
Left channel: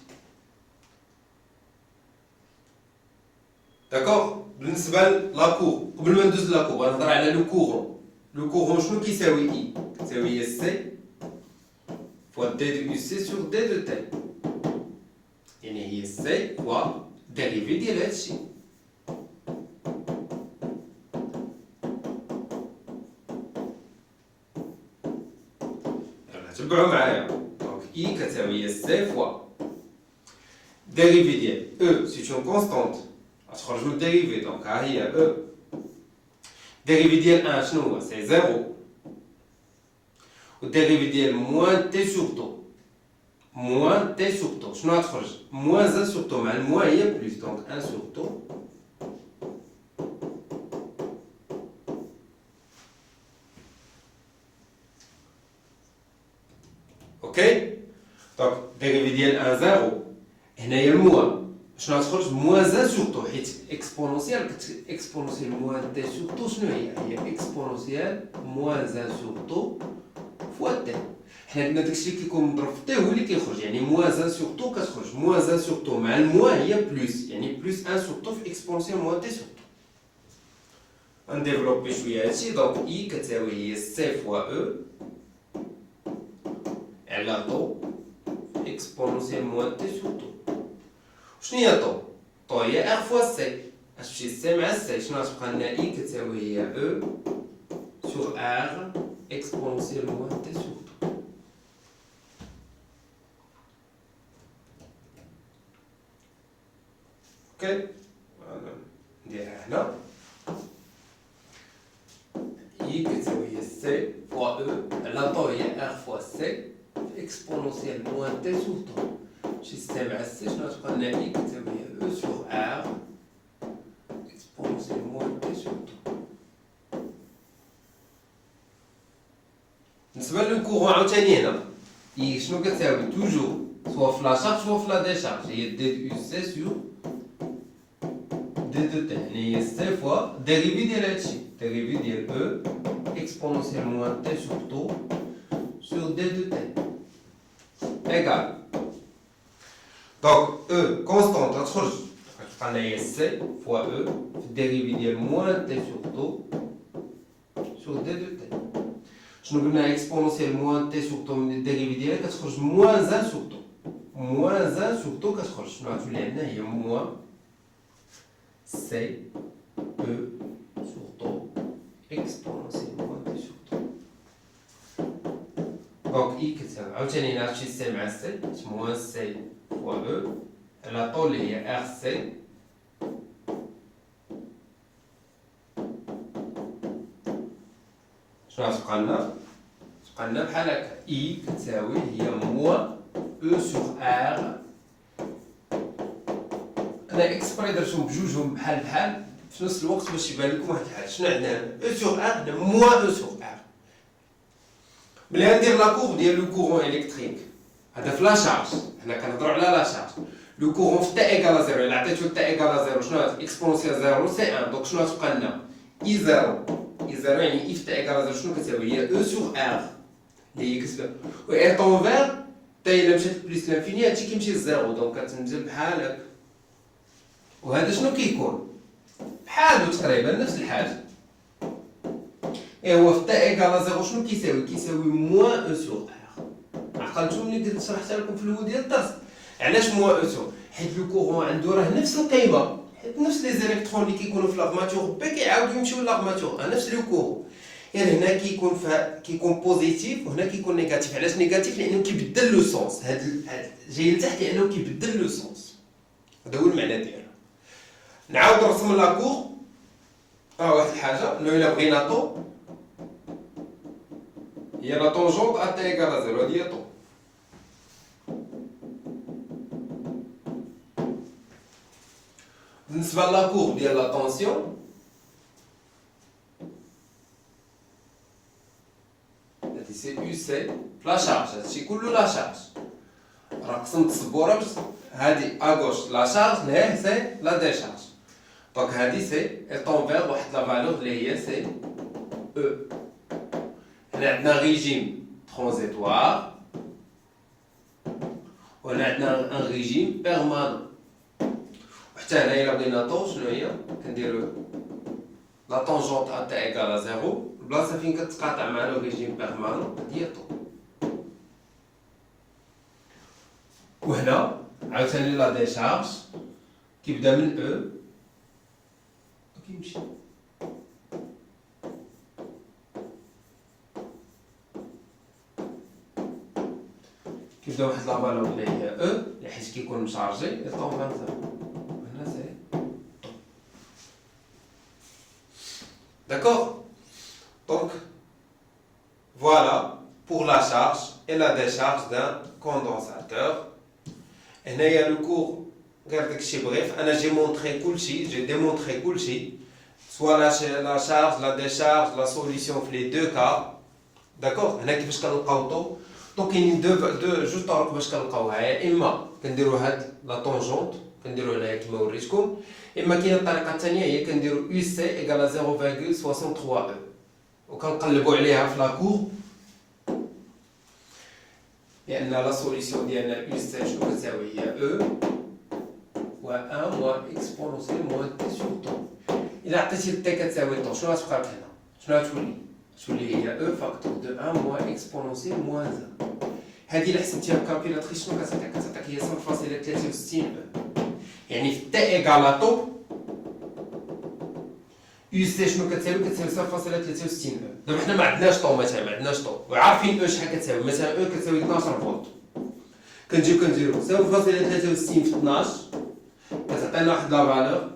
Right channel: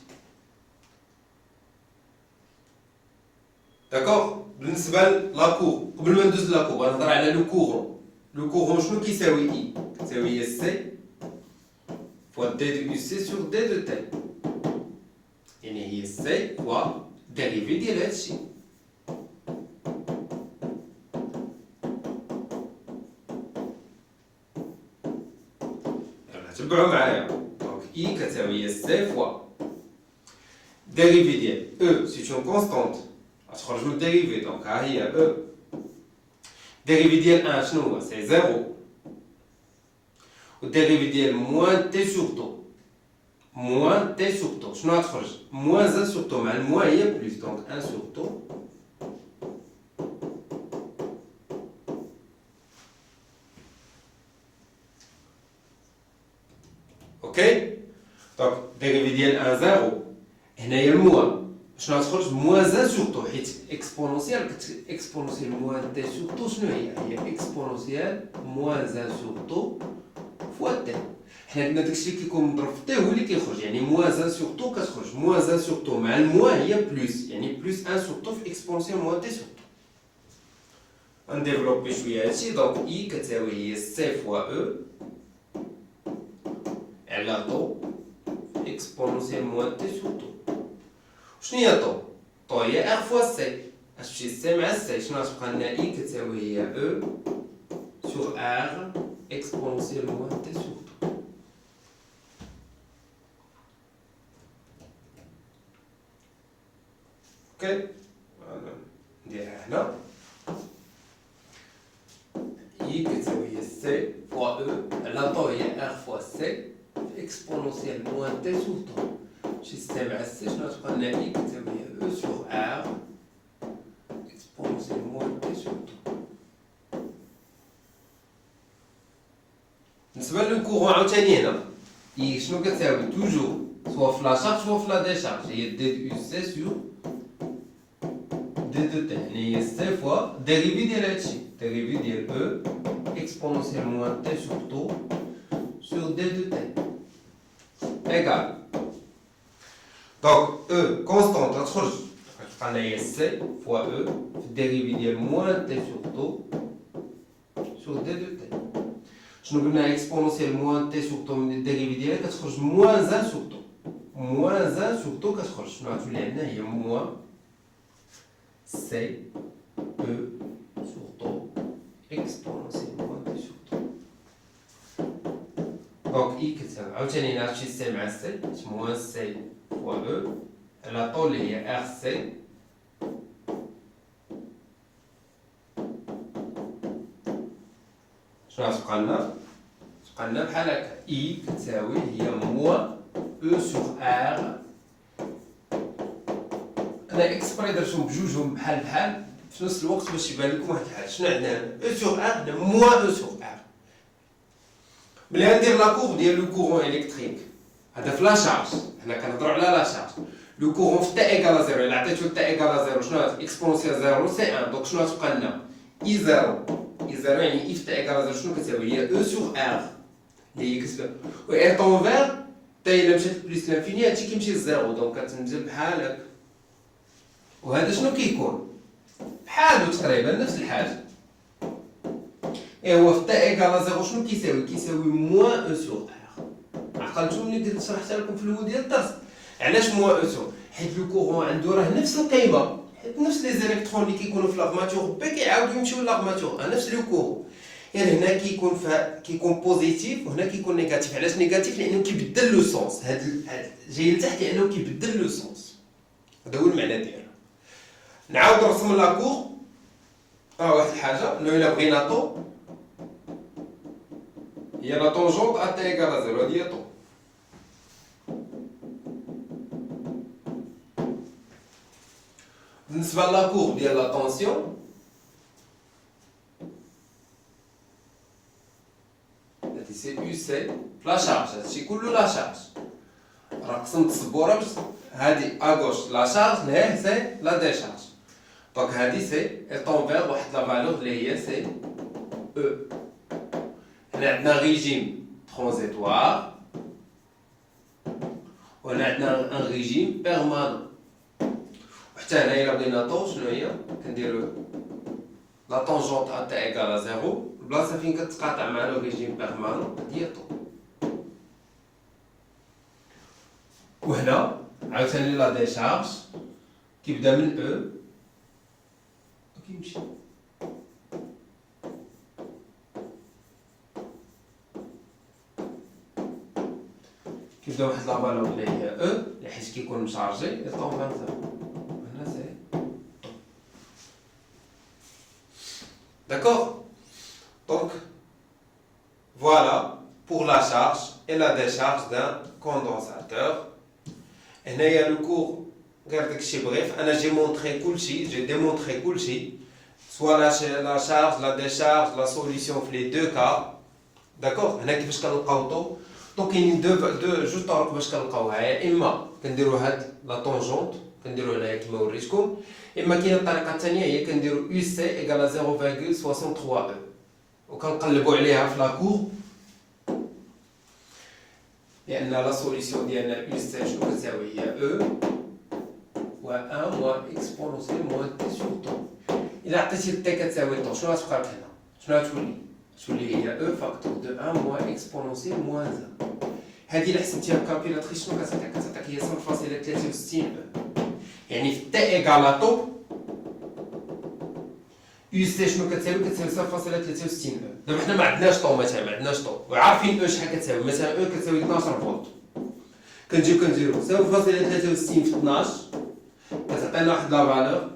D'accord? بالنسبة لا كور قبل ما ندوز لا كور غنهضر على لو كورون. لو كورون شنو كيساوي اي؟ كتساوي هي سي فوا دي دو سي سور دي دو تي، يعني هي سي فوا ديريفي ديال هادشي. تبعوا معايا. دونك اي كتساوي هي سي فوا ديريفي ديال او سي اون كونستانت غتخرج من الديريفي. دونك ها هي او ديريفي ديال 1 شنو هو؟ سي 0 والديريفي ديال موان تي سور طو موان تي سور طو شنو غتخرج؟ موان 1 سور طو مع الموان هي بلوس. دونك 1 سور طو اوكي. دونك ديريفي ديال 1 0 هنايا الموان شنو غتخرج؟ موان 1 سور طو حيت اكسبونونسيال اكسبونونسيال موان تي سور طو شنو هي؟ هي اكسبونونسيال موان 1 سور طو فوا تي. حنا عندنا داكشي اللي كيكون مضروب في تي هو اللي كيخرج، يعني موان 1 سور طو كتخرج موان 1 سور طو مع الموان هي بلوس، يعني بلوس 1 سور طو في اكسبونونسيال موان تي سور طو. غنديفلوبي شويه هادشي. دونك اي كتساوي هي سي فوا او على طو اكسبونونسيال موان تي سور طو. شنو هي طو؟ طو هي ار فوا سي. اش تمشي سي مع سي شنو غتبقى لنا؟ اي كتساوي هي او سور ار اكسبونونسيال موان تي سور طو. اوكي نديرها هنا. اي كتساوي هي سي فوا او على طو هي ار فوا سي اكسبونونسيال موان تي سور طو. شي سي مع سي شنو غتبقى لنا؟ اي كتساوي هي او سور ار اكسبونونسيال موان تي سور طو. بالنسبه للكورون عاوتاني هنا اي شنو كتساوي؟ توجور سوا في لا شارج سوا في لا ديشارج. هي دي دو سي سور دي دو تي، يعني هي سي فوا ديريفي ديال هادشي ديريفي ديال او اكسبونونسيال موان تي سور طو سور دي دو تي ايكال. دونك او كونستانت غتخرج غتبقى لنا هي سي فوا او في ديريفي ديال موان تي سور طو سور دي دو تي. شنو قلنا؟ اكسبونونسيال موان تي سور طو من الديريفي ديالها كتخرج موان 1 سور طو. موان 1 سور طو كتخرج شنو غتولي عندنا؟ هي موان سي او سور طو اكسبونونسيال موان تي سور طو. دونك اي كتساوي عاوتاني هنا هادشي سي مع سي موان سي فوا او على طو اللي هي ار سي شنو غتبقى لنا؟ تبقى لنا بحال هكا اي كتساوي هي موان او سور ار. انا اكسبري درتهم بجوجهم بحال بحال في نفس الوقت باش يبان لكم واحد الحاجه. شنو عندنا هنا؟ او سور ار هنا موان او سور ار. ملي غندير لا كور ديال لو كورون الكتريك هذا في لا شارج، حنا كنهضروا على لا شارج. لو كورون في تا ايكال 0 الا عطيتو تا ايكال 0 شنو هاد اكسبونونسيال 0 سي 1. دونك شنو غتبقى لنا؟ اي 0 اي 0 يعني اي في تا ايكال 0 شنو كتساوي؟ هي او سور ار اللي هي كتساوي و اي طونفير تا الا مشات بليس لانفيني هادشي كيمشي للزيرو. دونك كتنزل بحال هكا. وهذا شنو كيكون؟ بحالو تقريبا نفس الحاجه. هو في تا ايكال 0 شنو كيساوي؟ كيساوي موان او سور ار. عقلتو ملي كنت شرحتها لكم في الاول ديال الدرس؟ علاش موان او سور؟ حيت لو كورون عنده راه نفس القيمه، حيت نفس لي زيليكترون اللي كيكونوا في لاغماتور بي كيعاودوا يمشيو لاغماتور نفس لو كورون. غير هنا كيكون بوزيتيف وهنا كيكون نيجاتيف. علاش نيجاتيف؟ لانه كيبدل لو سونس. هاد جاي لتحت لانه كيبدل لو سونس. هذا هو المعنى ديالها. نعاود نرسم لاكور. واحد الحاجه انه الا بغينا طو هي لا طونجونت ا تا ايكال 0 هادي هي طو. بالنسبه لاكور ديال لا طونسيون c'est UC la charge, c'est كله la charge. راه قسمت السبوره باش هادي اغوش لا شارج اللي سي لا ديشارج. دونك هادي سي ايطونفير واحد لا فالور اللي هي سي او. هنا عندنا ريجيم ترانزيتوار وهنا عندنا ان ريجيم بيرمانون. وحتى هنايا الا بغينا طون شنو هي كنديرو لا طونجونت ا تا ايكال زيرو البلاصه فين كتقاطع مع لو ريجيم بيرمانون هي طون. وهنا عاوتاني لا ديشارج كيبدا من او وكيمشي كيبدا واحد لا فالور اللي هي او اللي حيت كيكون مشارجي يطون 20. هنا سي d'accord. Donc voilà pour la charge et la décharge d'un condensateur. هنايا لو كور قال داكشي بغيف انا جي مونطري كلشي جي ديمونطري كلشي سوا لا شارج لا ديشارج لا سوليسيون في لي دو كا داكوغ. هنا كيفاش كنلقاو طو دونك كاينين جوج طرق باش كنلقاوها. يا اما كنديرو هاد لا طونجونت كنديرو هنايا كيما وريتكم، اما كاينه الطريقه الثانيه هي كنديرو يو سي ايكال 0.63 او وكنقلبوا عليها في لا كور لأن لا سوليسيون ديالنا يو سي شنو كتساوي هي او و 1 موان اكسبونونسيال موان تي سور طون. إلا عطيتي تي كتساوي طون شنو غتبقى هنا؟ شنو غتولي؟ تولي هي او فاكتور دو 1 موان اكسبونونسيال موان 1. هادي إلا حسبتيها بكالكيلاتريس شنو كتعطيك؟ كتعطيك هي 0.63 او. يعني في تي ايكال طو يو سي شنو كتساوي؟ كتساوي 0.63 او. دابا حنا ما عندناش طو مثلا ما عندناش طو وعارفين او شحال كتساوي. مثلا او كتساوي 12 فولت كنجيو كنديرو 0.63 في 12 كتعطينا واحد لا فالور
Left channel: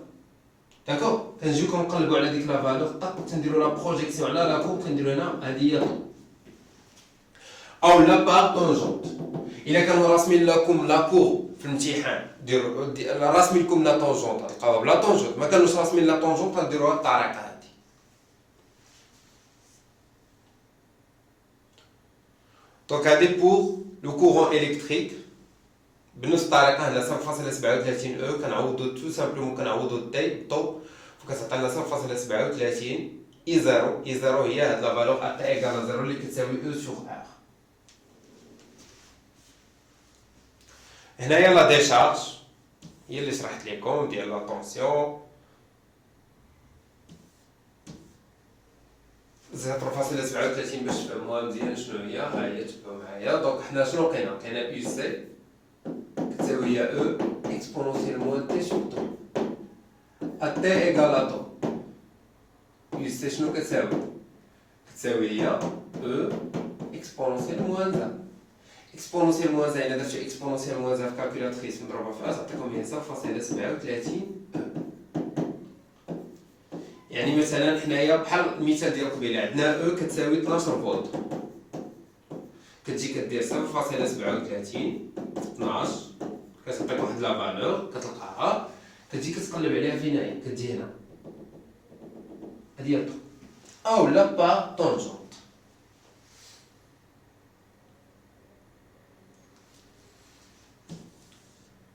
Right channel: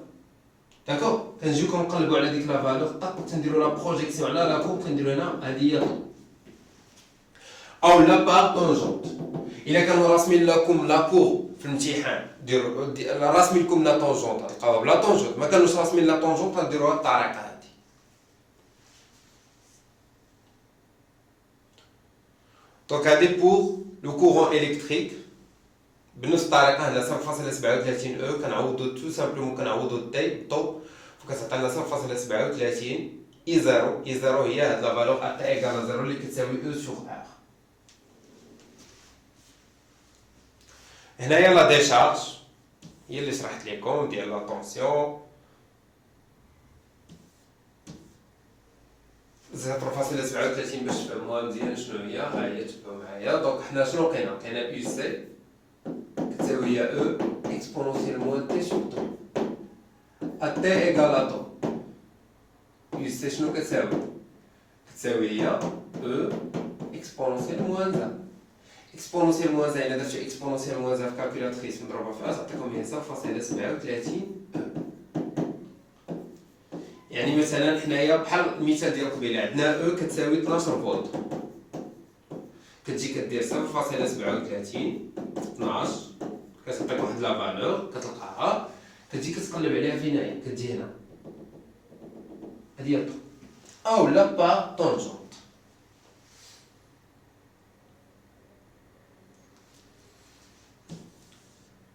داكوغ. كنجيو كنقلبو على ديك لا فالور طاق كنديرو لا بروجيكسيون على لا كور كنديرو هنا هادي هي طو او لا بار طونجونت. الا كانوا راسمين لكم لا كور في الامتحان ديروا راسمين لكم لا طونجونت تلقاوها بلا طونجونت، ما كانوش راسمين لا طونجونت غديروها بالطريقه هادي. دونك هادي بور لو كورون الكتريك بنفس الطريقه. هنا 0.37 او كنعوضو تو سامبلومون كنعوضو التي بالطو فكتعطينا 0.37 اي زيرو. اي زيرو هي هاد لا فالور ا تا ايكال زيرو اللي كتساوي او سور ار. هنايا لا ديشارج هي اللي شرحت لكم ديال لا طونسيون 0.37 باش تفهموها مزيان شنو هي. ها هي تبعوا معايا. دونك حنا شنو لقينا؟ لقينا يو سي كتساوي هي او اكسبونونسيال موان تي سور طو ا تي ايكال طو. يو سي شنو كتساوي؟ كتساوي هي او اكسبونونسيال موان 1. اكسبونونسيال موان 1 الا درتي اكسبونونسيال موان 1 في كالكيلاتريس مضروبه في تعطيكم هي 0.37. يعني مثلا حنايا بحال المثال ديال قبيله عندنا او كتساوي 12 فولت كتجي كدير 0.37 في 12 كتعطيك واحد لا فالور كتلقاها كتجي كتقلب عليها فين هي كتجي هنا هادي هي او لا با طونجونت.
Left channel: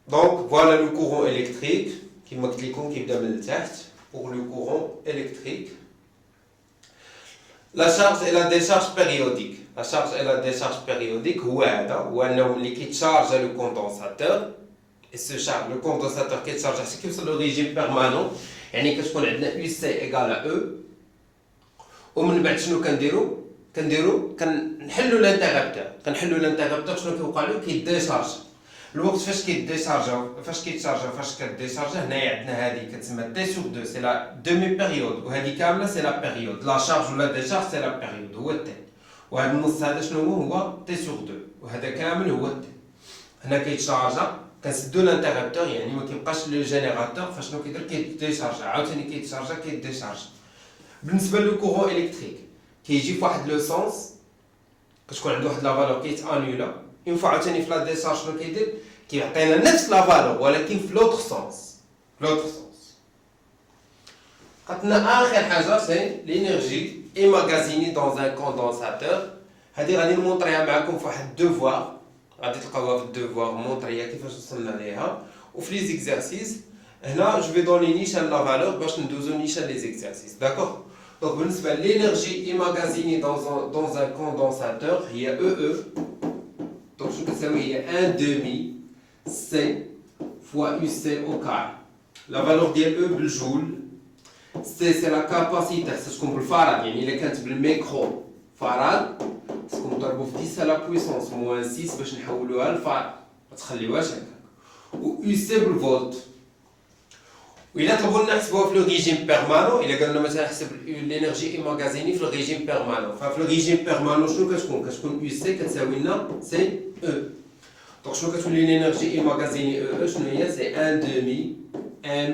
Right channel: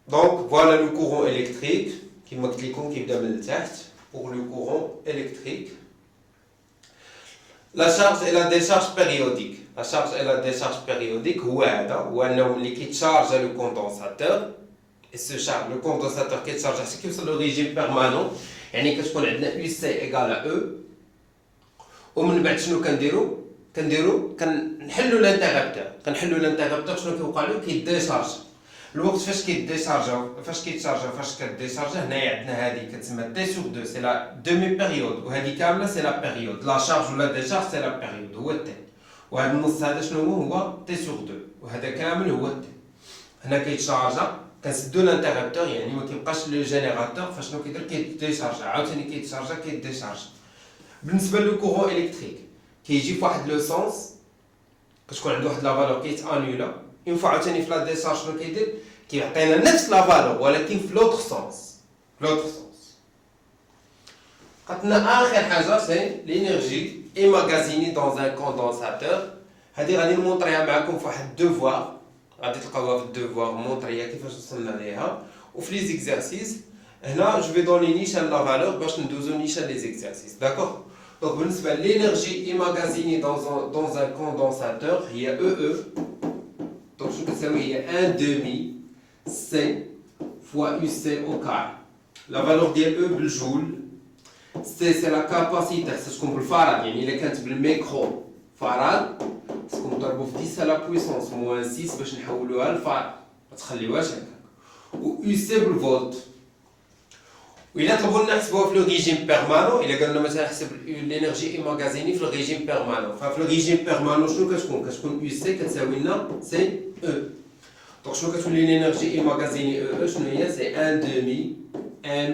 Donc voilà le courant électrique qui m'a cliqué qui vient de l'intérieur pour le courant électrique. La charge et la décharge périodique. La charge et la décharge périodique هو انه ملي كيتشارج le condensateur et ce charge le condensateur كيتشارج حتى كيوصل لو ريجيم بيرمانون يعني كتكون عندنا يو سي ايكال او. ومن بعد شنو كنديرو كنحلو الانترابتور شنو كيوقع له كيديشارج الوقت فاش كيتشارجا فاش كديشارجا. هنايا عندنا هادي كتسمى تي سور 2 سي لا دومي بيريود وهادي كامله سي لا بيريود. لا شارج ولا ديشارج سي لا بيريود هو التي. وهاد النص هذا شنو هو تي سور 2 وهذا كامل هو التي. هنا كيتشارجا كنسدو الانترابتور يعني ما كيبقاش لو جينيراتور فشنو كيدير كيديشارجا عاوتاني كيديشارجا. بالنسبه لو كورون الكتريك كيجي فواحد لو سونس كتكون عنده واحد لا فالور كيتانولا اون فوا عاوتاني في لا ديشارج شنو كيدير كيعطينا نفس لا فالور ولكن في لوطر سونس. عطنا اخر حاجه سي لينيرجي ايماغازيني دون ان كوندونساتور. هذه غادي نمونطريها معكم في واحد الدوفوار، غادي تلقاوها في الدوفوار مونطريها كيفاش وصلنا ليها. وفي لي زيكزارسيس هنا جو في دوني نيشان لا فالور باش ندوزو نيشان لي زيكزارسيس. داكوغ. دونك بالنسبه للينيرجي ايماغازيني دون ان كوندونساتور هي EE. دونك شنو كتساوي؟ هي 1 دومي سي فوا UC au carré. لا فالور ديال E بالجول. سي سي لا كاباسيتي، خصها تكون بالفاراد، يعني الا كانت بالميكرو فراد خصكم تضربوا في 10 على بويسونس موان 6 باش نحولوها لفاراد، ما تخليوهاش هكا. و UC بالفولت. وإلا طلبوا لنا نحسبوها في لو ريجيم بيرمانون، إلا قالوا لنا مثلا نحسب الانرجي ايماغازيني في لو ريجيم بيرمانون، ففي لو ريجيم بيرمانون شنو كتكون؟ كتكون UC كتساوي لنا سي E. دونك شنو كتولي الانرجي ايماغازيني E شنو هي؟ سي 1 دومي M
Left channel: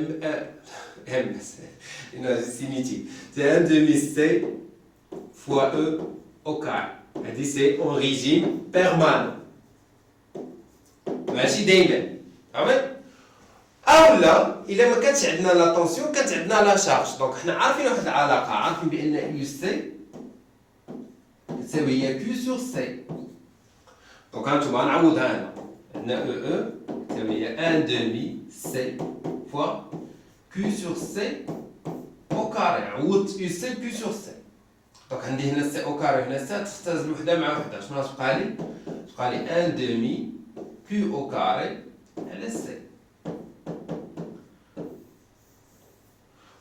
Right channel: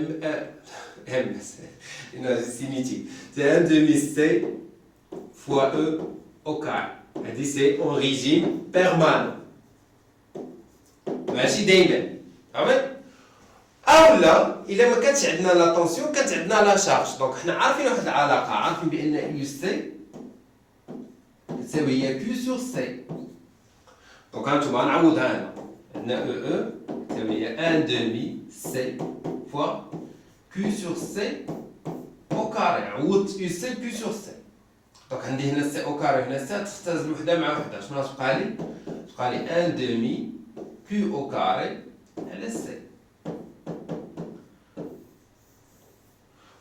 énergie cinétique. C'est 1 demi C fois E au carré. Elle dit c'est en régime permanent. ماشي دايما. فهمت؟ أو لا إلا ما كانتش عندنا لا طونسيون كانت عندنا لا شارج. دونك حنا عارفين واحد العلاقة، عارفين بأن يو سي تساوي هي كيو سور سي. دونك هانتوما نعوضها هنا. عندنا E تساوي هي 1 demi C fois Q sur C au carré. عوضت UC Q sur C. دونك عندي هنا C au carré هنا C تختزل وحدة مع وحدة. شنو غتبقى لي؟ تبقى لي 1 demi Q au carré على C.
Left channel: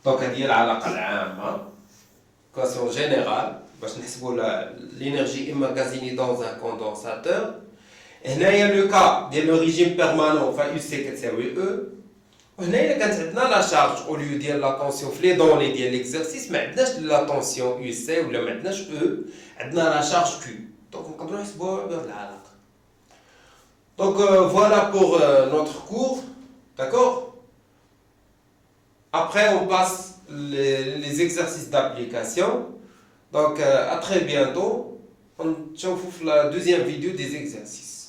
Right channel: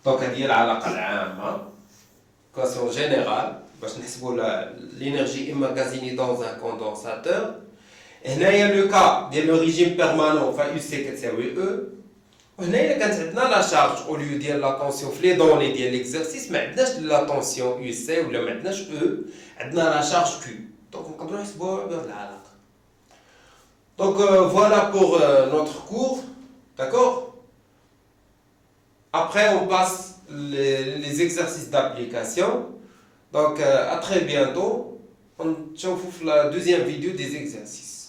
دونك هذه هي العلاقة العامة كواسيون جينيرال باش نحسبوا l'énergie emmagasinée dans un condensateur. هنايا لو كا ديال لو ريجيم بيرمانون فا UC كتساوي E. هنا الا كانت عندنا لا شارج او ليو ديال لا طونسيون في لي دوني ديال ليكزارسيس ما عندناش لا طونسيون يو سي ولا ما عندناش او، عندنا لا شارج كيو. دونك نقدروا نحسبوها بهاد العلاقه. دونك فوالا بور نوتر كور. داكور. Après on passe les exercices d'application. Donc à très bientôt. On se retrouve pour la deuxième vidéo des exercices.